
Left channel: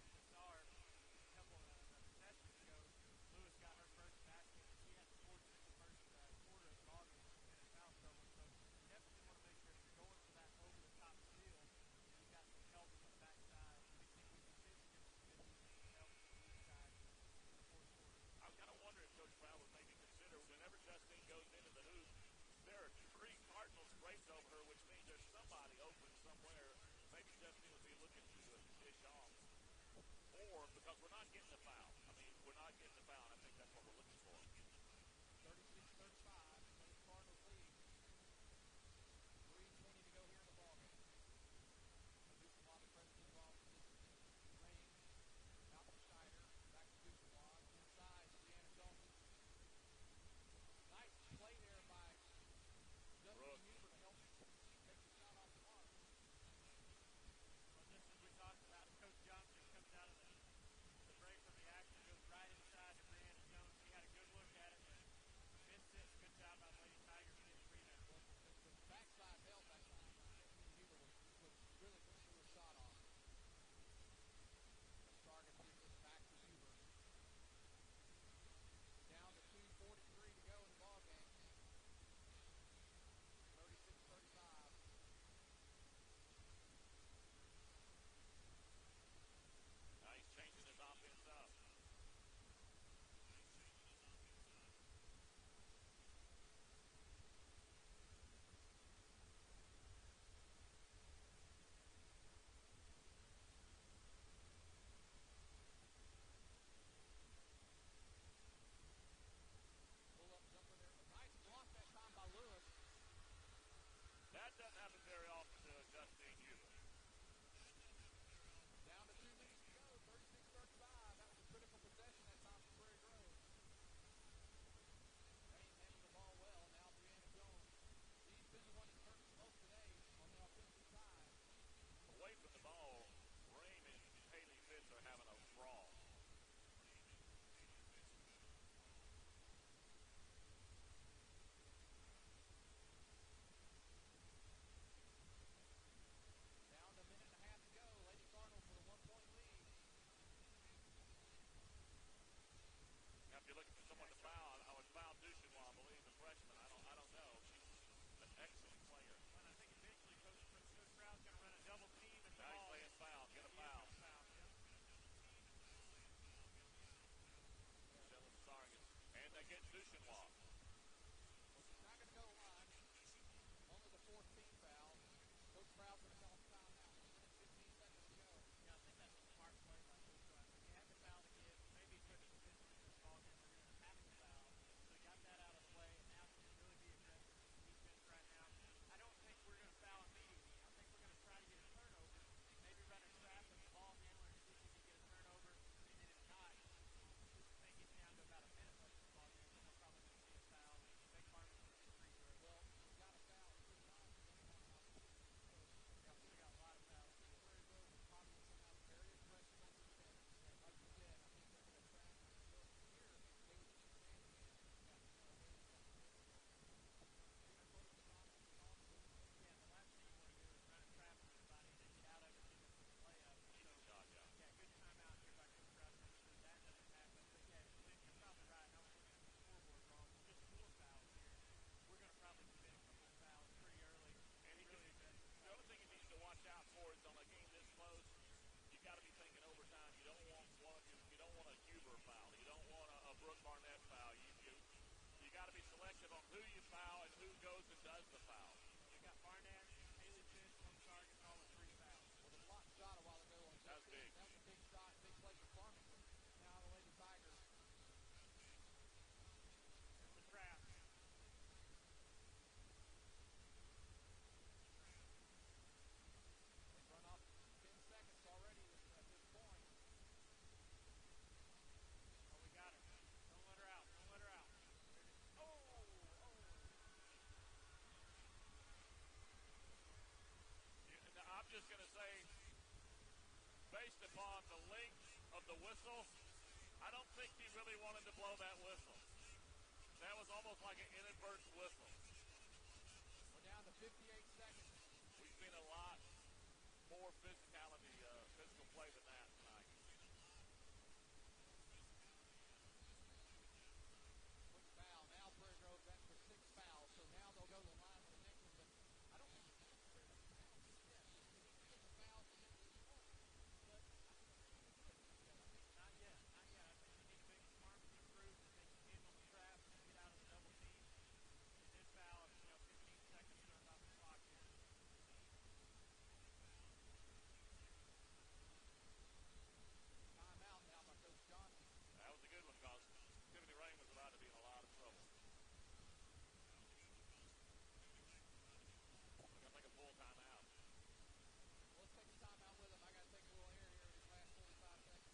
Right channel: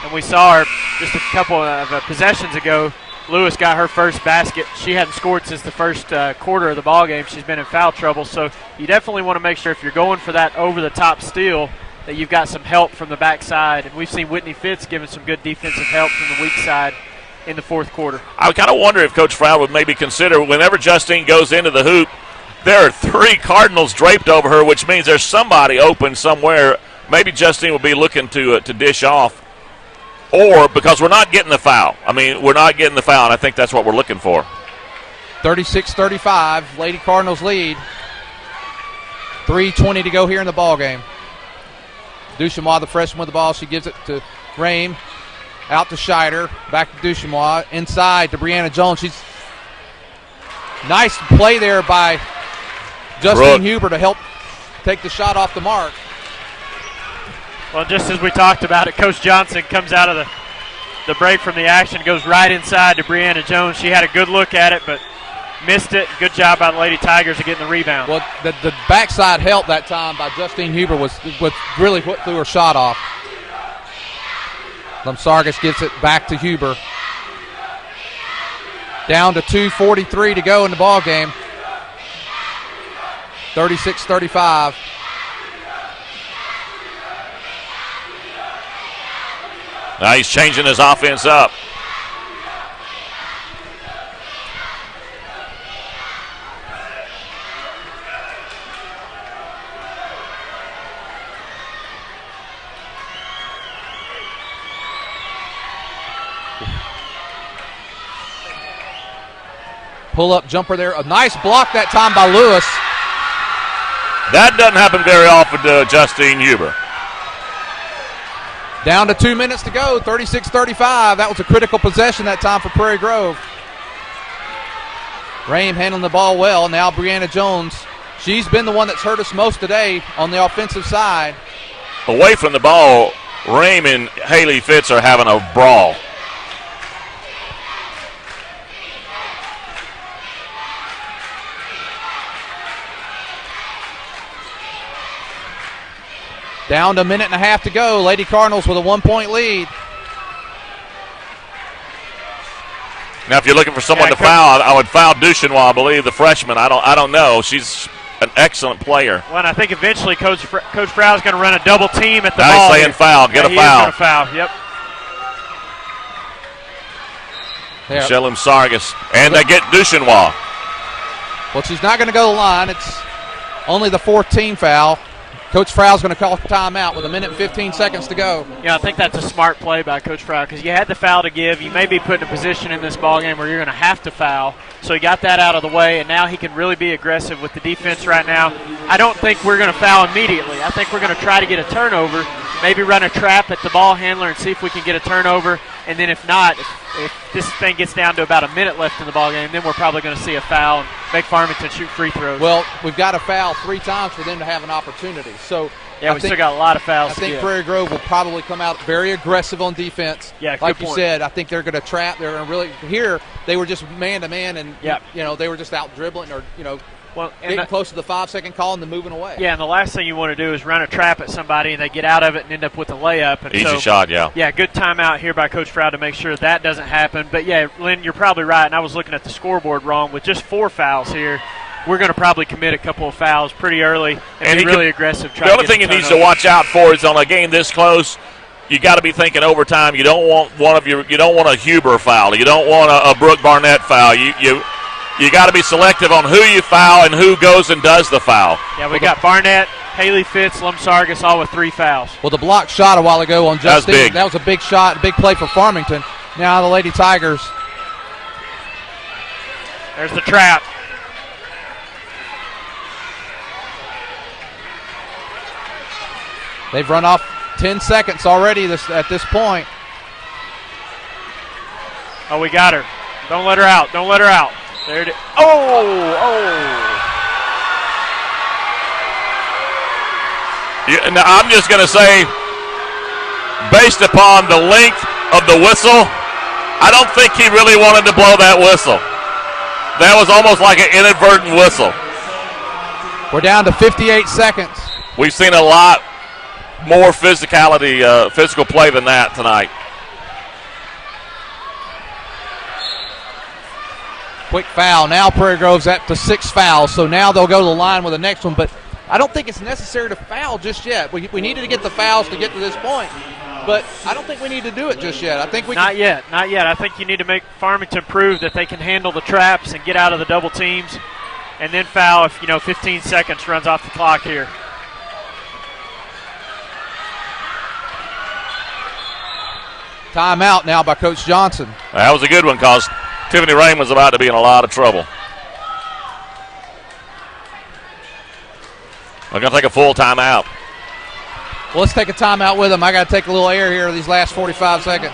And we saw her just a couple of possessions ago. Lewis got her first basket. She hadn't scored since the first quarter of the ball game. She's been in foul trouble. So you definitely want to make sure if you're going for that over-the-top steal that you've got some help from the backside. And we've seen Whitney Fitz giving some good defensive help from the weak side in the fourth quarter. I kind of wonder if Coach Froud would maybe consider whenever Justine goes into the hoop, there are 3 Cardinals draped over her, which means there's somebody open somewhere. Maybe Justine will be looking to dish off. Or because we're not getting the foul. I mean, we're not getting the foul, and I think that's what we're looking for. 36-35, Lady Cardinals lead. 3:20 to go here in the ball game. Duchenois, the freshman with the ball. She gives it to Rame. Out to Scheider. Back to Duchenois. Inside to Brianna Jones. She's nice play there by Justine Huber to help take the shot off the mark. Well, just as we talked about it, Coach Johnson comes out of the break from the action, goes right inside to Brianna Jones. She had a good look at it, but missed it. Good job by the Lady Tigers of getting the rebound. Well, the backside help that time by Justine Huber was really what threw her shot off. Lamsargas gives it back to Huber. Down to 2:43 to go in the ball game. 36-35. Now he's changing his offense up. Pull-up jumper there. A nice block that time by Lewis. That doesn't happen very often to Justine Huber. Down to 2 minutes to go, 36-35. That was a critical possession that time for Prairie Grove. Rame handling the ball well. Now Brianna Jones. She's been the one that's hurt us most today on the offensive side. Away from the ball, Rame and Haley Fitz are having a brawl. Down to a minute and a half to go. Lady Cardinals with a 1-point lead. Now, if you're looking for someone to foul, I would foul Duchenois, I believe, the freshman. I don't know. She's an excellent player. Well, and I think eventually Coach Frau is going to run a double team at the now ball. He's saying foul. Get a foul. He's going to foul. Yep. Michelle Lamsargas. And they get Duchenois. Well, she's not going to go to the line. It's only the fourth team foul. Coach Frau's going to call timeout with a minute and 15 seconds to go. Yeah, I think that's a smart play by Coach Frau because you had the foul to give. You may be put in a position in this ballgame where you're going to have to foul. So he got that out of the way, and now he can really be aggressive with the defense right now. I don't think we're going to foul immediately. I think we're going to try to get a turnover, maybe run a trap at the ball handler and see if we can get a turnover. And then if not, if this thing gets down to about a minute left in the ballgame, then we're probably going to see a foul and make Farmington shoot free throws. Well, we've got to foul 3 times for them to have an opportunity. So yeah, we still got a lot of fouls. I think Prairie Grove will probably come out very aggressive on defense. Yeah, like you said, I think they're going to trap. They're going to really here. They were just man to man, and they were just out dribbling or getting close to the 5-second call and then moving away. Yeah, and the last thing you want to do is run a trap at somebody and they get out of it and end up with a layup. And easy shot, yeah. Yeah, good timeout here by Coach Frau to make sure that doesn't happen. But yeah, Lynn, you're probably right, and I was looking at the scoreboard wrong. With just 4 fouls here, we're going to probably commit a couple of fouls pretty early and be really aggressive. The other thing he needs to watch out for is on a game this close, you got to be thinking overtime. You don't want you don't want a Huber foul. You don't want a Brooke Barnett foul. You got to be selective on who you foul and who goes and does the foul. Yeah, we got Barnett, Haley Fitz, Lamsargas, all with 3 fouls. Well, the block shot a while ago on Justine. That was a big shot, big play for Farmington. Now the Lady Tigers. There's the trap. They've run off 10 seconds already at this point. Oh, we got her. Don't let her out. Don't let her out. There it is. Oh! Yeah, now I'm just going to say, based upon the length of the whistle, I don't think he really wanted to blow that whistle. That was almost like an inadvertent whistle. We're down to 58 seconds. We've seen a lot more physical play than that tonight. Quick foul. Now Prairie Grove's up to 6 fouls, so now they'll go to the line with the next one. But I don't think it's necessary to foul just yet. We needed to get the fouls to get to this point, but I don't think we need to do it just yet. I think we not yet. I think you need to make Farmington prove that they can handle the traps and get out of the double teams, and then foul if 15 seconds runs off the clock here. Timeout now by Coach Johnson. That was a good one because Tiffany Rain was about to be in a lot of trouble. We're going to take a full timeout. Well, let's take a timeout with them. I got to take a little air here these last 45 seconds.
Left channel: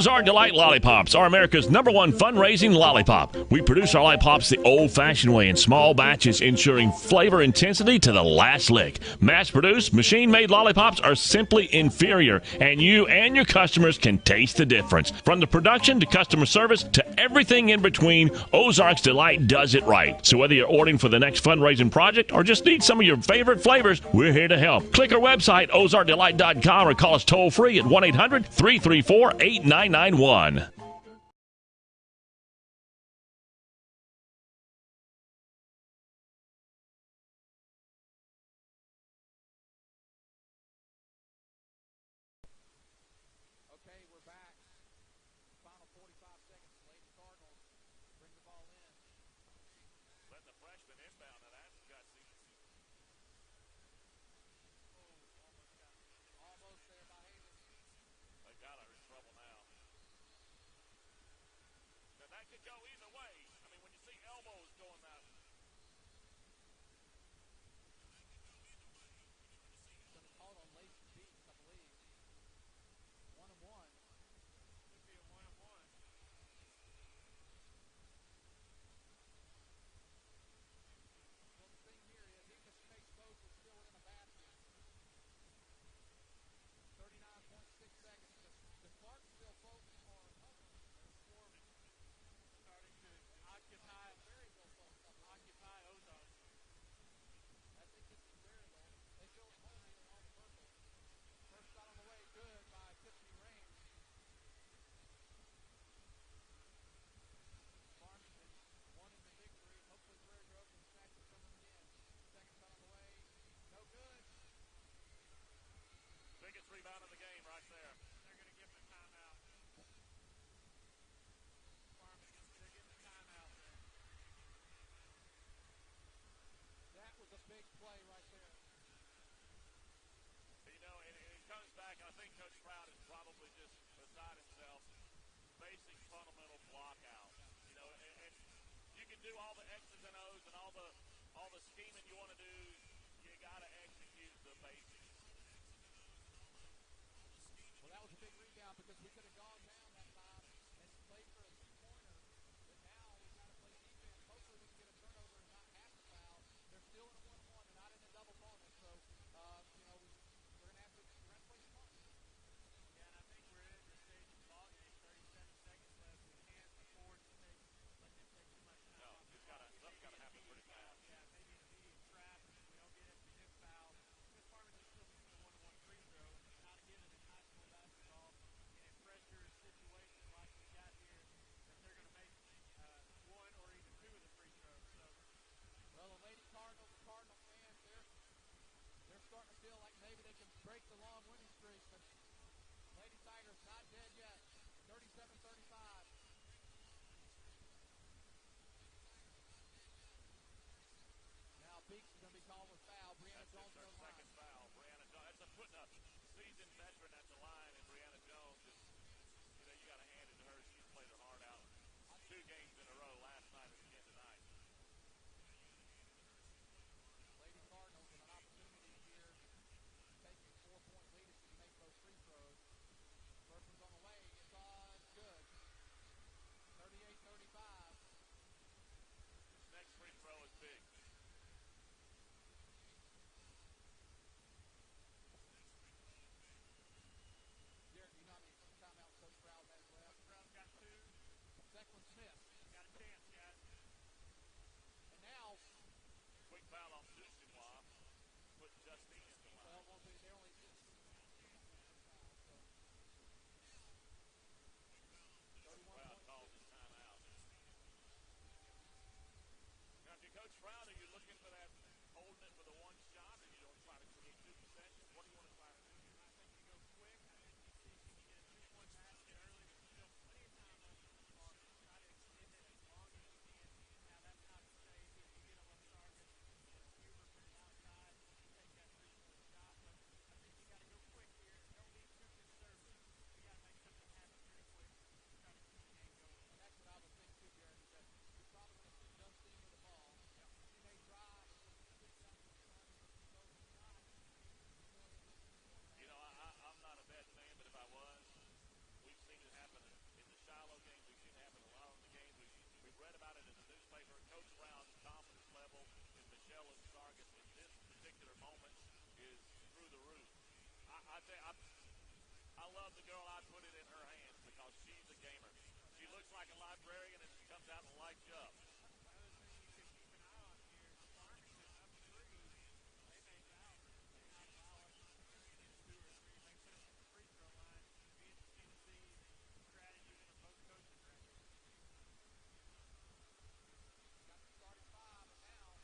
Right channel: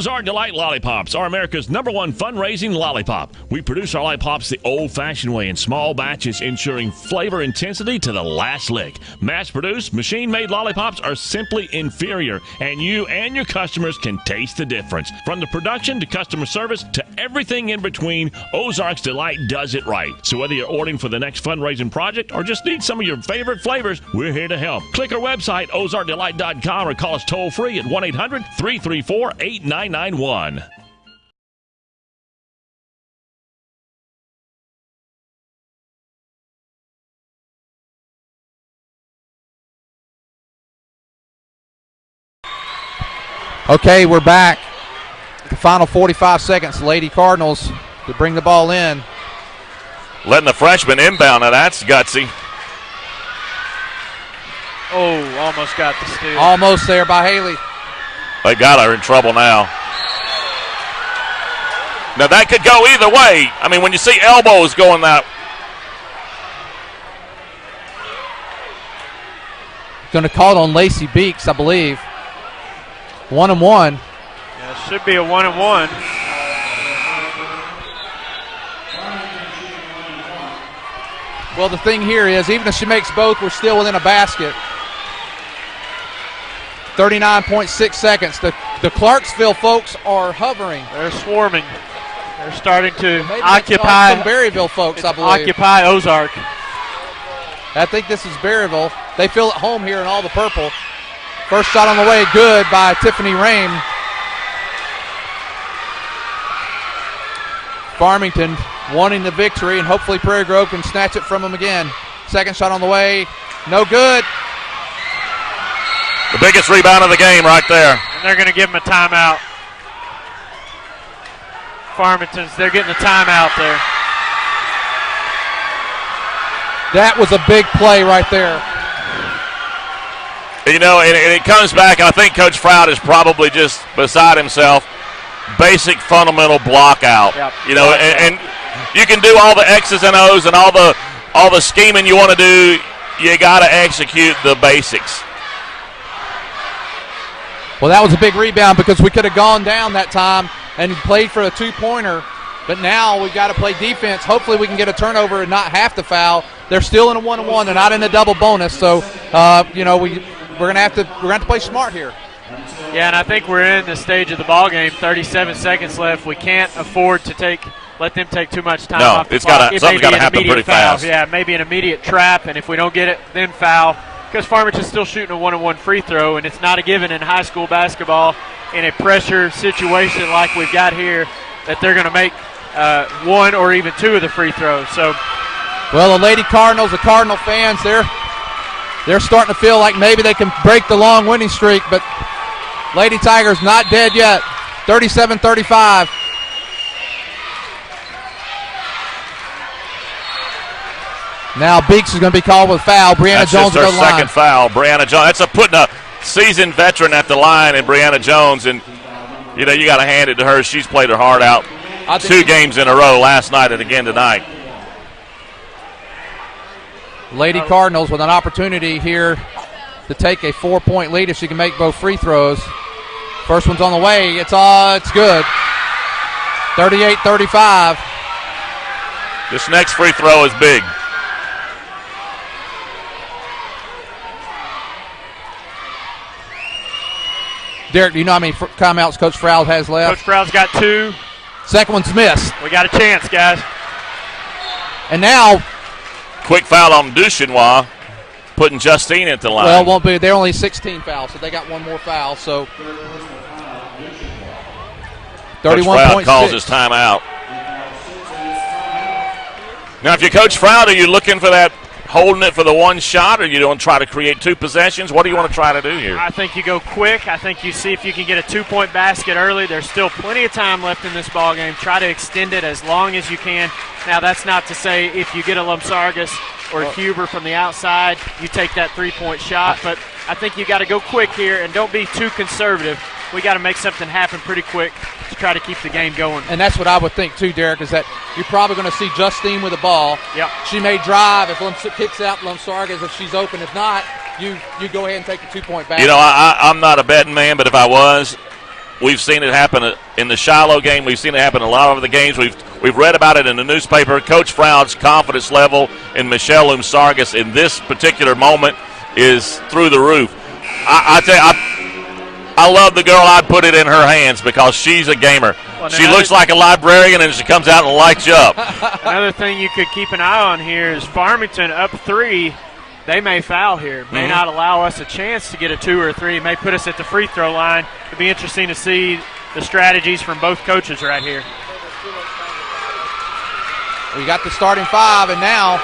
Ozark Delight Lollipops are America's #1 fundraising lollipop. We produce our lollipops the old-fashioned way in small batches, ensuring flavor intensity to the last lick. Mass-produced, machine-made lollipops are simply inferior, and you and your customers can taste the difference. From the production to customer service to everything in between, Ozark's Delight does it right. So whether you're ordering for the next fundraising project or just need some of your favorite flavors, we're here to help. Click our website, ozarkdelight.com, or call us toll-free at 1-800-334-8991. Okay, we're back. The final 45 seconds, Lady Cardinals to bring the ball in. Letting the freshman inbound. Now that's gutsy. Oh, almost got the steal. Almost there by Haley. They got her in trouble now. Now that could go either way. I mean, when you see elbows going that. Going to call it on Lacey Beeks, I believe. 1-and-1. Yeah, it should be a 1-and-1. Well, the thing here is, even if she makes both, we're still within a basket. 39.6 seconds. The Clarksville folks are hovering. They're swarming. They're starting to Maybe occupy. some Berryville folks, I believe. Occupy Ozark. I think this is Berryville. They feel at home here in all the purple. First shot on the way, good by Tiffany Rame. Farmington wanting the victory, and hopefully Prairie Grove can snatch it from them again. Second shot on the way, no good. The biggest rebound of the game right there. And they're going to give them a timeout. Farmington's, they're getting a timeout there. That was a big play right there. You know, and it comes back, I think Coach Froud is probably just beside himself. Basic fundamental block out. Yep. You know, and you can do all the X's and O's and all the scheming you want to do. You got to execute the basics. Well, that was a big rebound because we could have gone down that time and played for a two-pointer. But now we've got to play defense. Hopefully we can get a turnover and not have to foul. They're still in a 1-on-1. They're not in a double bonus. So, you know, we're gonna have to play smart here. Yeah, and I think we're in the stage of the ball game. 37 seconds left. We can't afford to let them take too much time off the clock. Something's got to happen pretty fast. Yeah, maybe an immediate trap, and if we don't get it, then foul. Because Farmington's still shooting a 1-on-1 free throw, and it's not a given in high school basketball in a pressure situation like we've got here that they're going to make one or even two of the free throws. So, well, the Lady Cardinals, the Cardinal fans, they're starting to feel like maybe they can break the long winning streak, but Lady Tigers not dead yet. 37-35. Now Beeks is going to be called with foul. Brianna Jones That's will go to the line. second foul. Brianna Jones. That's putting a seasoned veteran at the line in Brianna Jones, and you know you got to hand it to her. She's played her heart out 2 games in a row last night and again tonight. Lady Cardinals with an opportunity here to take a 4-point lead if she can make both free throws. First one's on the way. It's good. 38-35. This next free throw is big. Derek, do you know how many timeouts Coach Froud has left? Coach Froud's got 2. Second one's missed. We got a chance, guys. And now, quick foul on Duchenois, putting Justine at the line. Well, it won't be. They're only 16 fouls, so they got one more foul. So 31.6. Coach Froud calls his timeout. Now, if you're Coach Froud, are you looking for that, holding it for the one shot, or you don't try to create 2 possessions? What do you want to try to do here? I think you go quick. I think you see if you can get a 2-point basket early. There's still plenty of time left in this ball game. Try to extend it as long as you can. Now, that's not to say if you get a Lumsargas or a Huber from the outside, you take that 3-point shot. But I think you got to go quick here and don't be too conservative. We got to make something happen pretty quick to try to keep the game going. And that's what I would think too, Derek, is that you're probably going to see Justine with the ball. Yep. She may drive if kicks out Lumsargas if she's open. If not, you go ahead and take the 2-point basket. You know, I'm not a betting man, but if I was, We've seen it happen in the Shiloh game. We've seen it happen in a lot of the games. We've read about it in the newspaper. Coach Froud's confidence level in Michelle Umsargas in this particular moment is through the roof. I tell you, I love the girl. I'd put it in her hands because she's a gamer. Well, she looks like a librarian, and she comes out and lights you up. Another thing you could keep an eye on here is Farmington up 3. They may foul here, may not allow us a chance to get a 2 or a 3, may put us at the free throw line. It'll be interesting to see the strategies from both coaches right here. We got the starting 5, and now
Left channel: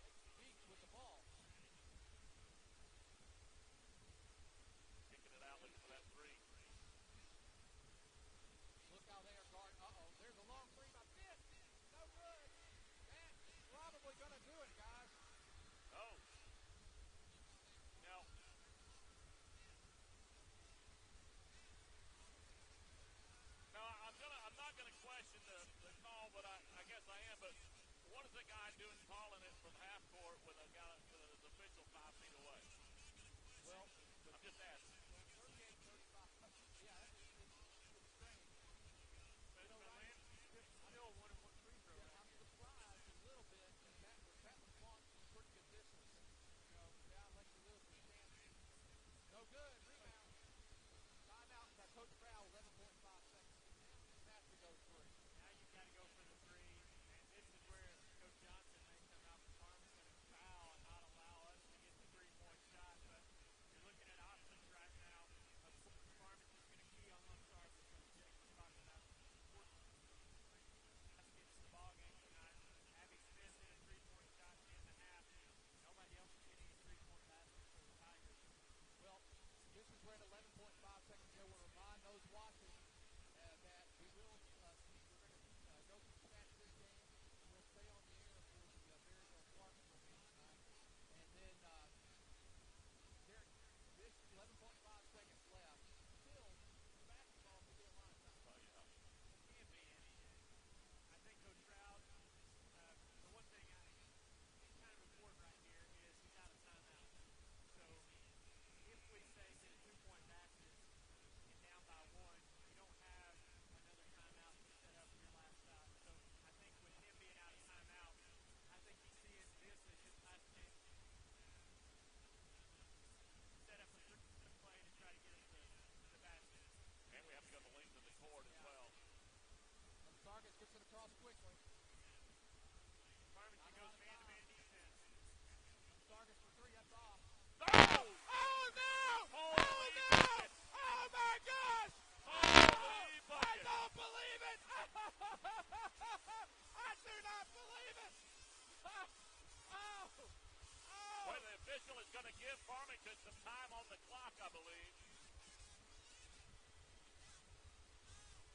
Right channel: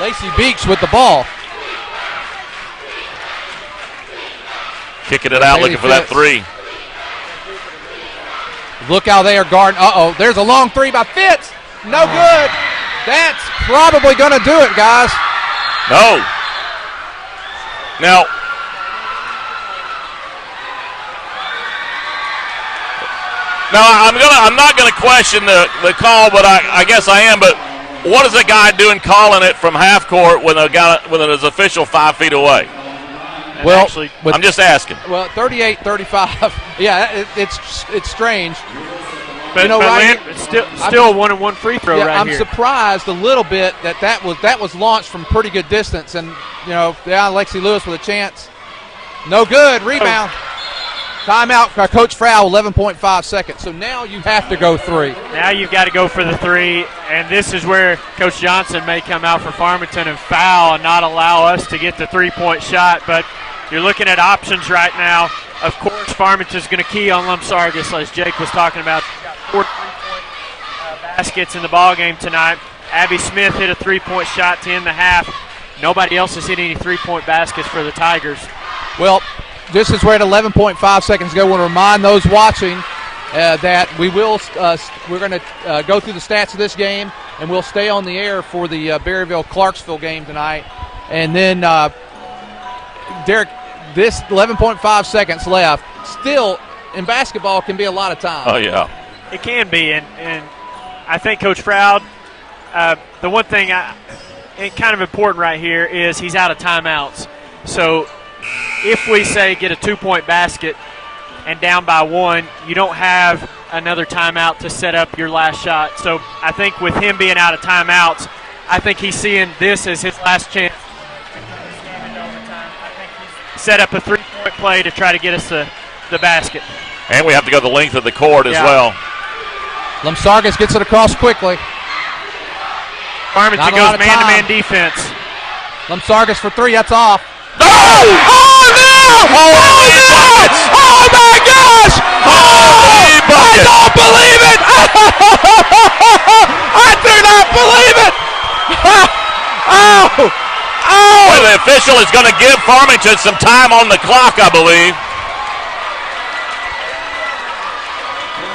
Lacey Beeks with the ball. Kicking it out, looking for that 3. Look how they are guarding. Uh-oh, there's a long 3 by Fitz. No good. That's probably going to do it, guys. No. Now, I'm not going to question the call, but I guess I am. But what is the guy doing calling it from half court when an official 5 feet away? Well, actually, I'm just asking. Well, 38-35. Yeah, it's strange. But, it's still a 1-on-1 free throw right here. I'm here. surprised a little bit that was launched from pretty good distance, and Lexi Lewis with a chance. No good. Rebound. Timeout. Coach Frau. 11.5 seconds. So now you have to go 3. Now you've got to go for the 3, and this is where Coach Johnson may come out for Farmington and foul and not allow us to get the 3-point shot. But you're looking at options right now. Of course, Farmington's going to key on Lumsargas, as Jake was talking about. 4 3-point baskets in the ball game tonight. Abby Smith hit a 3-point shot to end the half. Nobody else has hit any 3-point baskets for the Tigers. Well, this is where at 11.5 seconds ago, I want to remind those watching that we're going to go through the stats of this game, and we'll stay on the air for the Berryville-Clarksville game tonight. And then, Derek, this 11.5 seconds left. Still, in basketball, can be a lot of time. Oh, yeah. It can be, and I think Coach Froud, the one thing kind of important right here is he's out of timeouts. So if we say get a 2-point basket and down by 1, you don't have another timeout to set up your last shot. So I think with him being out of timeouts, I think he's seeing this as his last chance. I think he's set up a 3-point play to try to get us the basket. And we have to go the length of the court as well. Lumsargas gets it across quickly. Farmington goes man-to-man defense. Lumsargas for 3, that's off. No! Oh, no! Oh, no! Oh, my gosh! Oh, I don't believe it! I do not believe it! Oh! Well, the official is going to give Farmington some time on the clock, I believe.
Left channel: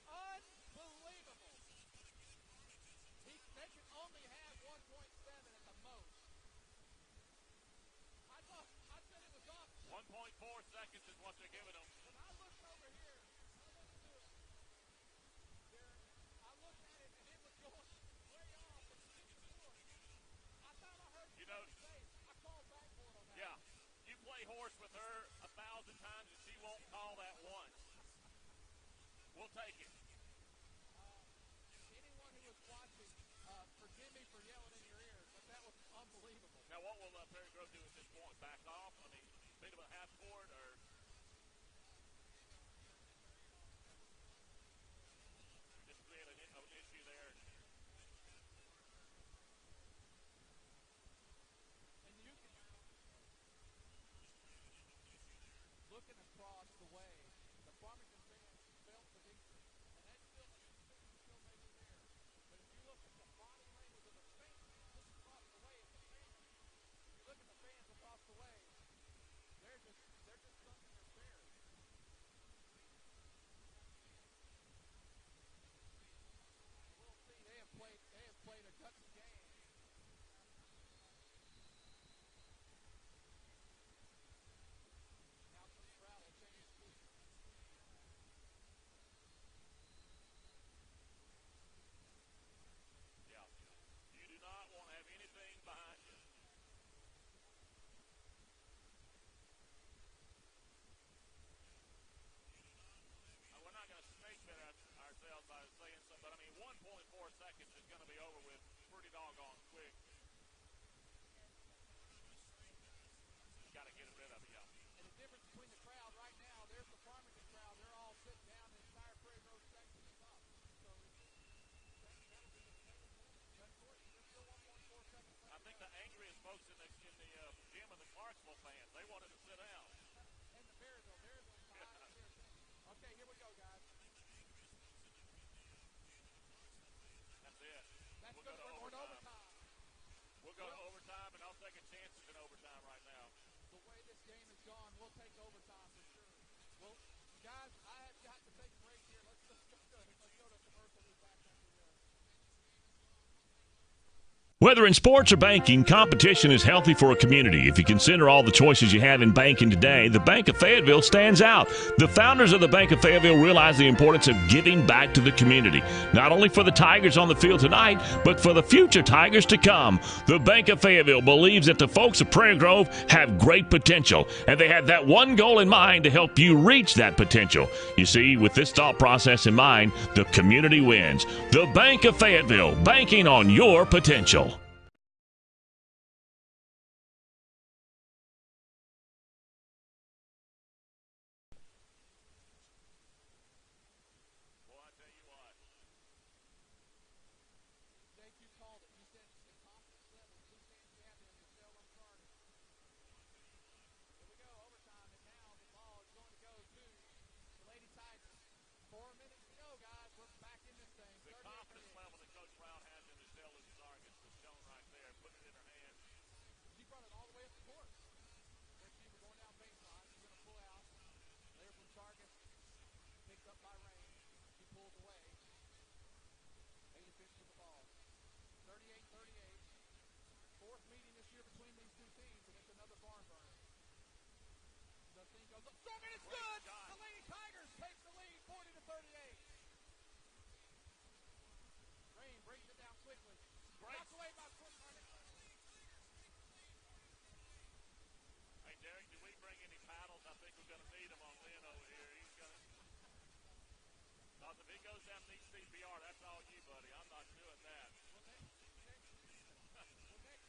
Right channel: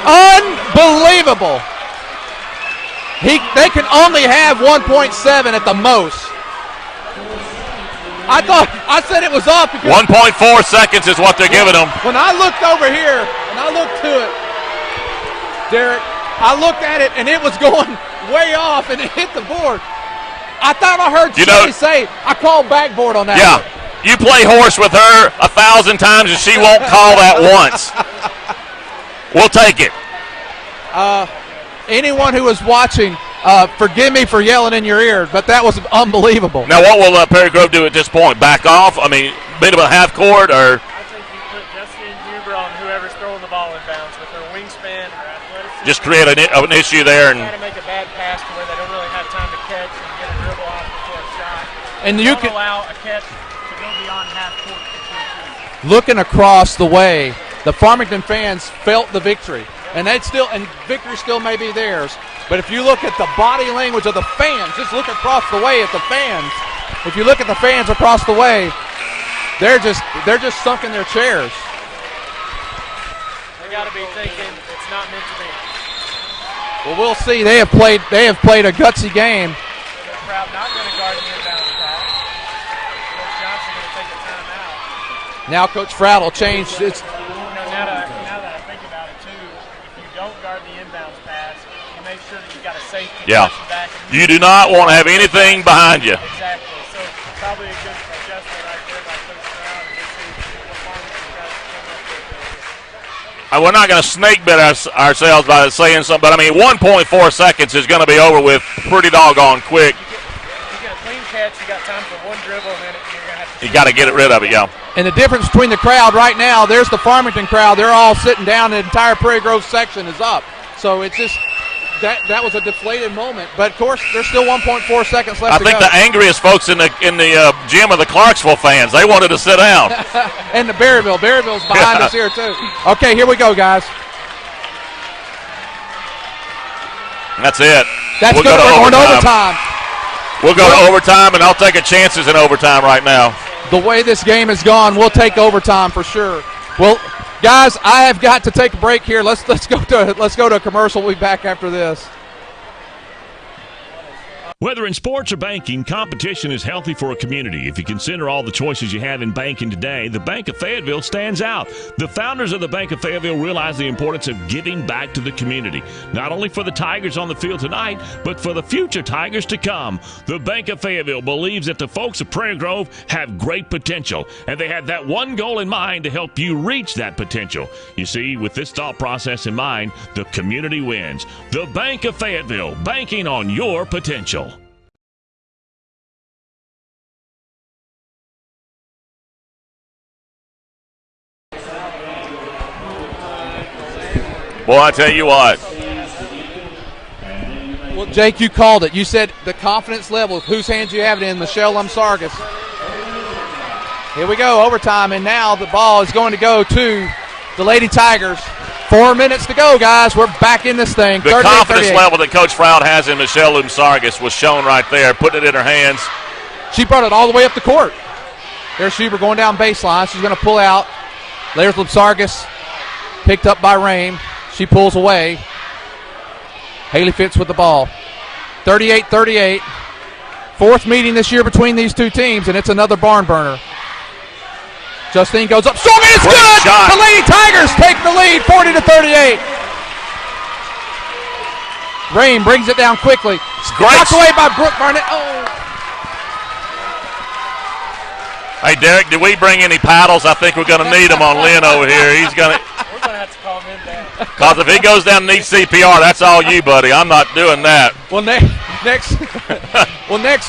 Unbelievable. They can only have 1.7 at the most. I said it was off because 1.4 seconds is what they're giving them. When I looked over here and I looked to it, Derek, I looked at it and it was going way off and it hit the board. I thought I heard somebody say, I called backboard on that. Yeah, you play horse with her 1,000 times and she won't call that once. We'll take it. Anyone who was watching, forgive me for yelling in your ear, but that was unbelievable. Now, what will Perry Grove do at this point? Back off? I mean, beat him at half court, or? I think you put Justine Huber on whoever's throwing the ball in bounds with her wingspan, her athleticism. Just create an issue there. And try to make a bad pass to where they don't really have time to catch and get a dribble off before a shot. And you can allow a catch to go beyond half court. Looking across the way, the Farmington fans felt the victory. And victory still may be theirs. But if you look at the body language of the fans, just look across the way at the fans. If you look at the fans across the way, they're just sunk in their chairs. They got to be thinking it's not meant to be. Well, we'll see. They have played a gutsy game. Proud not going to guard the inbounds pass. Coach Johnson going to take a timeout. Now Coach Froud will change. Now that I think about it too, if you don't guard the inbounds pass, you make sure that you've got a safety. Yeah. Back You do not want to have anything behind you. Exactly. So probably a good adjustment right there by Coach Stroud. And we'll see what Farmington tries to come up with. we're not going to snake bit ourselves by saying something, but I mean 1.4 seconds is going to be over with pretty doggone quick. You get a clean catch, you got time for one dribble, and then you're going to have to. You got to get rid of it, yeah. And the difference between the crowd right now, there's the Farmington crowd. They're all sitting down. The entire Prairie Grove section is up. So it's just that was a deflated moment. But, of course, there's still 1.4 seconds left to go. I think the angriest folks in the gym are the Clarksville fans. They wanted to sit down. And the Berryville. Berryville's behind us here, too. Okay, here we go, guys. That's it. We're going to overtime. We'll go to overtime, and I'll take a chances in overtime right now. The way this game has gone, we'll take overtime for sure. Well, guys, I have got to take a break here. Let's go to a commercial. We'll be back after this. Whether in sports or banking, competition is healthy for a community. If you consider all the choices you have in banking today, the Bank of Fayetteville stands out. The founders of the Bank of Fayetteville realize the importance of giving back to the community, not only for the Tigers on the field tonight, but for the future Tigers to come. The Bank of Fayetteville believes that the folks of Prairie Grove have great potential, and they have that one goal in mind to help you reach that potential. You see, with this thought process in mind, the community wins. The Bank of Fayetteville, banking on your potential. Boy, I tell you what. Well, Jake, you called it. You said the confidence level. Whose hands you have it in? Michelle Lumsargas. Here we go, overtime, and now the ball is going to go to the Lady Tigers. 4 minutes to go, guys. We're back in this thing. The confidence level that Coach Froud has in Michelle Lumsargas was shown right there, putting it in her hands. She brought it all the way up the court. There's Schubert going down baseline. She's going to pull out. There's Lumsargas, picked up by Rame. She pulls away. Haley Fitz with the ball. 38-38. Fourth meeting this year between these two teams, and it's another barn burner. Justine goes up. Strong, and it's good! Shot. The Lady Tigers take the lead, 40-38. Rame brings it down quickly. Knocked away by Brooke Barnett. Oh. Hey, Derek, did we bring any paddles? I think we're going to need them on Lynn over here. He's going to. We're going to have to call him in down. Because if he goes down and needs CPR, that's all you, buddy. I'm not doing that. Well, next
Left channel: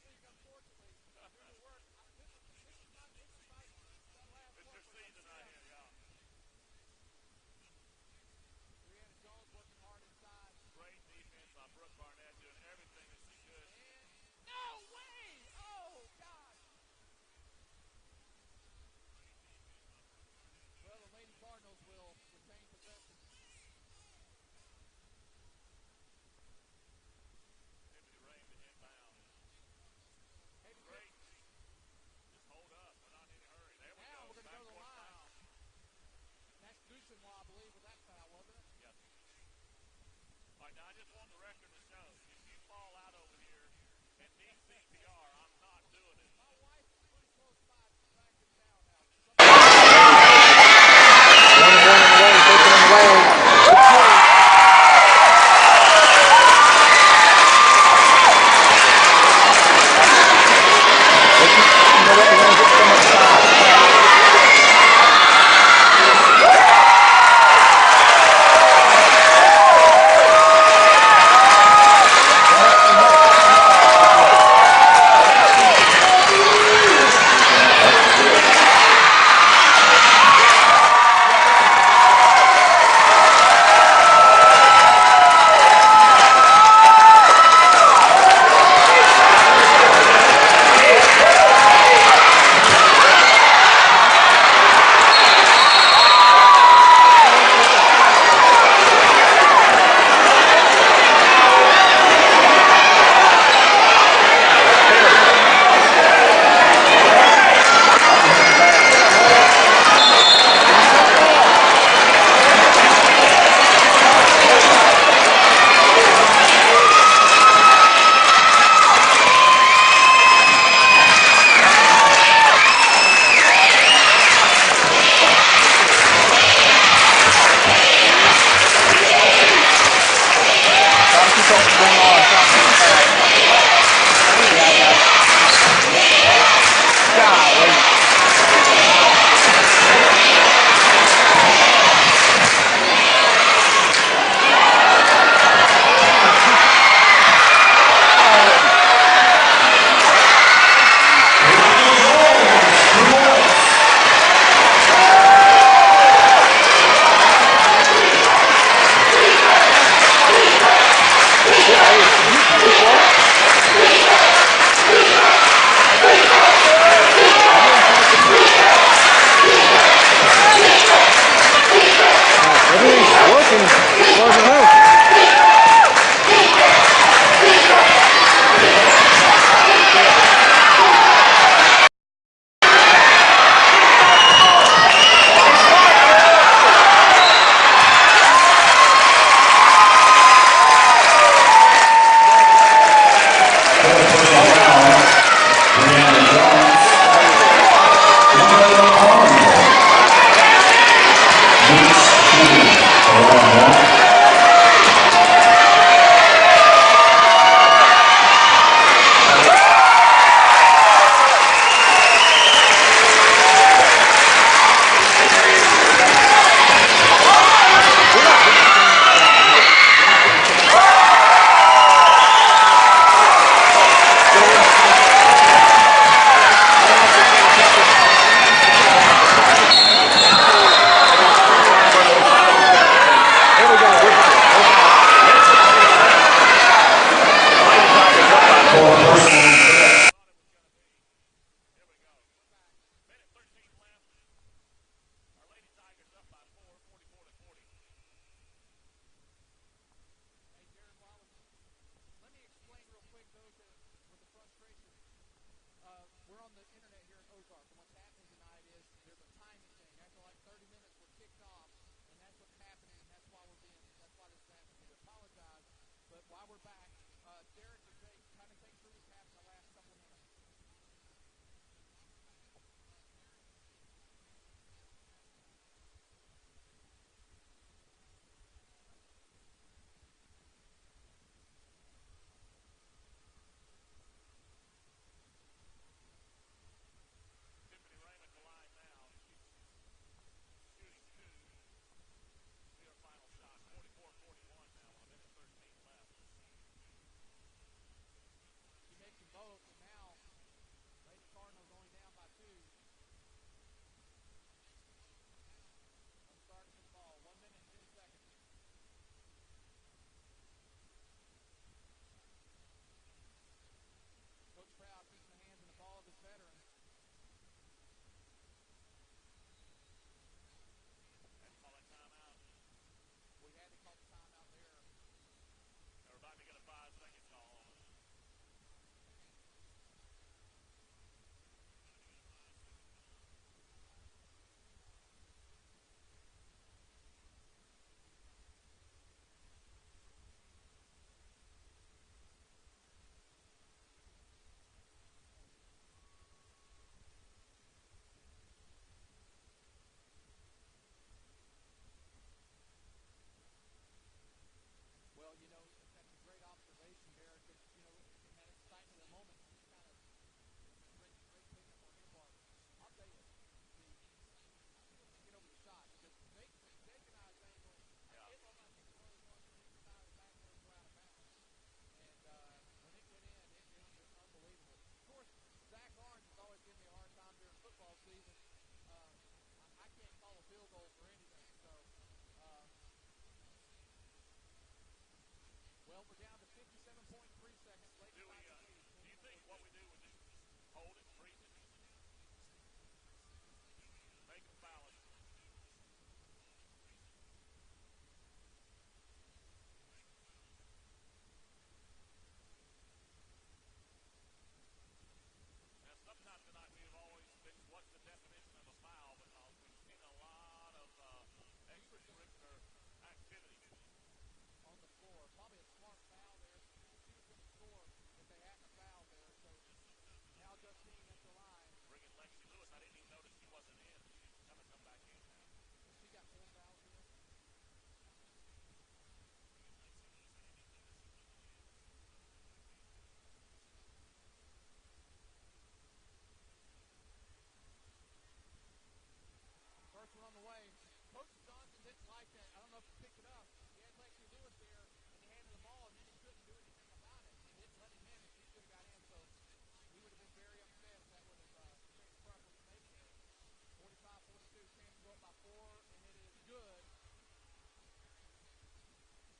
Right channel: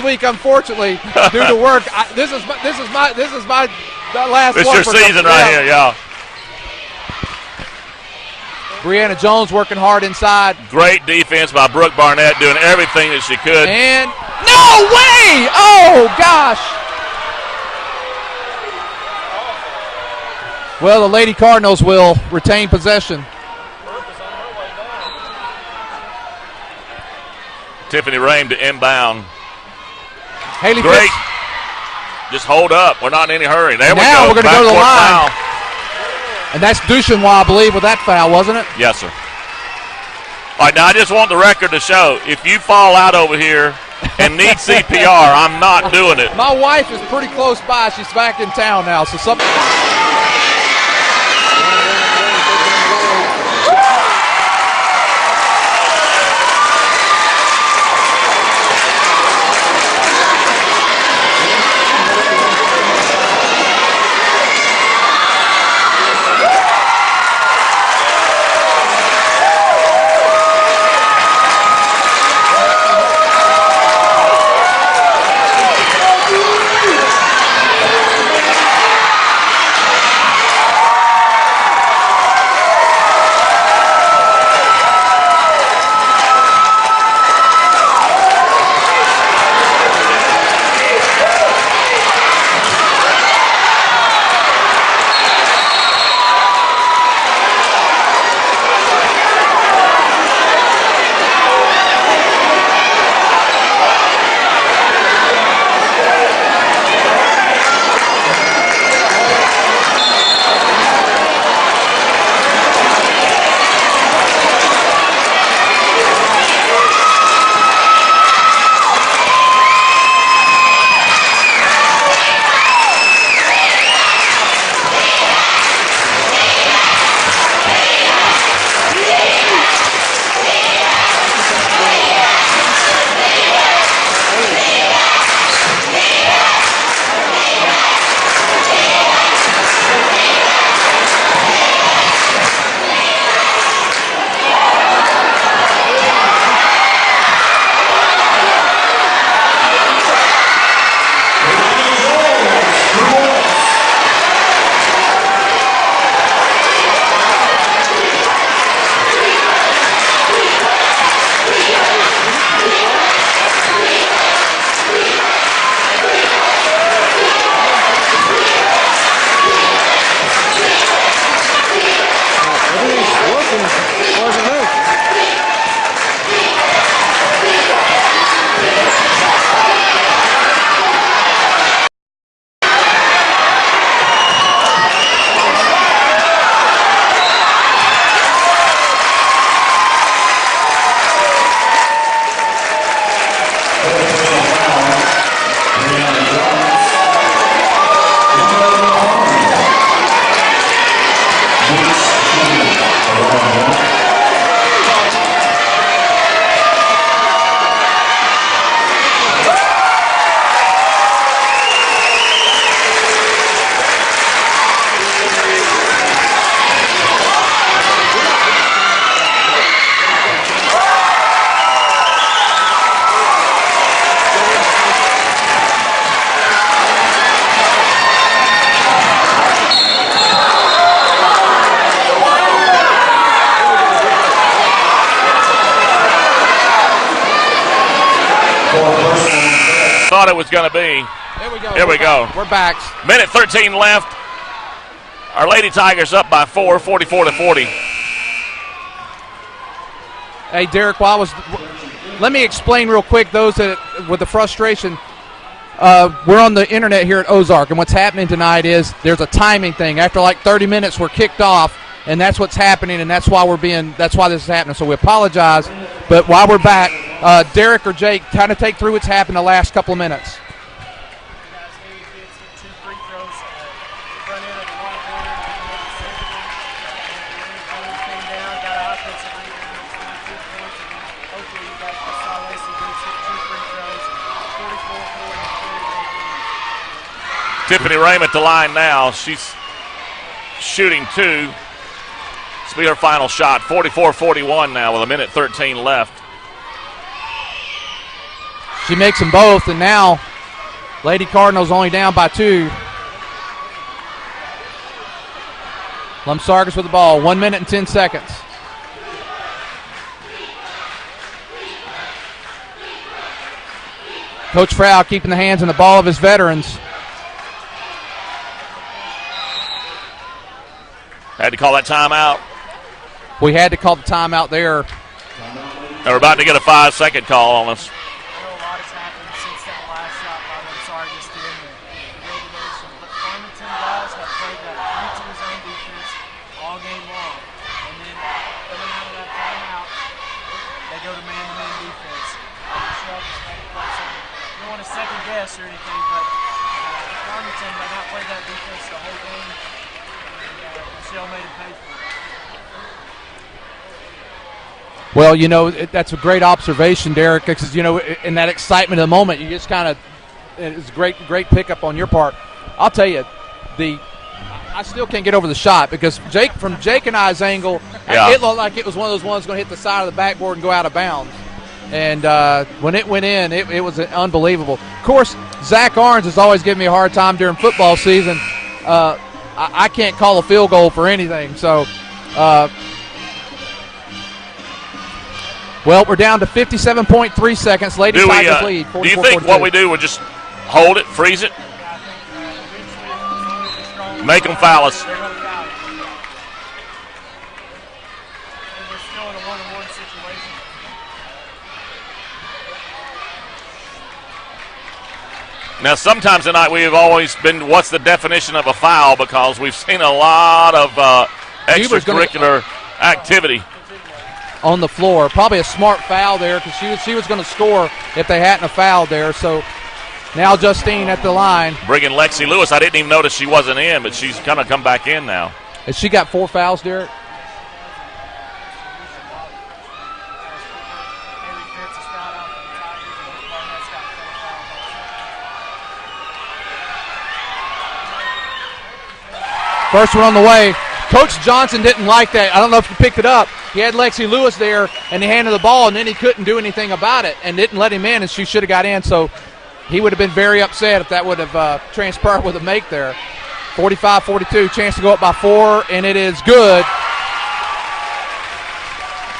week, unfortunately, due to work, this is my last This one. is your season right here, yeah. Brianna Jones working hard inside. Great defense by Brooke Barnett, doing everything that she could. And no way! Oh gosh! Well, the Lady Cardinals will retain possession. Tiffany Rame to inbound. Haley Great. Fitz. Just hold up. We're not in any hurry. There we go. Now we're going to go to the line. Foul. And that's Duchenois, I believe, with that foul, wasn't it? Yes, sir. All right, now I just want the record to show, if you fall out over here and need CPR, I'm not doing it. My wife is pretty close by. She's back in town now, so something. thought it was going to be. There we go. Here we go. We're back. Minute 13 left. Our Lady Tigers up by 4, 44-40. Hey, Derek, let me explain real quick those that with the frustration. We're on the internet here at Ozark, and what's happening tonight is there's a timing thing. After like 30 minutes, we're kicked off, and that's what's happening, and that's why this is happening. So we apologize, but while we're back, Derek or Jake, kind of take through what's happened the last couple of minutes. Tiffany Rame at the line now. She's shooting 2. This will be her final shot. 44-41 now with a minute 13 left. She makes them both, and now Lady Cardinals only down by 2. Lumsargas with the ball. 1 minute and 10 seconds. Coach Frau keeping the hands on the ball of his veterans. Had to call that timeout. We had to call the timeout there. They're about to get a 5-second call on us. I know a lot has happened since that last shot by Lumsargas to end the regulation, but Farmington Gals have played that 3-2 zone defense all game long. And then coming out of that timeout, they go to man-to-man defense. Michelle just made a play. You don't want to second guess or anything, but Farmington had not played that defense the whole game. And Michelle made it pay for it. Well, you know, that's a great observation, Derek, because, you know, in that excitement of the moment, you just kind of – it's a great pickup on your part. I'll tell you, I still can't get over the shot because from Jake and I's angle, it looked like it was one of those ones going to hit the side of the backboard and go out of bounds. And when it went in, it was unbelievable. Of course, Zach Arns has always given me a hard time during football season. I can't call a field goal for anything. So, well, we're down to 57.3 seconds. Lady Tigers lead. Do you think what we do would just hold it, freeze it, make them foul us? Now, sometimes tonight we have always been, what's the definition of a foul? Because we've seen a lot of extracurricular activity on the floor. Probably a smart foul there because she was going to score if they hadn't fouled there. So now Justine at the line. Bringing Lexi Lewis. I didn't even notice she wasn't in, but she's kind of come back in now. Has she got 4 fouls, Derek? First one on the way. Coach Johnson didn't like that. I don't know if you picked it up. He had Lexi Lewis there, and he handed the ball, and then he couldn't do anything about it and didn't let him in, and she should have got in. So he would have been very upset if that would have transpired with a make there. 45-42, chance to go up by 4, and it is good.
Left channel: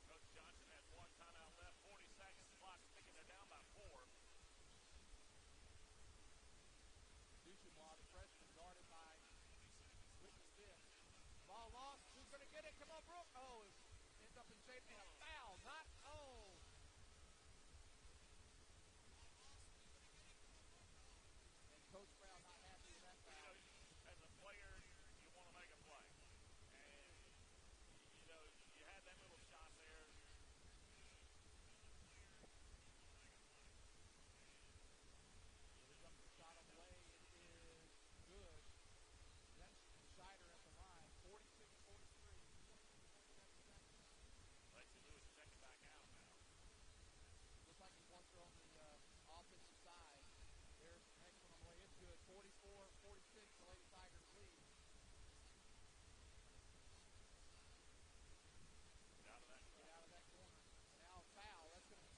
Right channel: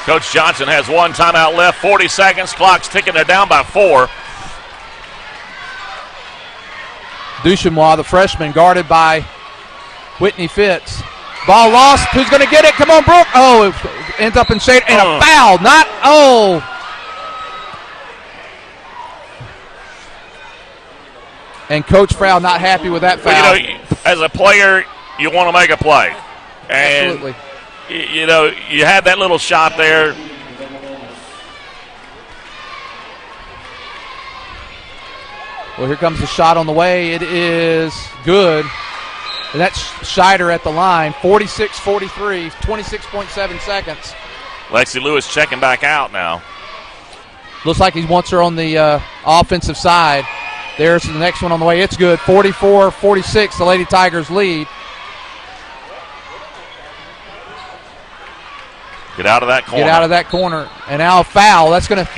Coach Johnson has 1 timeout left, 40 seconds. Clock's ticking. They're down by 4. Duchemois, the freshman, guarded by Whitney Fitz. Ball lost. Who's going to get it? Come on, Brooke. Oh, it ends up in shade. And a foul. And Coach Frau not happy with that foul. Well, you know, as a player, you want to make a play. And, absolutely. You know, you had that little shot there. Well, here comes the shot on the way. It is good. And that's Scheider at the line. 46-43, 26.7 seconds. Lexi Lewis checking back out now. Looks like he wants her on the offensive side. There's the next one on the way. It's good. 44-46, the Lady Tigers lead. Get out of that corner. Get out of that corner. And now a foul.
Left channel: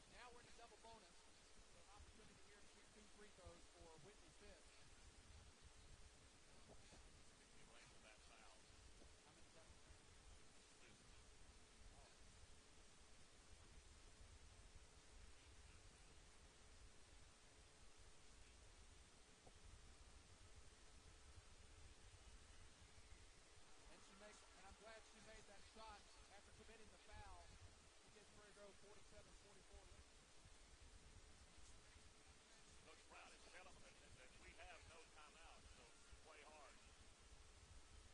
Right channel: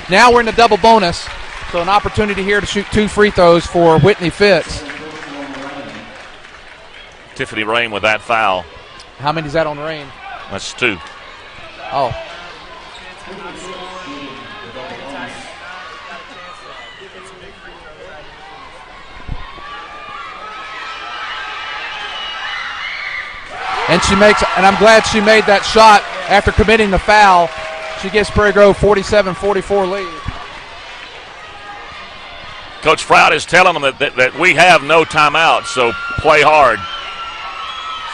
Now we're in the double bonus. So an opportunity here to shoot 2 free throws for Whitney Fitz. Tiffany Rain with that foul. How many is that on Rain? That's 2. Oh. And I'm glad she made that shot after committing the foul. She gives Prairie Grove 47-44 lead. Coach Froud is telling them that we have no timeout, so play hard.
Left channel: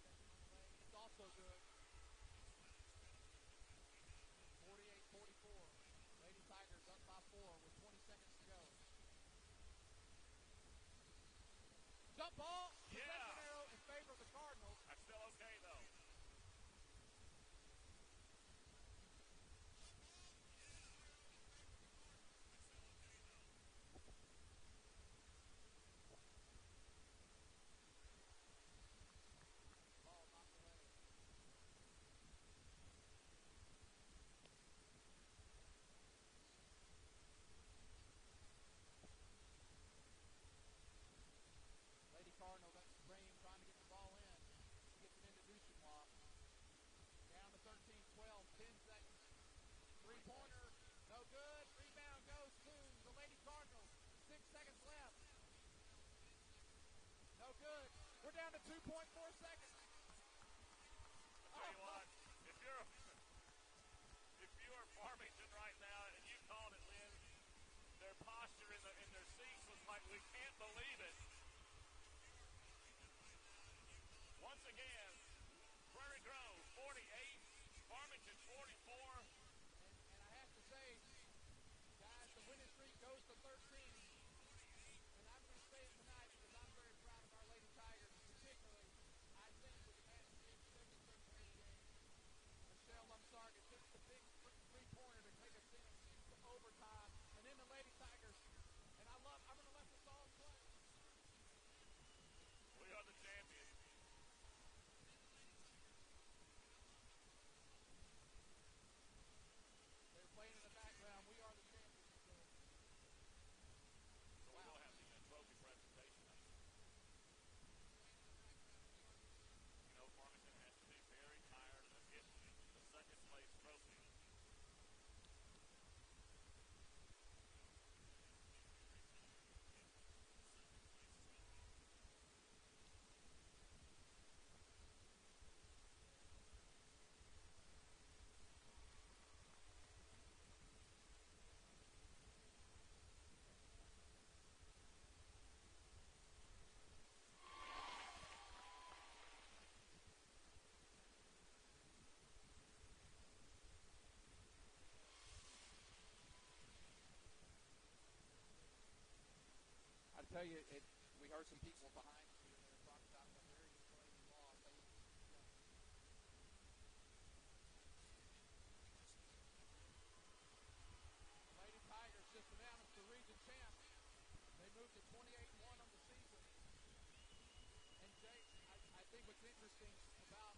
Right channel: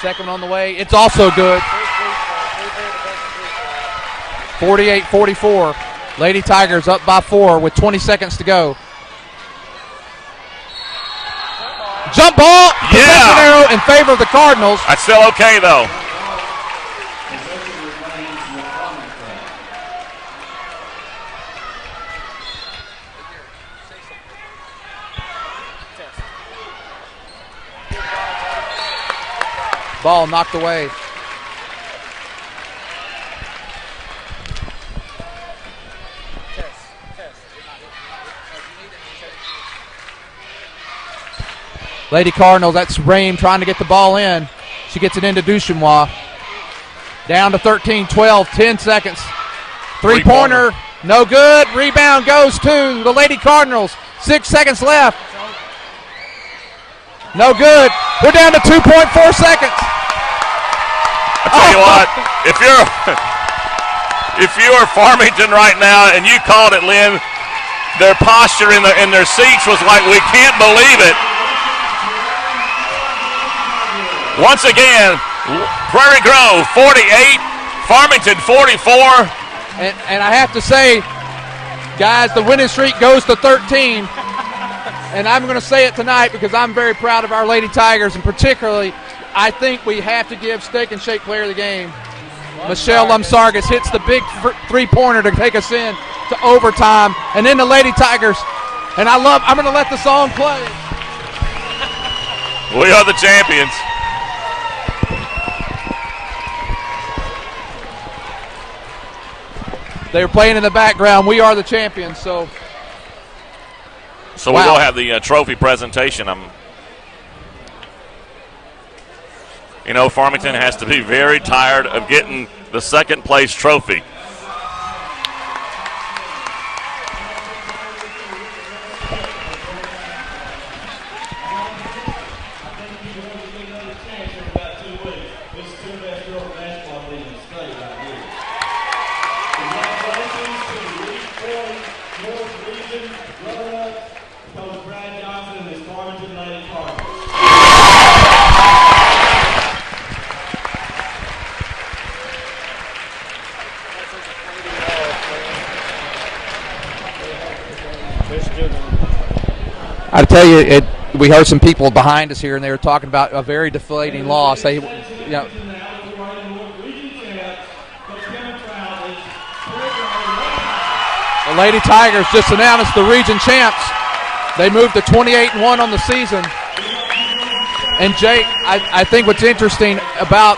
Second on the way. It's also good. 48-44. Lady Tigers up by 4 with 20 seconds to go. Jump ball. Possession arrow in favor of the Cardinals. That's still okay, though. Ball knocked away. Lady Cardinals, that's Rame trying to get the ball in. She gets it into Duchenois. Down to 13-12, 10 seconds. Three-pointer, no good. Rebound goes to the Lady Cardinals. 6 seconds left. No good. We're down to 2.4 seconds. I tell you what, if you are Farmington right now and you called it, Lynn, their posture in their seats was like, we can't believe it. Once again, Prairie Grove 48, Farmington 44. And I have to say, guys, the winning streak goes to 13. And I'm going to say it tonight because I'm very proud of our Lady Tigers, and particularly I think we have to give Steak and Shake player of the game. Michelle Lumsargas hits the big three-pointer to take us in to overtime. And then the Lady Tigers, and I'm going to let the song play. We are the champions. They were playing in the background. We are the champions. So we will have the trophy presentation. Farmington has to be very tired of getting the second place trophy. I tell you, we heard some people behind us here, and they were talking about a very deflating loss. The Lady Tigers just announced the region champs. They moved to 28-1 on the season. And Jake, I think what's interesting about,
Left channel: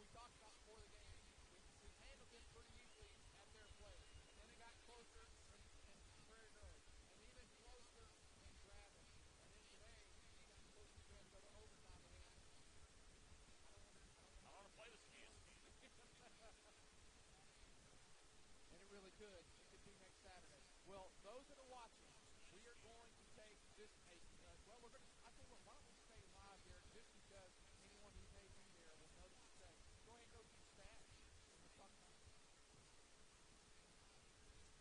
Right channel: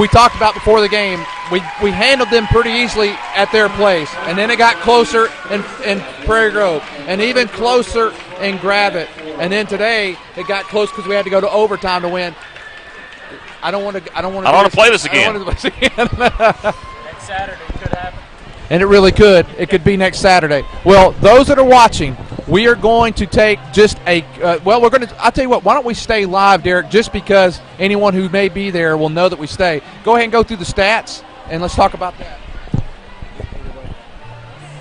we talked about before the game, we handled them pretty easily at their place, and then it got closer in Prairie Grove, and even closer in Gravette, and then today it got close because we had to go to overtime to win. I don't want to play this again. Next Saturday could happen. And it really could. It could be next Saturday. Well, those that are watching, we are going to take just I'll tell you what, why don't we stay live, Derek, just because anyone who may be there will know that we stay. Go ahead and go through the stats, and let's talk about that.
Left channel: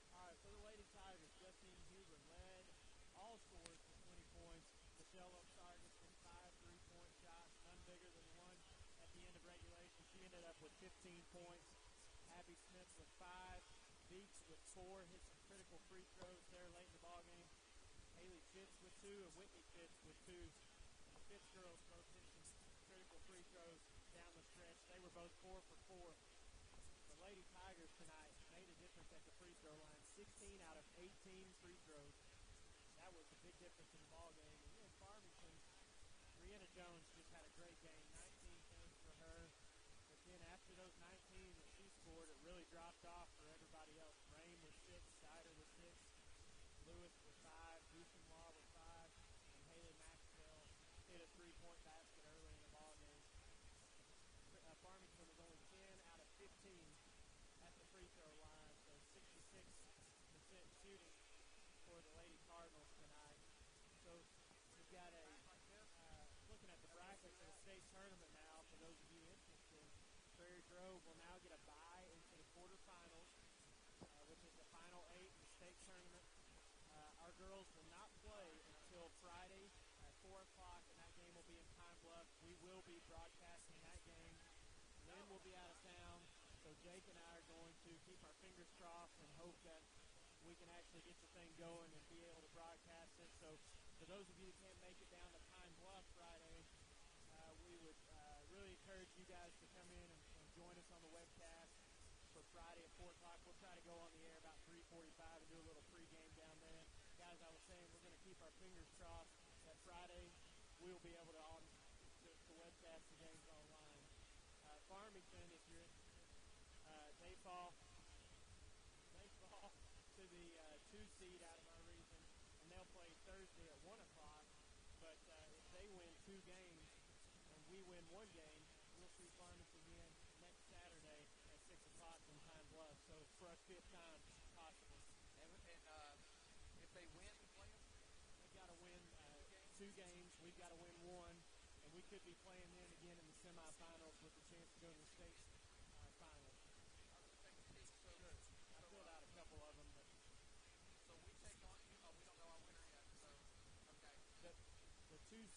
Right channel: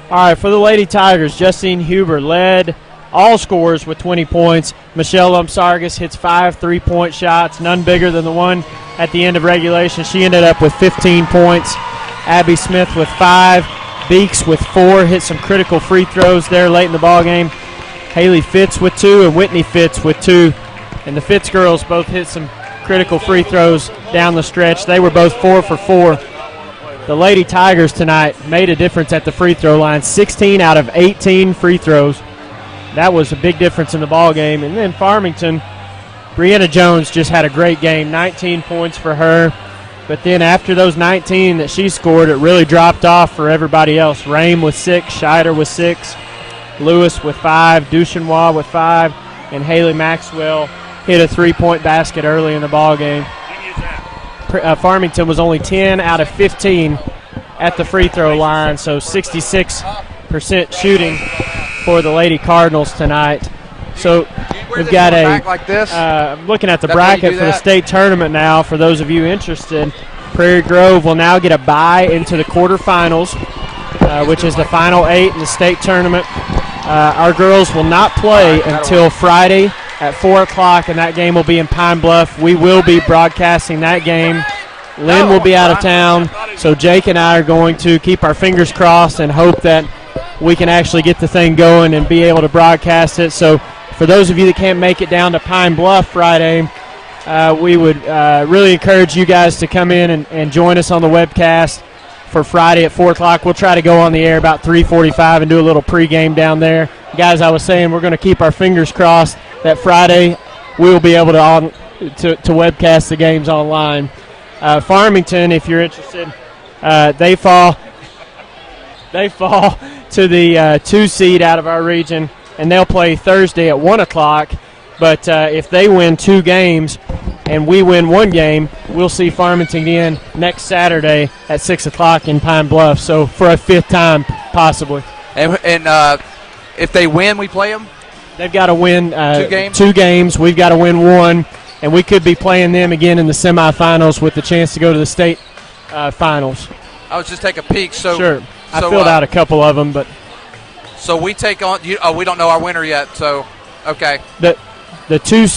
All right, for the Lady Tigers, Justine Huber led all scorers with 20 points. Michelle Lumsargas hits 5 3-point shots, none bigger than the one at the end of regulation. She ended up with 15 points. Abby Smith with 5. Beeks with 4. Hit some critical free throws there late in the ball game. Haley Fitz with 2 and Whitney Fitz with 2. And the Fitz girls both hit some critical free throws down the stretch. They were both 4 for 4. The Lady Tigers tonight made a difference at the free throw line. 16 out of 18 free throws. That was a big difference in the ball game. And then Farmington, Brianna Jones just had a great game. 19 points for her. But then after those 19 that she scored, it really dropped off for everybody else. Rame with 6, Scheider with 6, Lewis with 5, Duchenois with 5, and Haley Maxwell hit a 3-point basket early in the ball game. Farmington was only 10 out of 15 at the free throw line, so 66% shooting for the Lady Cardinals tonight. So we've got like this. I'm looking at the That's how you bracket do for the that? state tournament now. For those of you interested, Prairie Grove will now get a bye into the quarterfinals, which is the final 8 in the state tournament. Our girls will not play until Friday at 4 o'clock, and that game will be in Pine Bluff. We will be broadcasting that game. Lynn will be out of town, so Jake and I are going to keep our fingers crossed and hope that we can actually get the thing going and be able to broadcast it. So for those of you that can't make it down to Pine Bluff Friday, we would really encourage you guys to come in and join us on the webcast for Friday at 4 o'clock. We'll try to go on the air about 3:45 and do a little pregame down there. Guys, I was saying we're going to keep our fingers crossed that Friday we will be able to webcast the games online. Farmington, if you're interested, they fall to the 2 seed out of our region, and they'll play Thursday at 1 o'clock. But if they win 2 games and we win 1 game, we'll see Farmington again next Saturday at 6 o'clock in Pine Bluff. So for a 5th time, possibly. And if they win, we play them? They've got to win 2 games? 2 games. We've got to win 1, and we could be playing them again in the semifinals with the chance to go to the state finals. I was just taking a peek. So sure. I filled out a couple of them, but so we take on. We don't know our winner yet. So okay. The two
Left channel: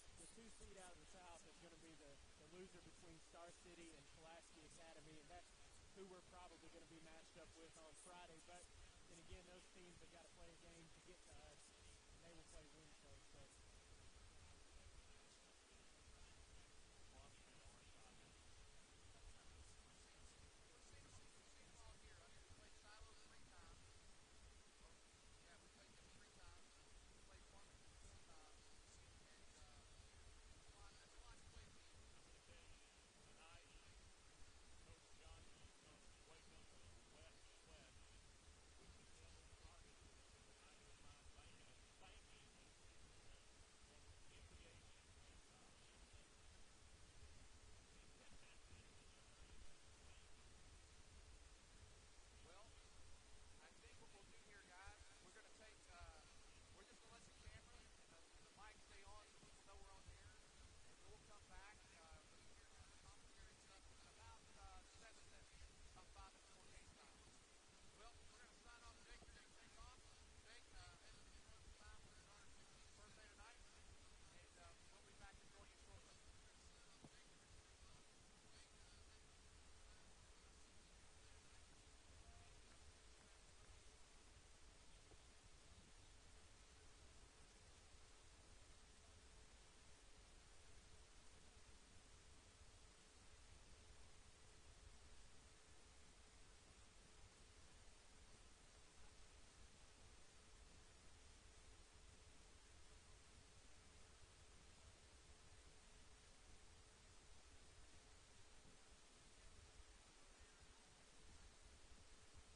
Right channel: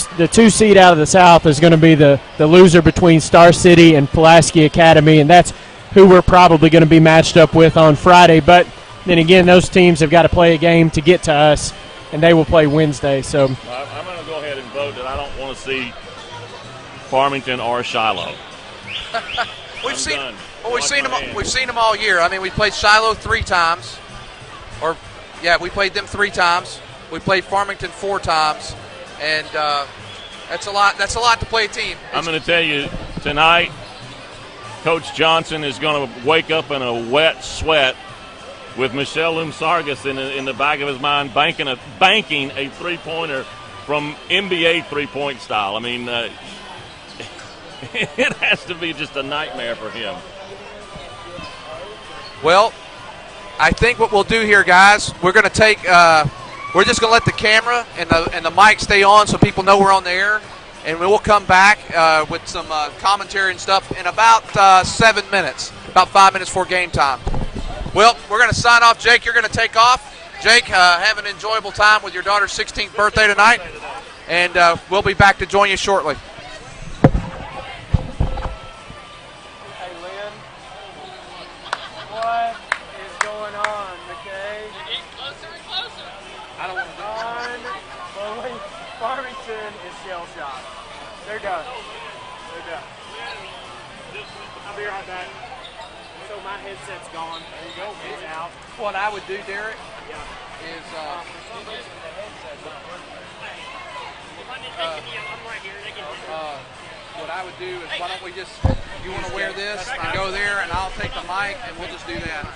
seed out of the South is going to be the loser between Star City and Pulaski Academy, and that's who we're probably going to be matched up with on Friday. But then again, those teams have got to play a game to get to us, and they will play Wednesday. So I'm going to go ahead and vote that I don't want to see Farmington or Shiloh. We've seen them all year. I mean, we played Shiloh 3 times, we played them 3 times. We played Farmington 4 times. And that's a lot. That's a lot to play a team. I'm going to tell you tonight, Coach Johnson is going to wake up in a wet sweat with Michelle Lumsargas in the back of his mind, banking a 3-pointer from NBA 3-point style. I mean, it has to be just a nightmare for him. Well, I think what we'll do here, guys, we're going to take. We're just going to let the camera and the mic stay on so people know we're on the air, and we'll come back with some commentary and stuff in about 7 minutes, about 5 minutes before game time. Well, we're going to sign off. Jake, you're going to take off. Jake, have an enjoyable time with your daughter's 16th birthday tonight, and we'll be back to join you shortly. Hey, Lynn, what is going on, McKay? I don't want to Farmington is shell-shocked. They're done. I'll be right back. So my headset's gone. There you go. It's out. What I would do, Derek, is what I would do is why don't we just, you want to wear this and go there, and I'll take the mic, and we'll just do that.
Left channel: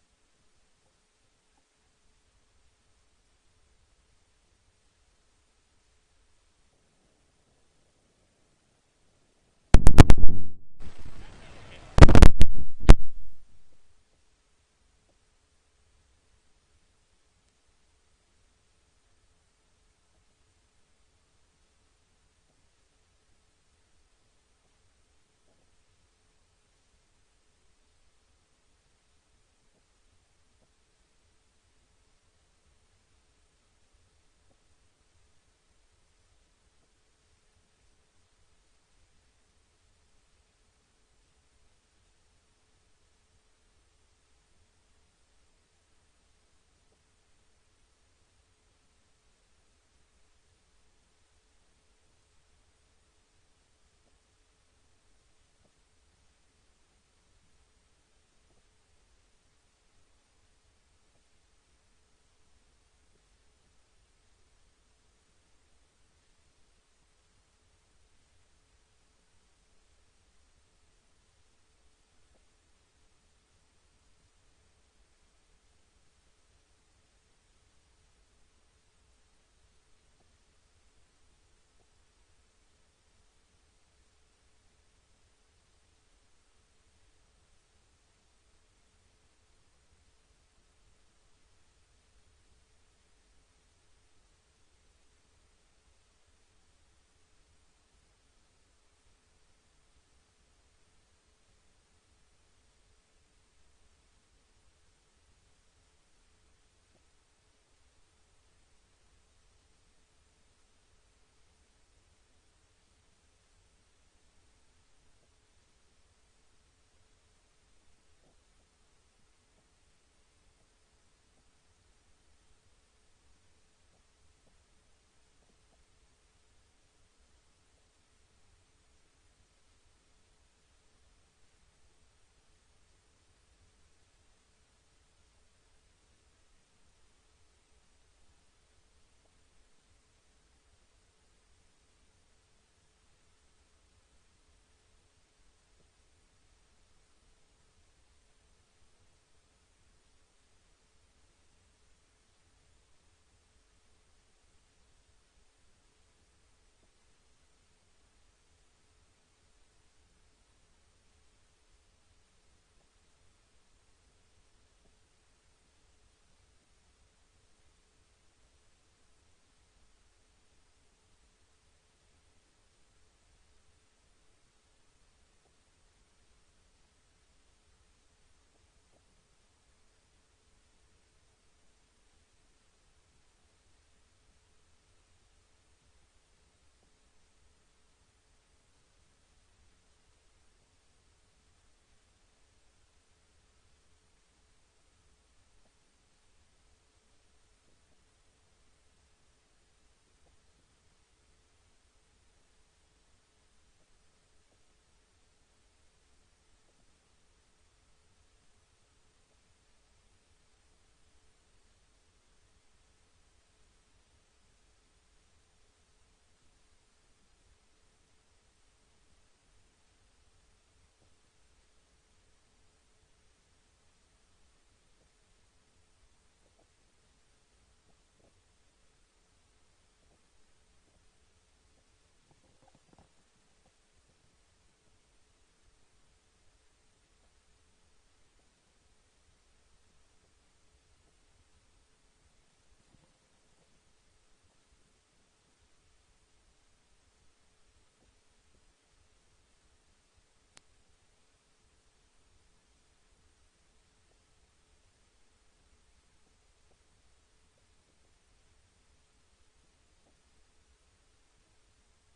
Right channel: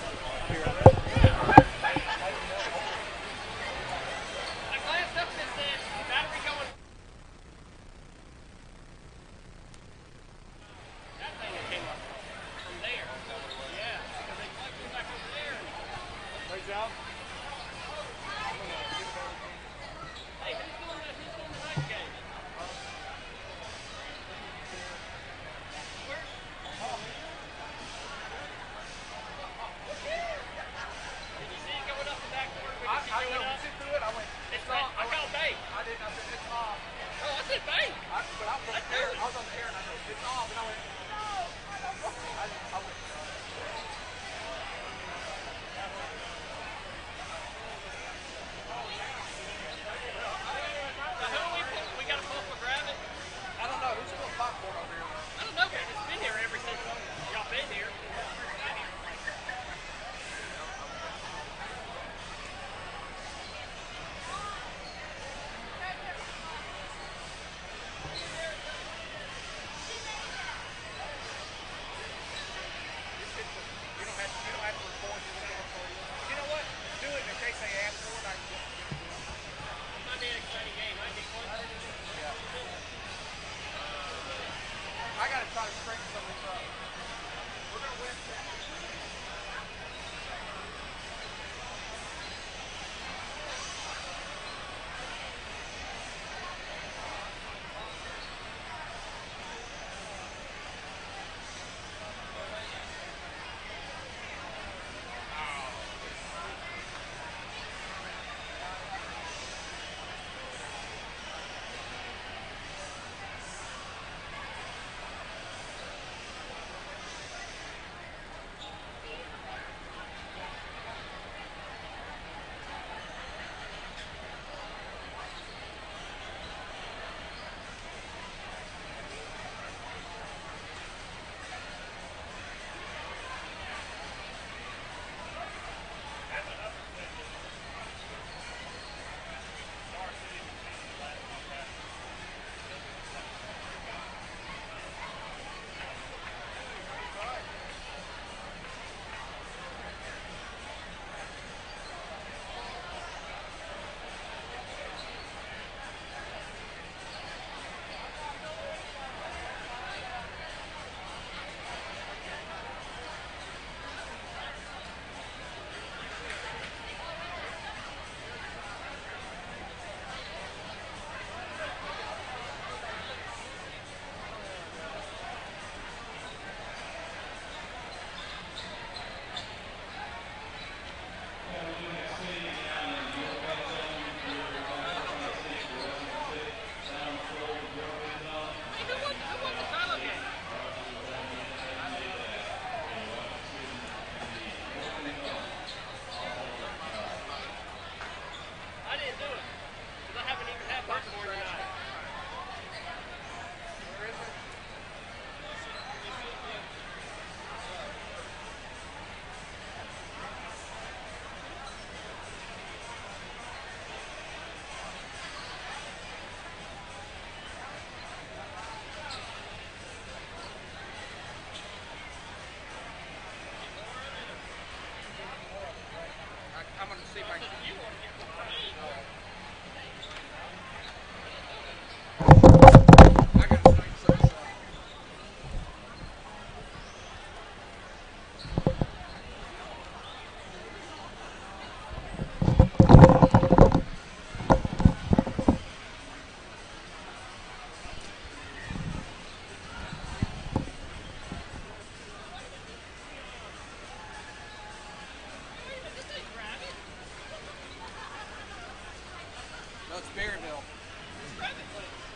Berryville.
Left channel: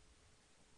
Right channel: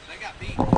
They got beat.